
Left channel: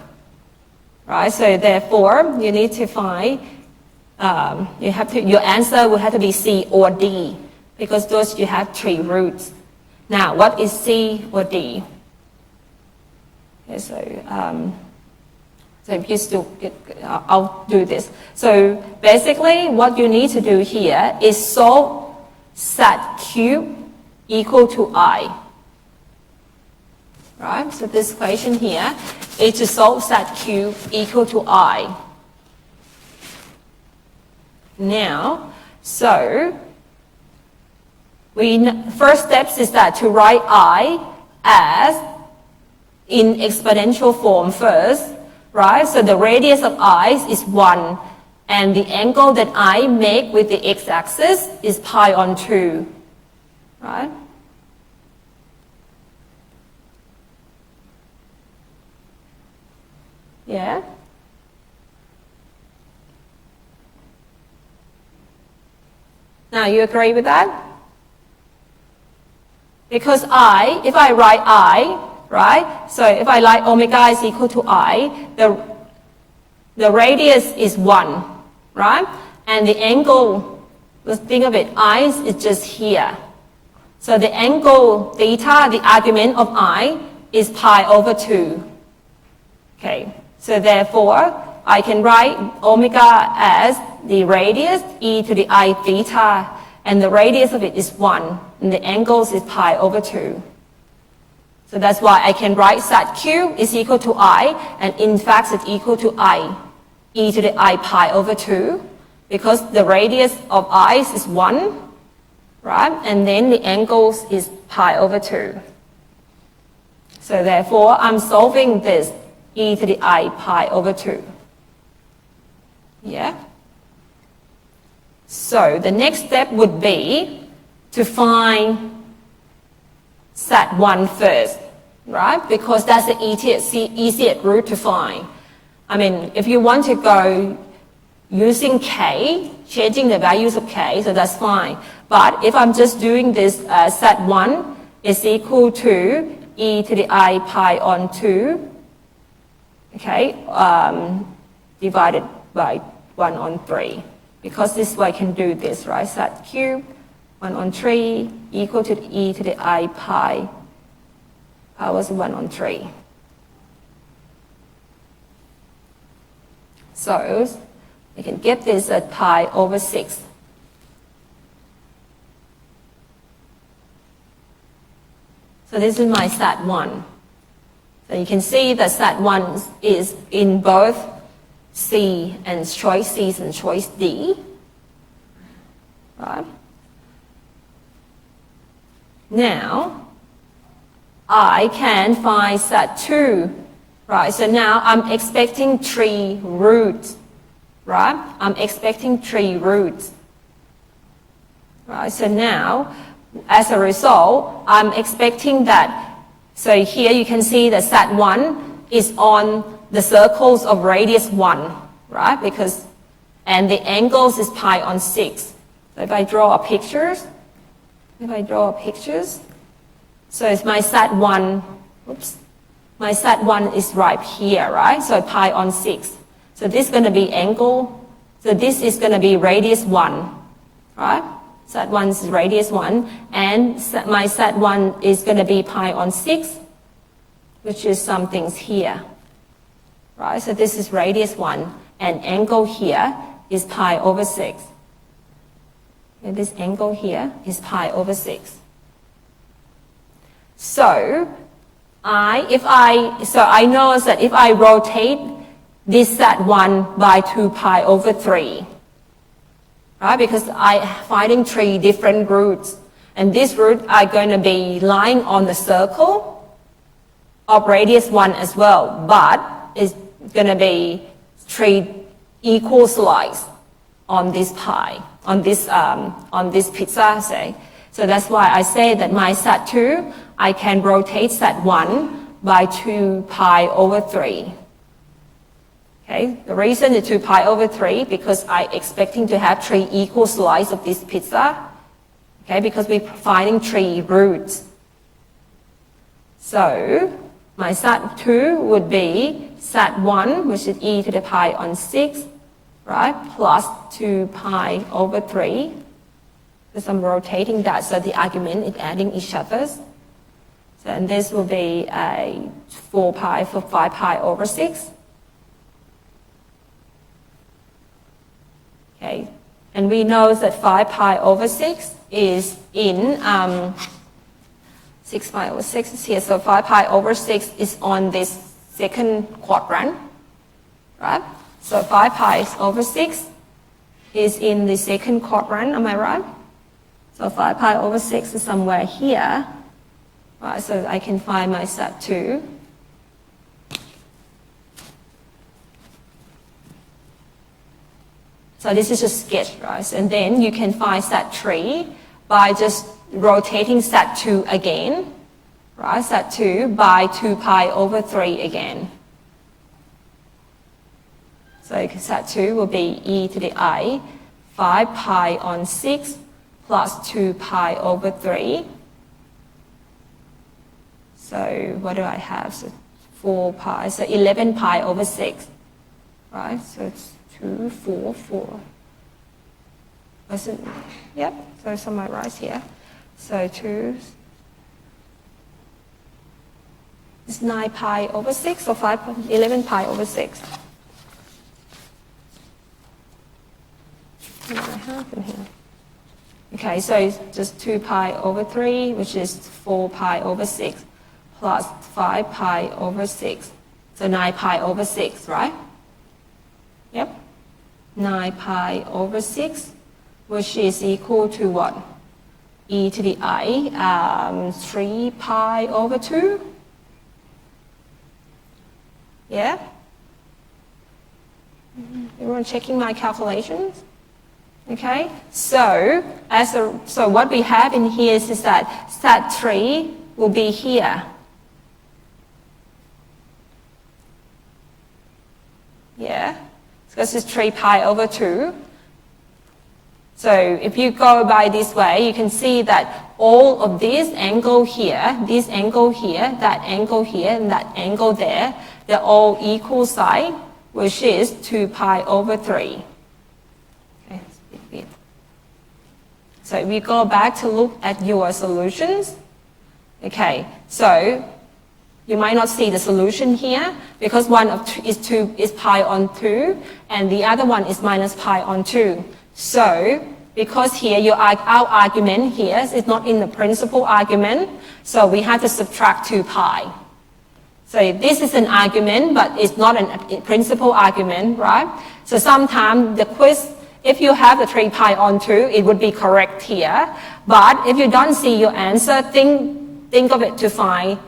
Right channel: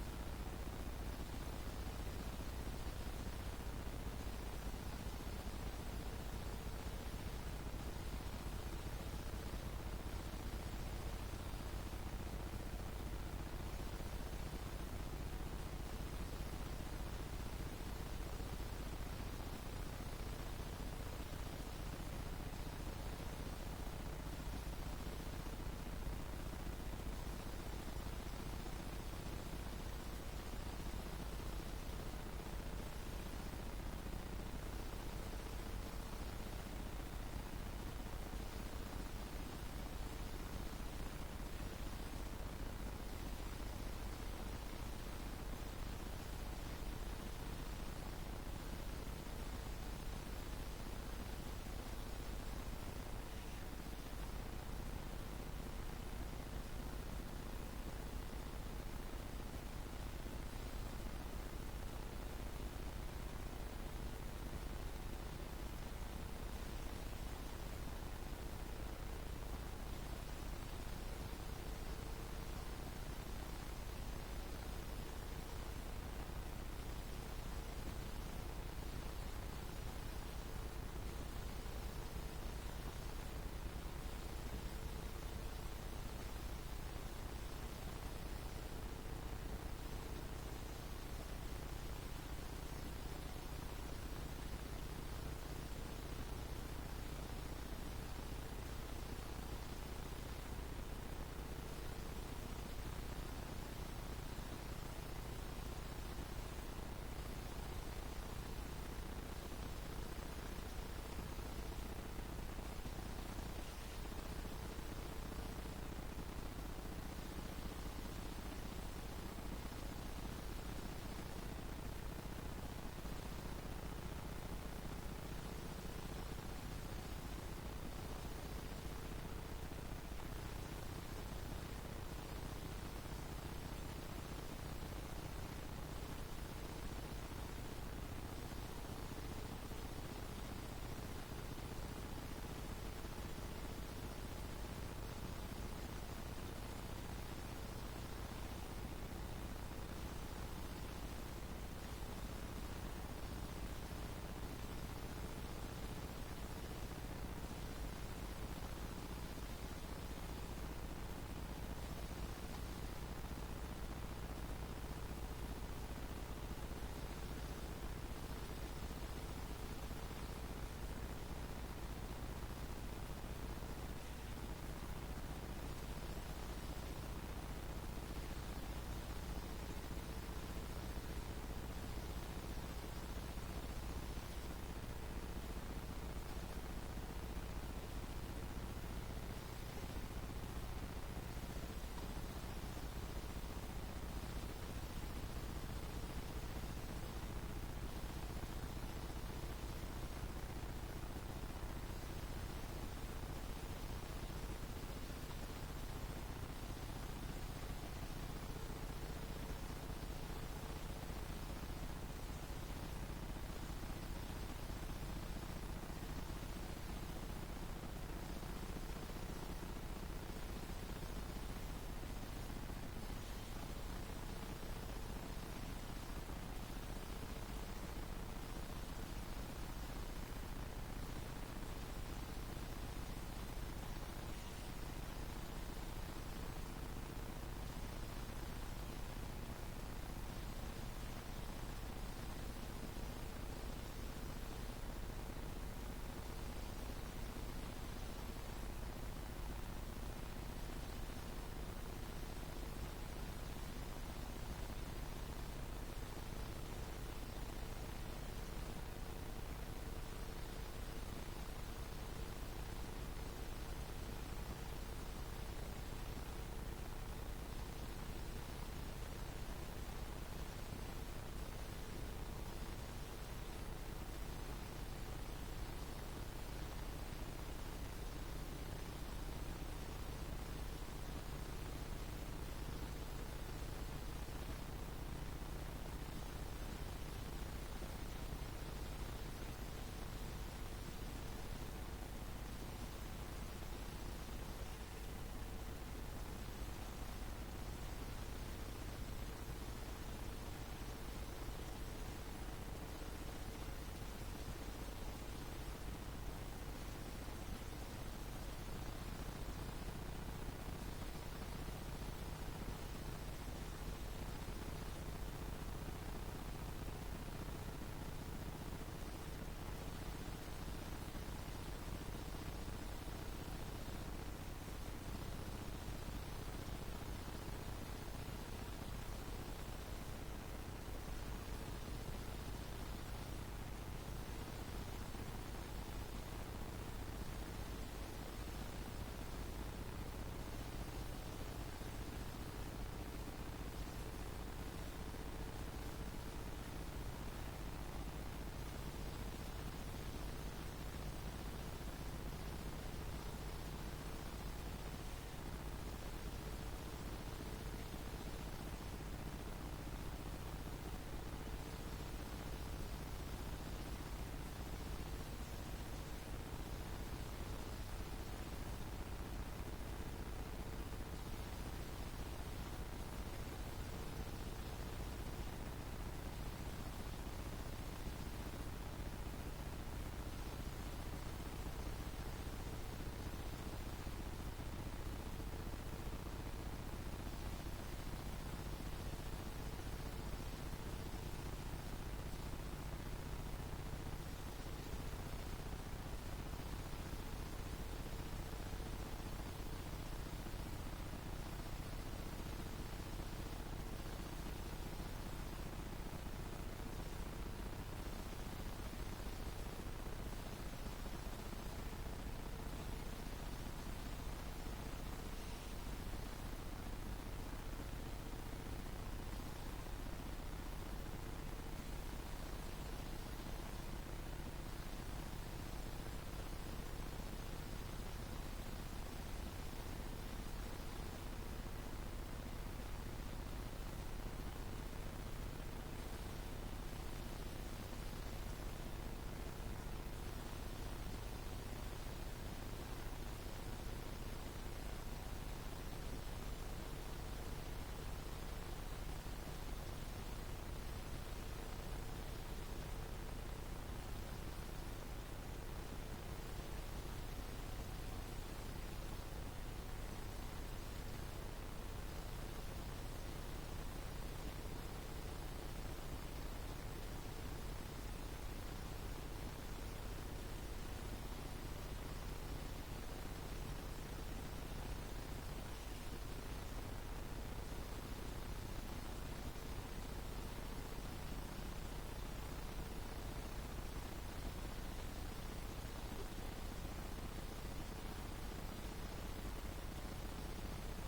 right? So therefore, you need to find, your answer will have to be C or D, because those you have 3 roots. Now, what is C or D? Okay, so if you still, I'll do this. So basically, what you need to do here is solve set cube equal to I. Right? So this equation here is to solve set cube equal to I. Now, so first steps is that to write I as in exponential form first. Right, so the radius of I is 1, and the angle that I make with the x-axis is pi on 2, right? Yeah? Now, you agree with that? Because if I write I, right? So if I like omega is equal to I, the radius is 1, right? And the angle, let's think of it, I is just here. So the angle theta, the argument of I, is pi over 2. Okay, so therefore, I can write omega as the radius, e to the I theta, and the radius of it is 1, and the angles is pi over 2. So that's why I can write set cube is equal to I, and in fact it's equal to I, e to the I pi over 2, because the radius of I is 1, right? And then the angles is pi over 2. So therefore, I'm solving this e to the I pi over 2. Yeah? So the next step would be to find set 1 first, right? Because that's the easiest route to find. I mean, if you want to go using k, changing the values of k, so that's fine. But if I'm just doing this set 1 is equal to e to the I pi on 2, okay, divided by 1 on 3. Because this way I can do this, right? Set cube 1 on 3 equal to the e to the I pi powers 1 on 3. So I can get this at pi over 6. So this is my set 1. So you can see that set 1 is in both C and choice C and choice D. Right? Now, I can find set 2, right? So now I'm expecting 3 roots, right? I'm expecting 3 roots, right? So now, as a result, I'm expecting that, so here you can see that set 1 is on the circles of radius 1, right? Because, and the angles is pi on 6. So if I draw pictures, so it's my set 1, my set 1 is right here, right? So pi on 6. So this is going to be angle, so this is going to be radius 1, right? Set 1 is radius 1, and my set 1 is going to be pi on 6, which is some things here, right? So this is radius 1, and angle here is pi over 6. And this angle here is pi over 6. So I know that if I rotate this set 1 by 2 pi over 3, right? Because I'm finding 3 different roots, and these roots are going to be lying on the circle of radius 1 as well, but it's going to be 3 equal slices on this pie, on this pizza, say. So that's why I say that my set 2, I can rotate set 1 by 2 pi over 3. Okay, the reason is 2 pi over 3 because I'm expecting to have 3 equal slices of this pizza. Okay, because we're finding 3 roots. So my SAT2 would be SAT1, which is e to the pi on 6, right, plus 2 pi over 3. Because I'm rotating that, so the argument is adding each other. So, and this will be a 4 pi for 5 pi over 6. Okay, and we know that 5 pi over 6 is in 6 pi over 6 is here, so 5 pi over 6 is on this second quadrant, right? So 5 pi over 6 is in the second quadrant, am I right? So 5 pi over 6 is somewhere here, right? So I can find my SAT2. So this is a sketch, right? And then you can find SAT3 by just rotating SAT2 again, right? SAT2 by 2 pi over 3 again. So SAT2 will be e to the I 5 pi on 6 plus 2 pi over 3. So what do I have? So 4 pi, so 11 pi over 6, right? So it's 2, 4, 4. Yep, so summarize here. So 2 is 9 pi over 6 or 11 pi over 6. What do I have in here? Okay, so it's just 2 pi over 3, which is 4 pi over 6, plus 5 pi over 6. So 9 pi over 6, right? Yep. 9 pi over 6, which is equal to what? E to the I, 3 pi over 2. Yeah? Everyone checking my calculations? Okay, so what we have in here is that SAT3 will be here. Yeah, because it's 3 pi over 2. So if you go by this way, you can see that all of this angle here, this angle here, that angle here, and that angle there, they're all equal side, which is 2 pi over 3. Okay, so if we go back to look at your solutions, okay, so you might not see the solution here because one of two is pi on 2 and the other one is minus pi on 2. So because here our argument here is not in the principal argument, so we have to subtract 2 pi. So this is an argument, but it's not a principal argument, right? So sometimes the quiz, if you have the 3 pi on 2, it would be correct here. But if you don't see your answer, think of it to find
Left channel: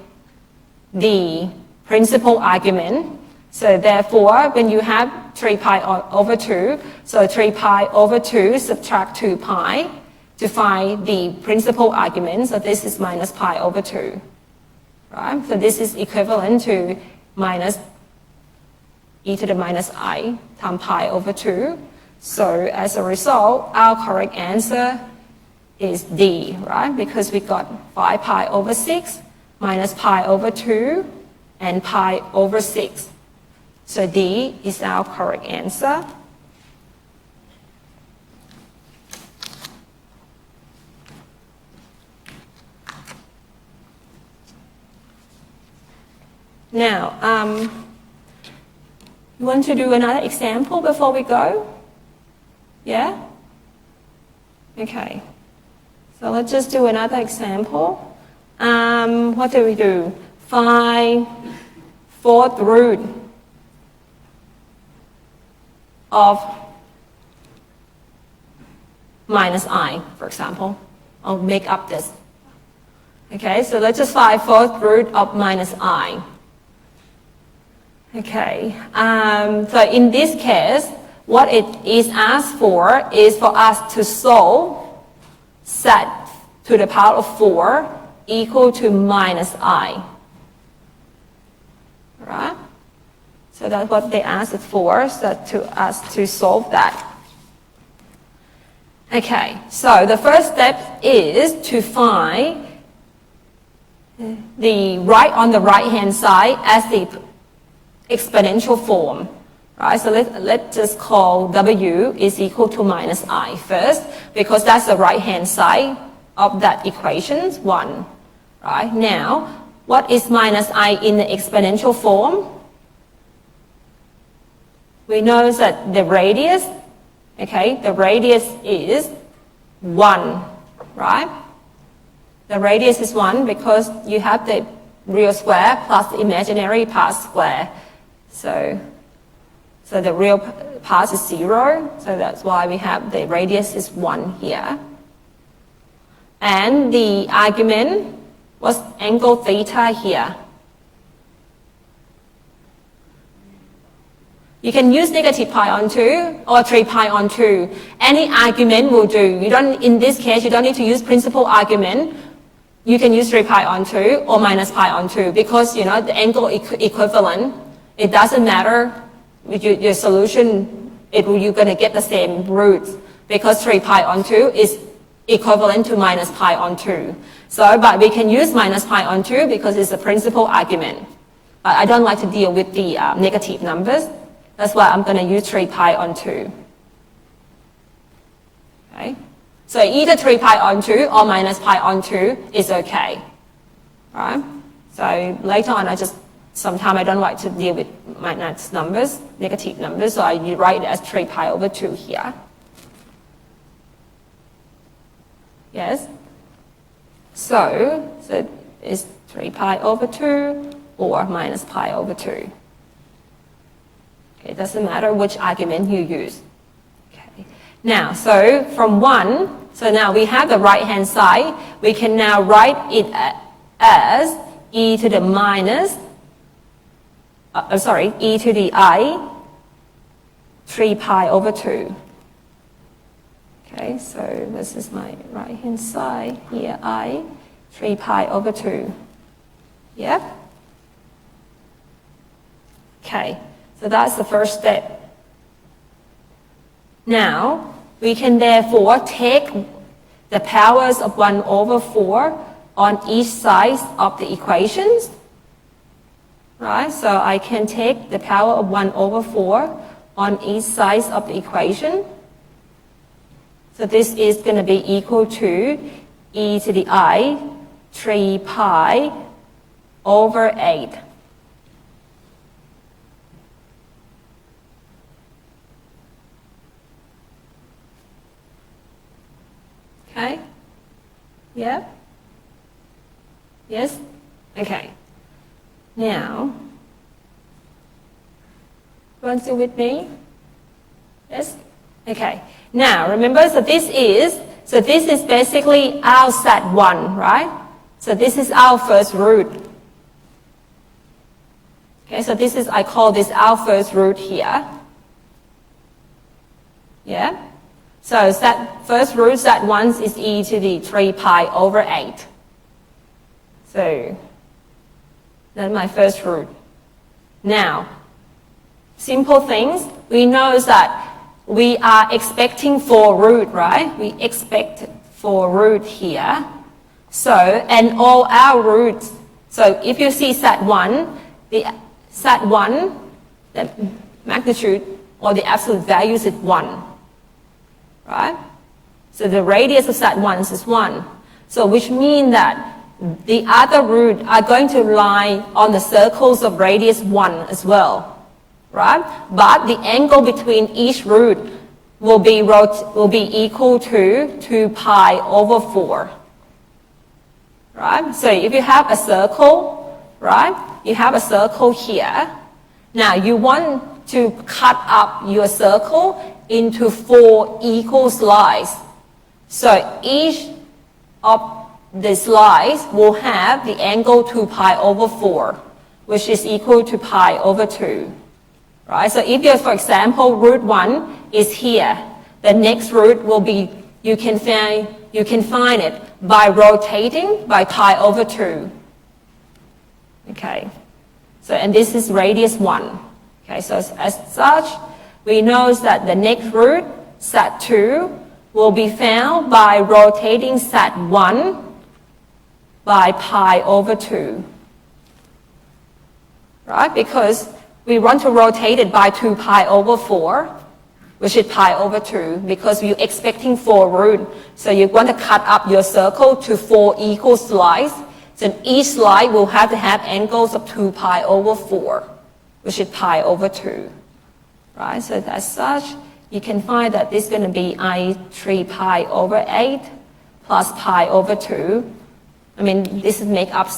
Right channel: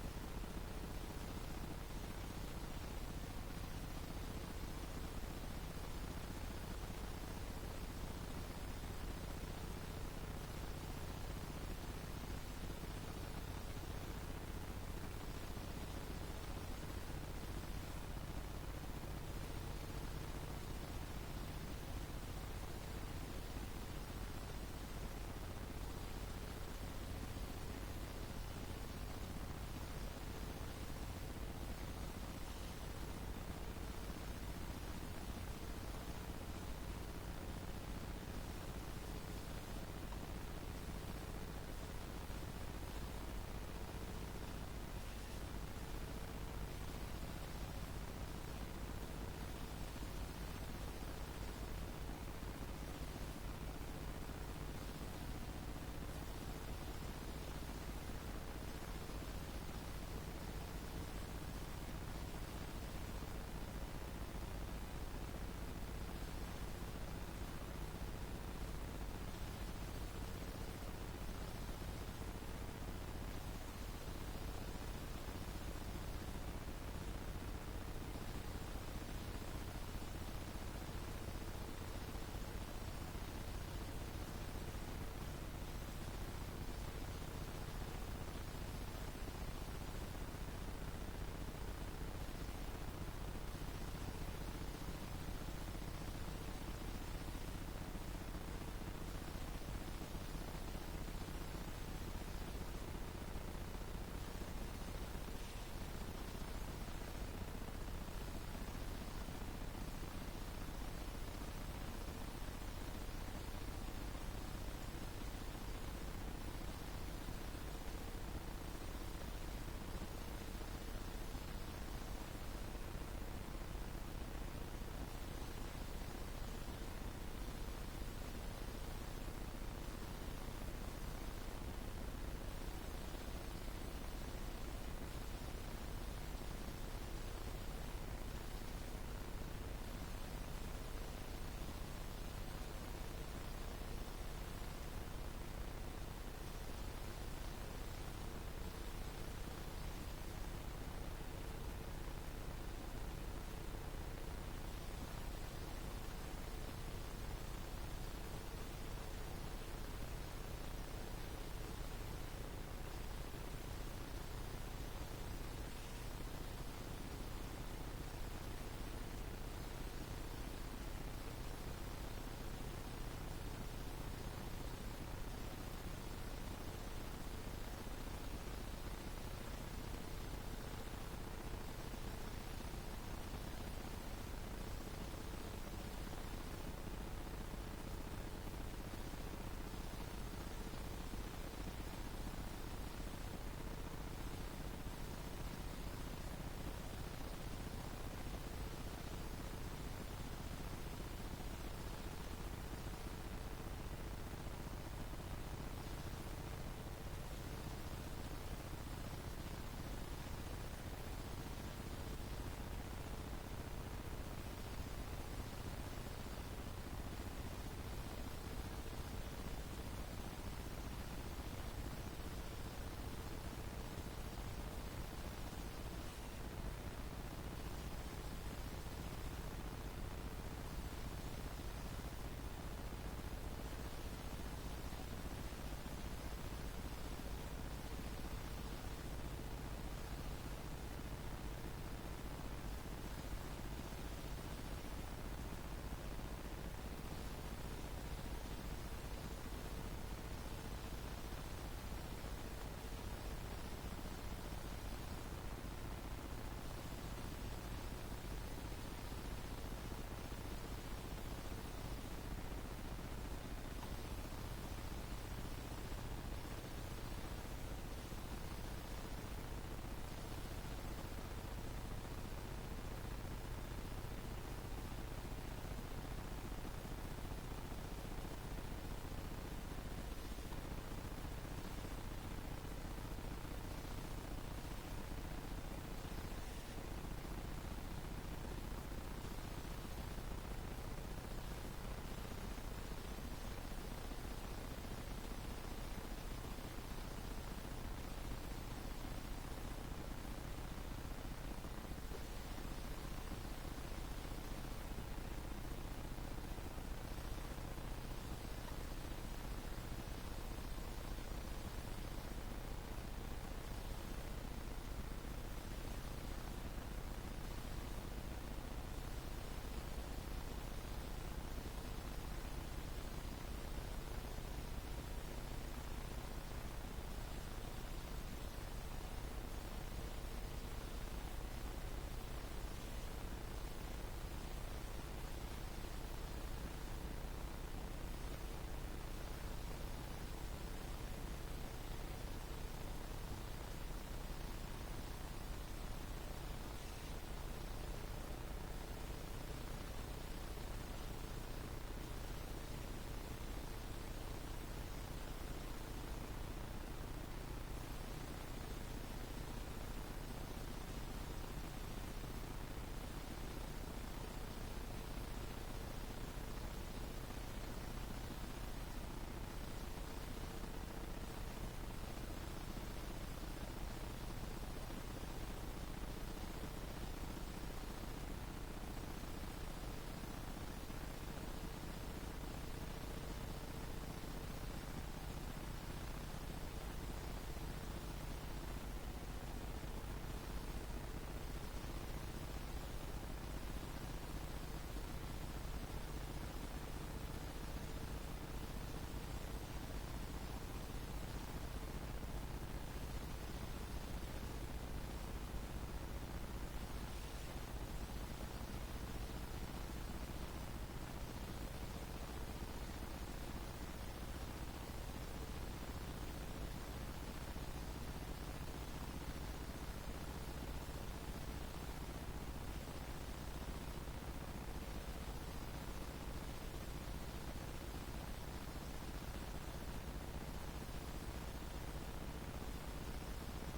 the principal argument. So therefore, when you have 3 pi over 2, so 3 pi over 2 subtract 2 pi to find the principal argument. So this is minus pi over 2. Right? So this is equivalent to minus e to the minus I times pi over 2. So as a result, our correct answer is D, right? Because we got 5 pi over 6 minus pi over 2 and pi over 6. So D is our correct answer. Now, you want to do another example before we go? Yeah? Okay. So let's just do another example. What do we do? Find fourth root of minus I, for example. I'll make up this. Okay, so let's just find fourth root of minus I. Okay, so in this case, what it is asked for is for us to solve set to the power of 4 equal to minus I. Right? So that's what they asked it for, so to us to solve that. Okay, so the first step is to find the on the right hand side as the exponential form. Right, so let's just call W is equal to minus I first, because that's the right hand side of that equation, 1. Right, now, what is minus I in the exponential form? We know that the radius, okay, the radius is 1, right? The radius is 1 because you have the real square plus the imaginary part square. So the real part is 0, so that's why we have the radius is 1 here. And the argument was angle theta here. You can use negative pi on 2 or 3 pi on 2. Any argument will do. You don't, in this case, you don't need to use principal argument. You can use 3 pi on 2 or minus pi on 2 because, you know, the angle equivalent, it doesn't matter with your solution, you're going to get the same roots because 3 pi on 2 is equivalent to minus pi on 2. So, but we can use minus pi on 2 because it's a principal argument. I don't like to deal with the negative numbers. That's why I'm going to use 3 pi on 2. Okay? So either 3 pi on 2 or minus pi on 2 is okay. Right? So later on, sometimes I don't like to deal with minus numbers, negative numbers, so I write it as 3 pi over 2 here. Yes? So it's 3 pi over 2 or minus pi over 2. It doesn't matter which argument you use. Okay. Now, so from 1, so now we have the right-hand side. We can now write it as e to the minus, e to the I, 3 pi over 2. Okay, so this is my right-hand side here, I, 3 pi over 2. Yep. Okay. So that's the first step. Now, we can therefore take the powers of 1 over 4 on each side of the equations. Right? So I can take the power of 1 over 4 on each side of the equation. So this is going to be equal to e to the I, 3 pi over 8. Okay? Yeah? Yes? Okay. Now, everyone still with me? Yes? Okay. Now, remember, so this is basically our set 1, right? So this is our first root. Okay, so this is, I call this our first root here. Yeah? So first root, set 1 is e to the 3 pi over 8. So that's my first root. Now, simple things. We know that we are expecting 4 root, right? We expect 4 root here. So, and all our roots. So if you see set 1, the magnitude or the absolute value is 1. Right? So the radius of set 1 is 1. So which means that the other root are going to lie on the circles of radius 1 as well. Right? But the angle between each root will be equal to 2 pi over 4. Right? So if you have a circle, right? You have a circle here. Now you want to cut up your circle into 4 equal slices. So each of the slices will have the angle 2 pi over 4, which is equal to pi over 2. Right? So if you, for example, root 1 is here, the next root will be, you can find it by rotating by pi over 2. Okay. So, and this is radius 1. Okay, so as such, we know that the next root, set 2, will be found by rotating set 1 by pi over 2. Right? Because we want to rotate it by 2 pi over 4, which is pi over 2, because you're expecting 4 roots. So you want to cut up your circle to 4 equal slices. So each slice will have to have angles of 2 pi over 4, which is pi over 2. Right? So as such, you can find that this is going to be I3 pi over 8 plus pi over 2. I mean, this is make-up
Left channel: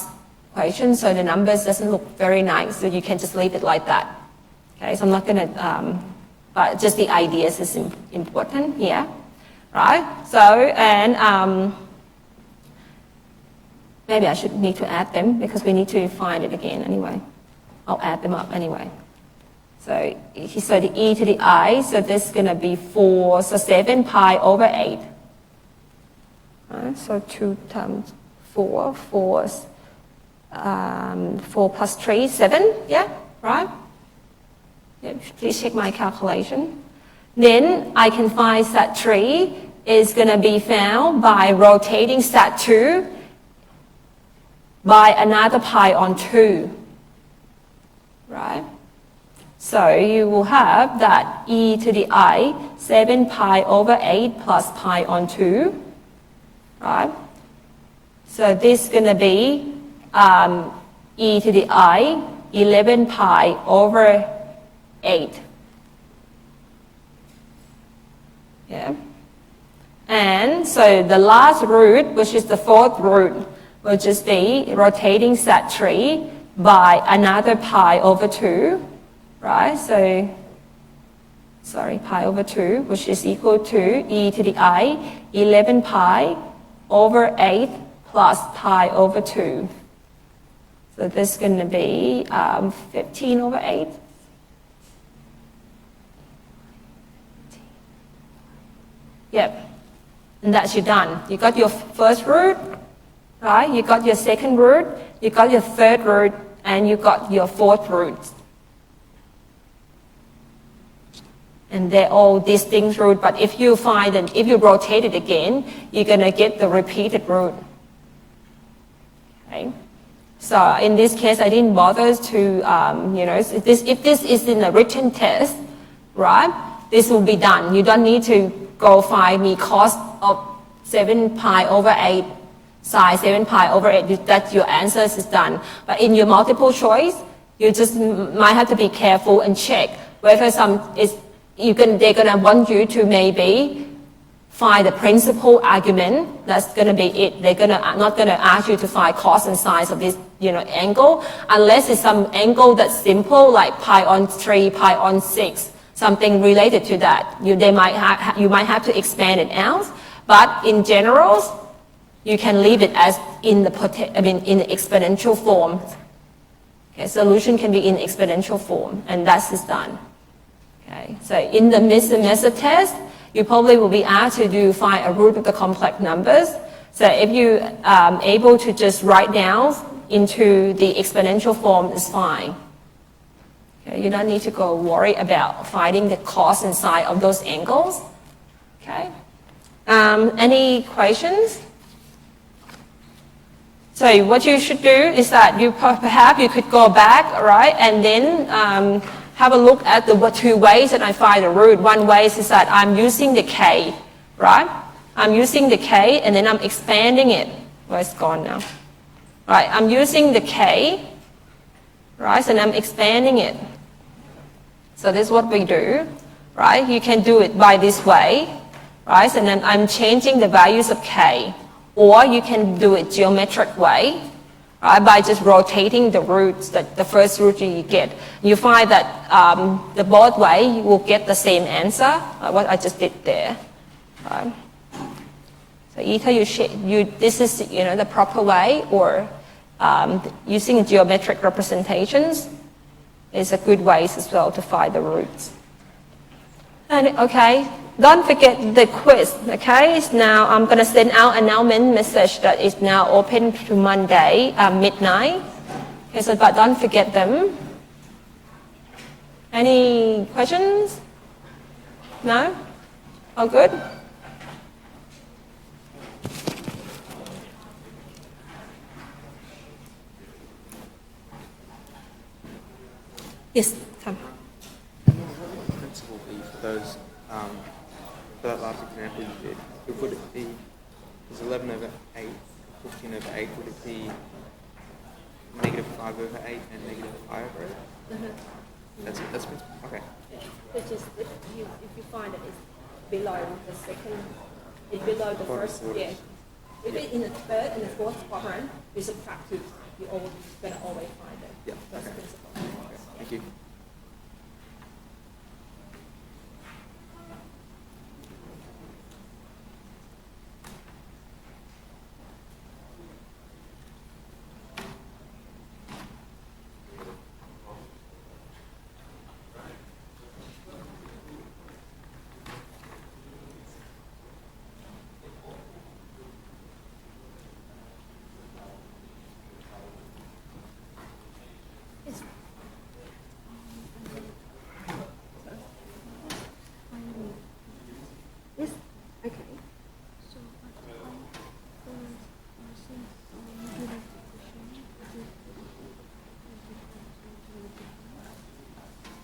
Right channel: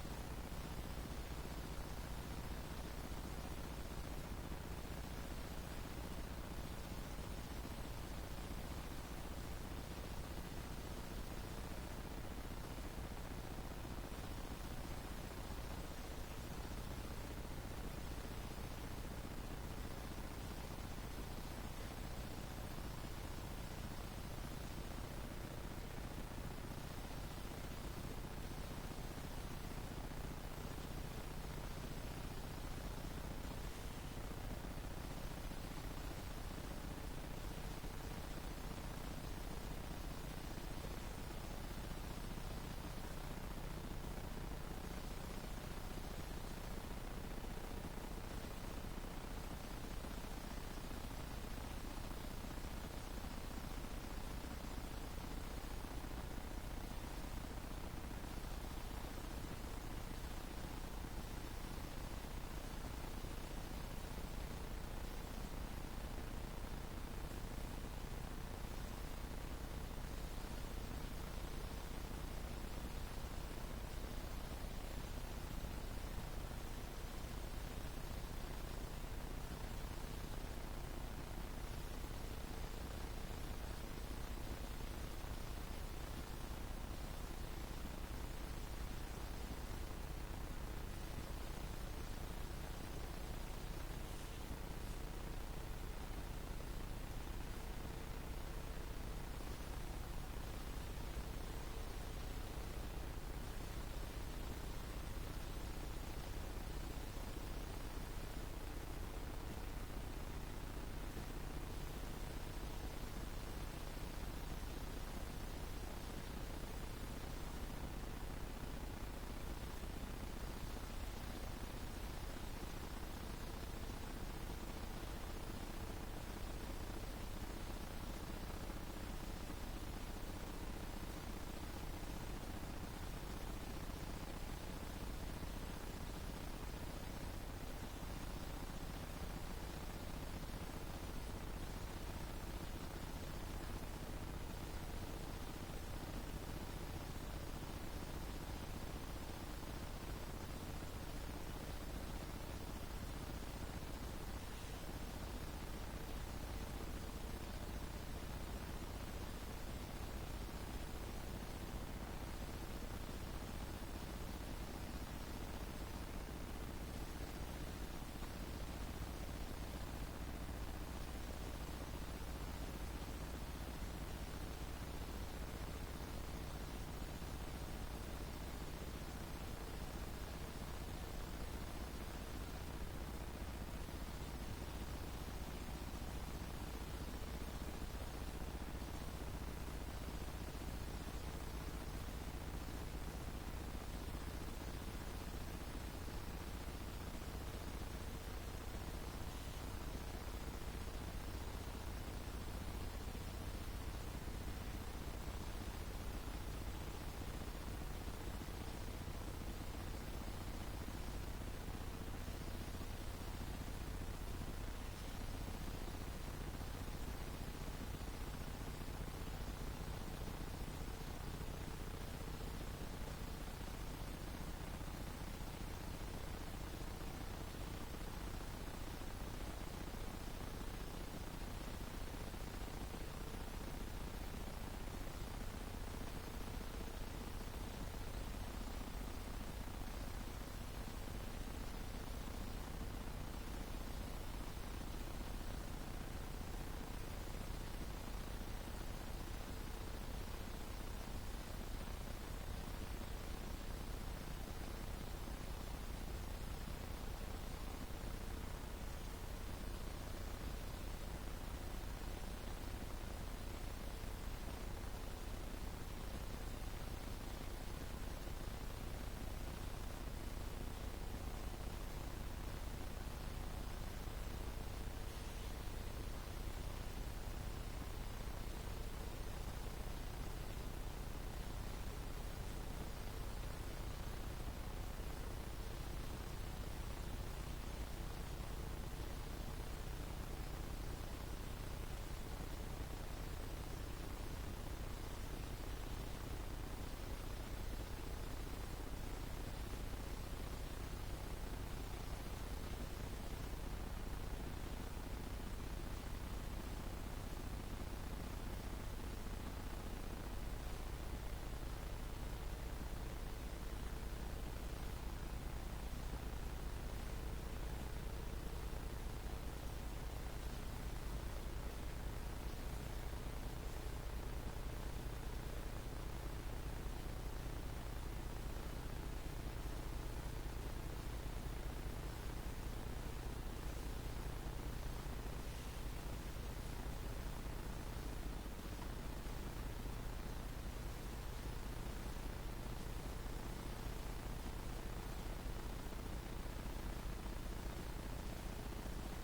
equation, so the numbers doesn't look very nice, so you can just leave it like that. Okay, so I'm not going to, but just the ideas is important, yeah, right? So, and maybe I should need to add them because we need to find it again anyway. I'll add them up anyway. So the e to the I, so this is going to be 4, so 7 pi over 8. Right, so 2 times 4, 4 plus 3, 7, yeah, right? Yeah, please check my calculation. Then I can find set 3 is going to be found by rotating set 2 by another pi on 2, right? So you will have that e to the I, 7 pi over 8 plus pi on 2, right? So this is going to be e to the I, 11 pi over 8. Yeah. And so the last root, which is the 4th root, will just be rotating set 3 by another pi over 2, right? So, sorry, pi over 2, which is equal to e to the I, 11 pi over 8 plus pi over 2. So this is going to be 15 over 8. Yep, and that's you done. You got your first root, right? You got your second root, you got your third root, and you got your 4th root. And they're all distinct root, but if you find that if you rotate it again, you're going to get the repeated root. Okay? So in this case, I didn't bother to, you know, if this is in a written test, right, this will be done. You don't need to go find me cos of 7 pi over 8, sine 7 pi over 8, that your answer is done. But in your multiple choice, you just might have to be careful and check whether they're going to want you to maybe find the principal argument. That's going to be it. They're not going to ask you to find cos and sines of this, you know, angle, unless it's some angle that's simple, like pi on 3, pi on 6, something related to that. You might have to expand it out, but in general, you can leave it as in the exponential form. Okay, solution can be in exponential form, and that's is done. Okay, so in the method test, you probably will be asked to find a root of the complex numbers. So if you are able to just write down into the exponential form, is fine. Okay, you don't need to go worry about finding the cos and sine of those angles. Okay. Any questions? So what you should do is that perhaps you could go back, right, and then have a look at the 2 ways that I find the root. One way is that I'm using the k, right? I'm using the k and then I'm expanding it. Well, it's gone now. Right, I'm using the k, right, and I'm expanding it. So this is what we do, right? You can do it by this way, right? And then I'm changing the values of k. Or you can do it geometric way, right, by just rotating the roots, the first root you get. You find that the both way you will get the same answer, like what I just did there. Right? So either this is the proper way, or using geometric representations is a good way as well to find the roots. And okay, don't forget the quiz. Okay, now I'm going to send out an announcement message that is now open to Monday midnight. Okay, so but don't forget them. Any questions? No? All good? Yes, Tom. Principle be for those, for that last example you did, would it be, is 11 over 8, 15 over 8, would it be negative 5 over 8 and negative 5 over 8? That's principle. Okay. Which is if you find that it's below the second, it's below the first, yeah. If it's in the third and the fourth quadrant, you subtract 2. You're going to always find it. Yeah. That's the principle. Thank you.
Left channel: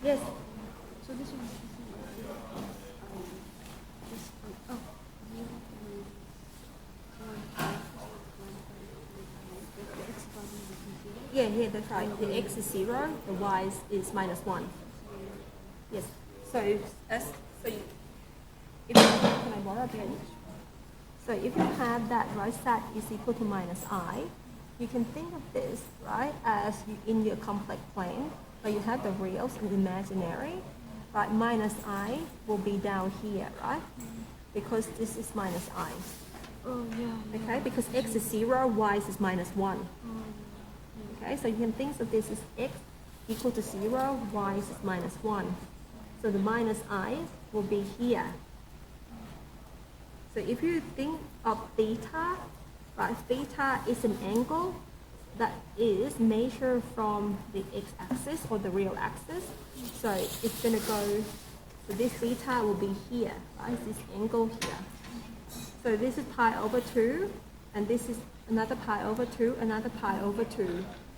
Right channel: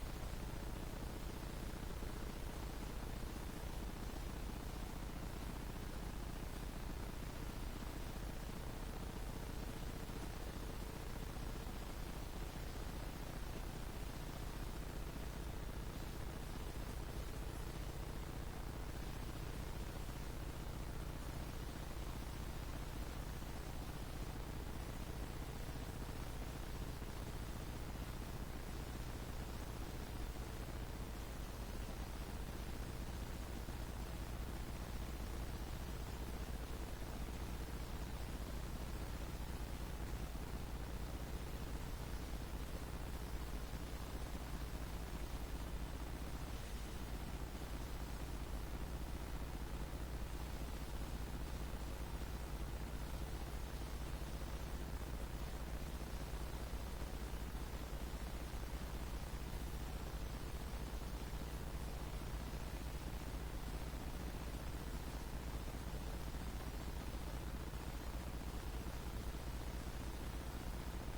Yes. Yeah, that's right. The x is 0, the y is minus 1. Yes. So, so if can I borrow a pen? So if you have that right side is equal to minus I, you can think of this, right, as in your complex plane, where you have the reals and imaginary, right? Minus I will be down here, right? Because this is minus I. Oh, yeah. Okay, because x is 0, y is minus 1. Okay, so you can think of this as x equal to 0, y is minus 1. So the minus I will be here. So if you think of theta, right, theta is an angle that is measured from the x-axis or the real axis. So it's going to go, so this theta will be here, right, this angle here. So this is pi over 2, and this is another pi over 2, another pi over 2.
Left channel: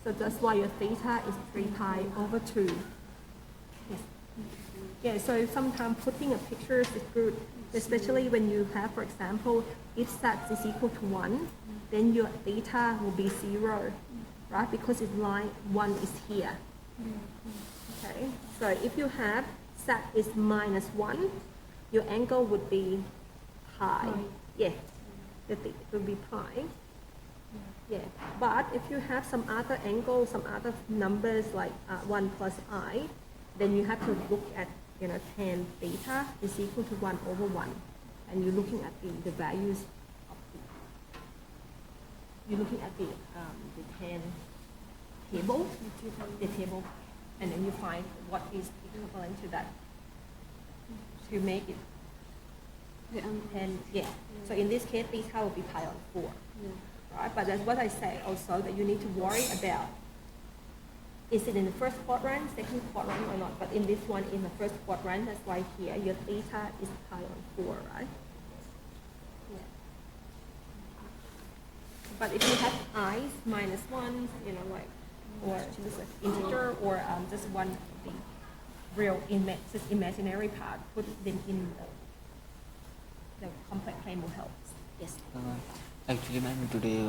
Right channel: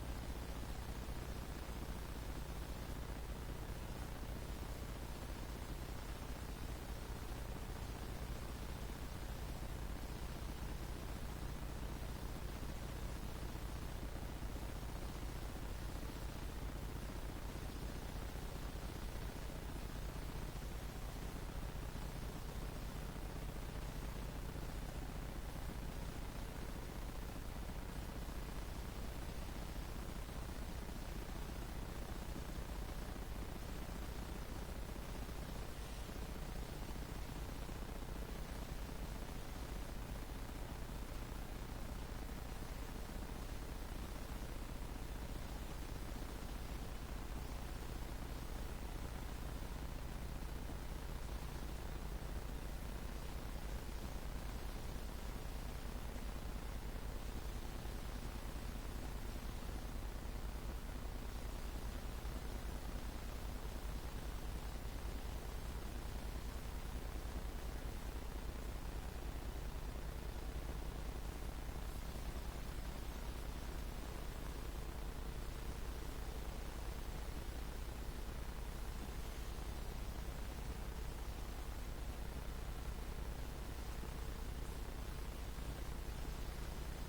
So that's why your theta is 3 pi over 2. Yes. Yeah, so sometimes putting a picture is good, especially when you have, for example, if z is equal to 1, then your theta will be 0, right? Because it's line 1 is here. Okay, so if you have z is minus 1, your angle would be pi. Yeah, it would be pi. Yeah, but if you have some other angle, some other numbers like 1 plus I, then you have to look at, tan theta is equal to 1 over 1. And you're looking at the values, you're looking at the tan table, and then you find what is equivalent to that. You make it. And yeah, so in this case, theta will be pi on 4. Right? But that's what I say also, that you need to worry about, is it in the first quadrant, second quadrant or not? But in this one, in the first quadrant, that's why here your theta is pi on 4, right? Yeah. But if you have i's minus 1, or just an integer, or just one real just imaginary part, put them in the complex plane will help. Yes. Actually, ma'am, today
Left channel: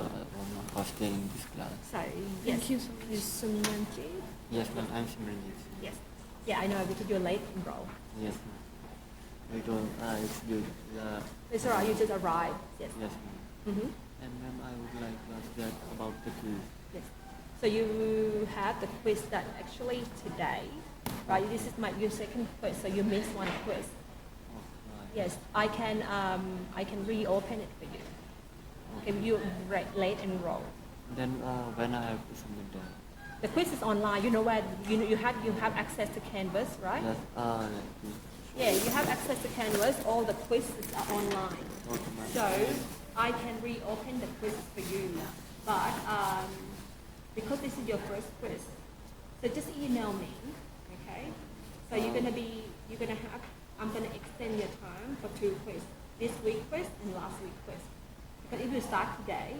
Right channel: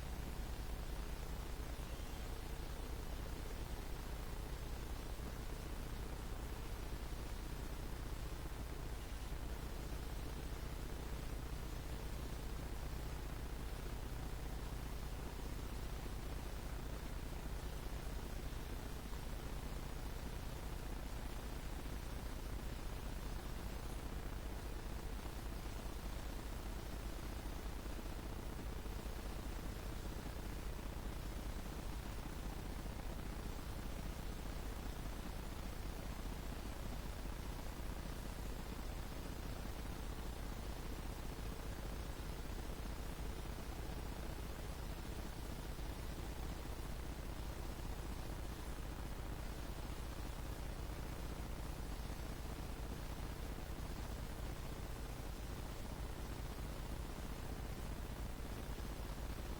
first day in this class. Sorry. Yes. Thank you so much. Yes, ma'am, I'm Simran. Yes. Yeah, I know, because you're late enroll. Yes, ma'am. It's good. It's alright, you just arrived. Yes. Yes, ma'am. Mm-hmm. And ma'am, I would like to ask that about the quiz. Yes. So you have the quiz that actually today, right? This is your second quiz, so you missed one quiz. Yes, I can reopen it for you if you late enroll. Then when I have to submit that? The quiz is online. You know where you have access to Canvas, right? Yes, Yeah, you have access to Canvas. All the quizzes are online. okay, ma'am. So I can reopen the quiz for you, but because this is your first quiz, so just email me, okay? So you're gonna have, I'm gonna extend your term for 2 quiz. This week quiz and last week quiz. But if you start today,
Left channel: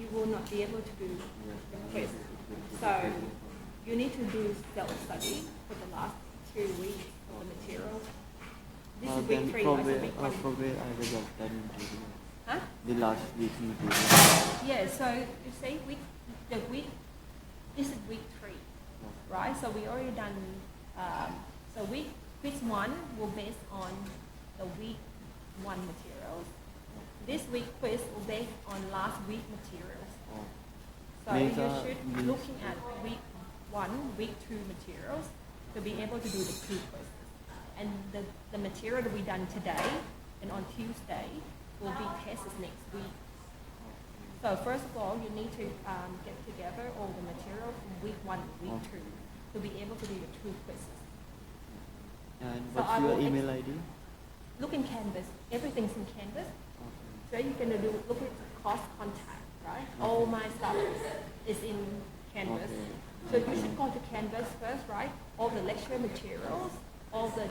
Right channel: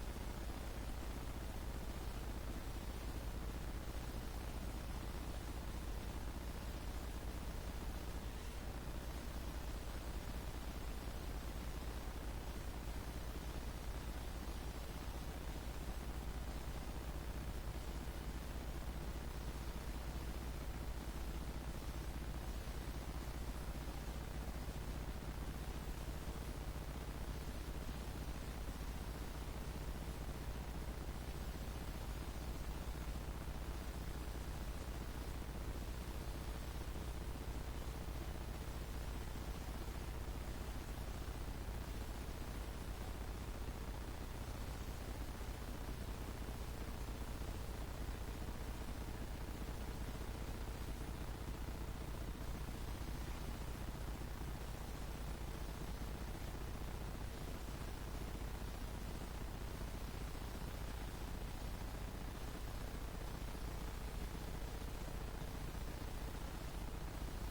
you will not be able to do the quiz. So you need to do self-study for the last 2 weeks for material. This is week 3, from week 1. from where I was of that interview. Huh? The last week interview. Yeah, so you see, this is week 3, right? So we already done, so quiz 1 will based on the week 1 materials. This week quiz will based on last week materials. So you should be looking at week 1, week 2 materials to be able to do the 2 quiz. And the material that we done today and on Tuesday will be tests next week. So first of all, you need to get together all the material from week 1 to week 2 to be able to do the 2 quizzes. And So what's I your will email ID? Look in Canvas. Everything's in Canvas. So you're gonna look at cost contact, right? All my stuff is in Canvas. Okay. So you should go to Canvas first, right? All the lecture materials, all the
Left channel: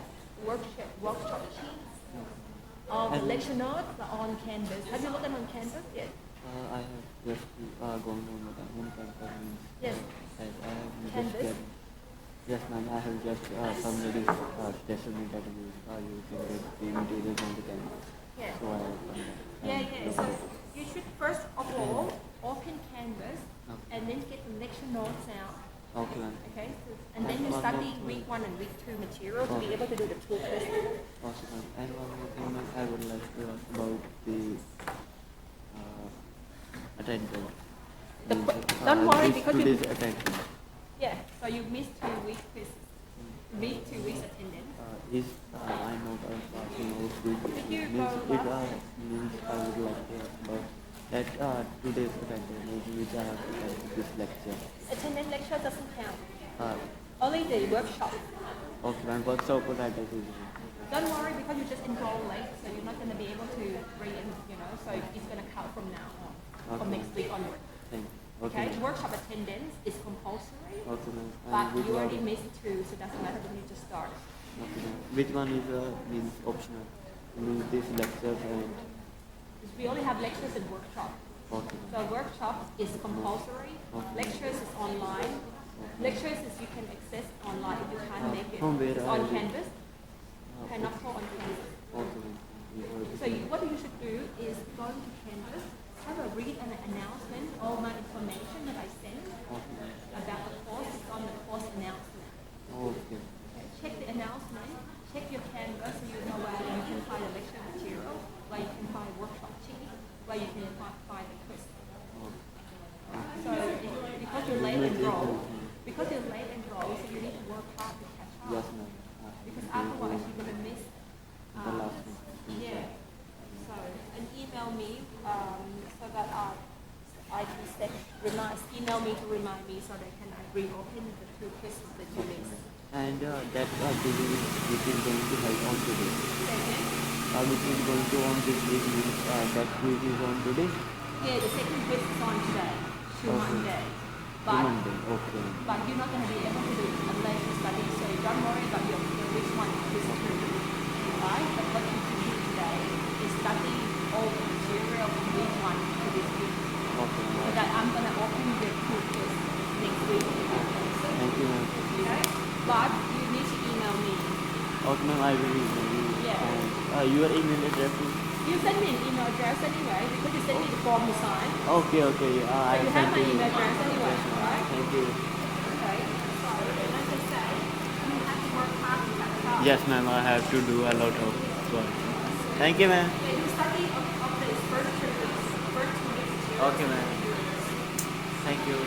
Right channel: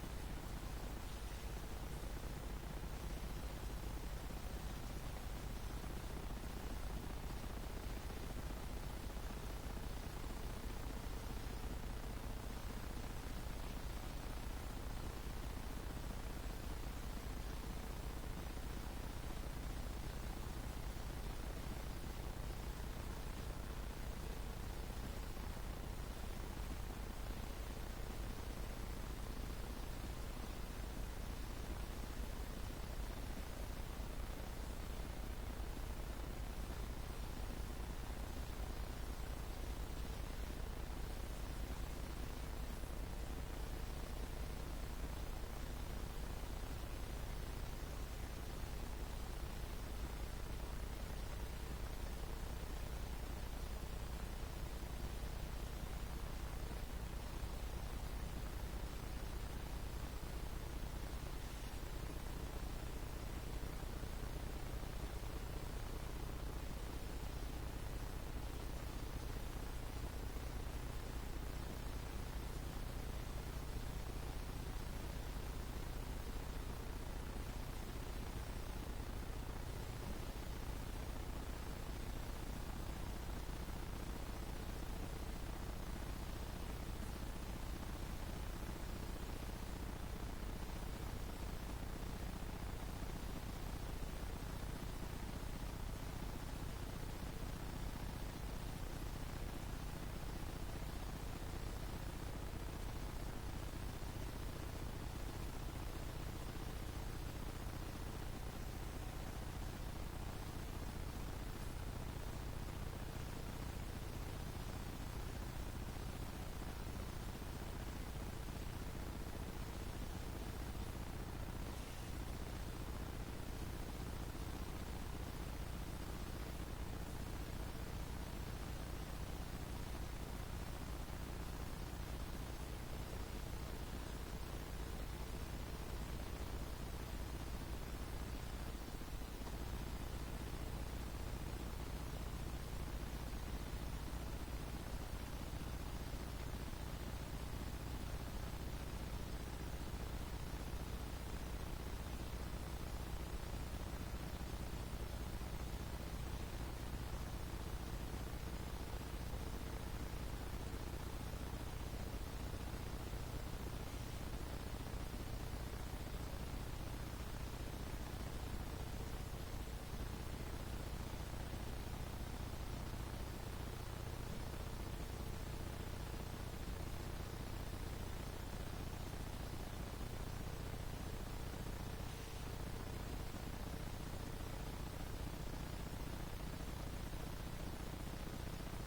workshop sheets, all the lecture notes are on Canvas. Have you looked at on Canvas yet? I have just gone on Canvas. Yes. I have Canvas? just yes, ma'am. I have just submitted testimony that you can get the materials on the Canvas. Yeah. So I have Yeah. So you should first of all open Canvas and then get the lecture notes out. Okay, ma'am. Okay. And then you study week 1 and week 2 material to be able to do the 2 quizzes. Awesome. And one more thing, ma'am, I would like to ask about the attendance. Don't worry because today's attendance. Yeah. So you missed 2 weeks quiz. 2 weeks attendance. Is I know I was passing out with Did you means go it last means I would like to ask about that today's attendance which I have attended this lecture. Attendance lecture doesn't count. Uh, Only the workshop. okay, ma'am. But so could I do? Don't worry because you just enroll late, so you're not going to be able to so it's going to count from now on, from next week onward. Thank you. Okay? ma'am. Workshop attendance is compulsory, Okay, ma'am. but And which you already one? missed 2, so it doesn't matter when you just start. Okay, ma'am. Which one is means optional? Means this lecture and We only have lectures and workshop. okay. So workshop is compulsory, lectures is online. Lectures is you can access online if you can't make it. From where It's are on you? Canvas. Cannot go on Canvas. Okay, ma'am. So what you should do is go to Canvas, have a read an announcement, all my information that I send about the course is on the course announcement. Okay. Check the announcement, check your Canvas so you know where you can find a lecture material, where you can find a workshop sheet, where you can find a quiz. So because you're late enrolled, so you need to work hard to catch up. Yes, ma'am. Because otherwise you're going to miss. The last one. Yeah. So, and email me so that I can email me to remind me so they can reopen the quizzes that you missed. And that activity which is going to help on today. Second, Which is going to on this week means that quiz is on today. yeah, the second quiz is on today, to Okay. Monday. To But, Monday. Okay. but you're not going to be able to do it unless you study, so don't worry about your which one is true. Right? But what you can do today is study all the material from week 1 to this week. Okay. So that I'm going to open the 2 quiz next week. Thank you, ma'am. Okay? But you need to email me. Okay, ma'am. I will email you. Yeah. And your email address is. You send me an email address anyway because you sent me the form to sign. Okay. Okay. So I you will have send my you. email address anyway, right? Thank you. Okay. So, like I said, you have to work hard to catch up. Yes, ma'am. I have to do a lot of work. Thank you, ma'am. Yeah, you study of this first 2 weeks. First 2 weeks. Okay, ma'am. Thank you.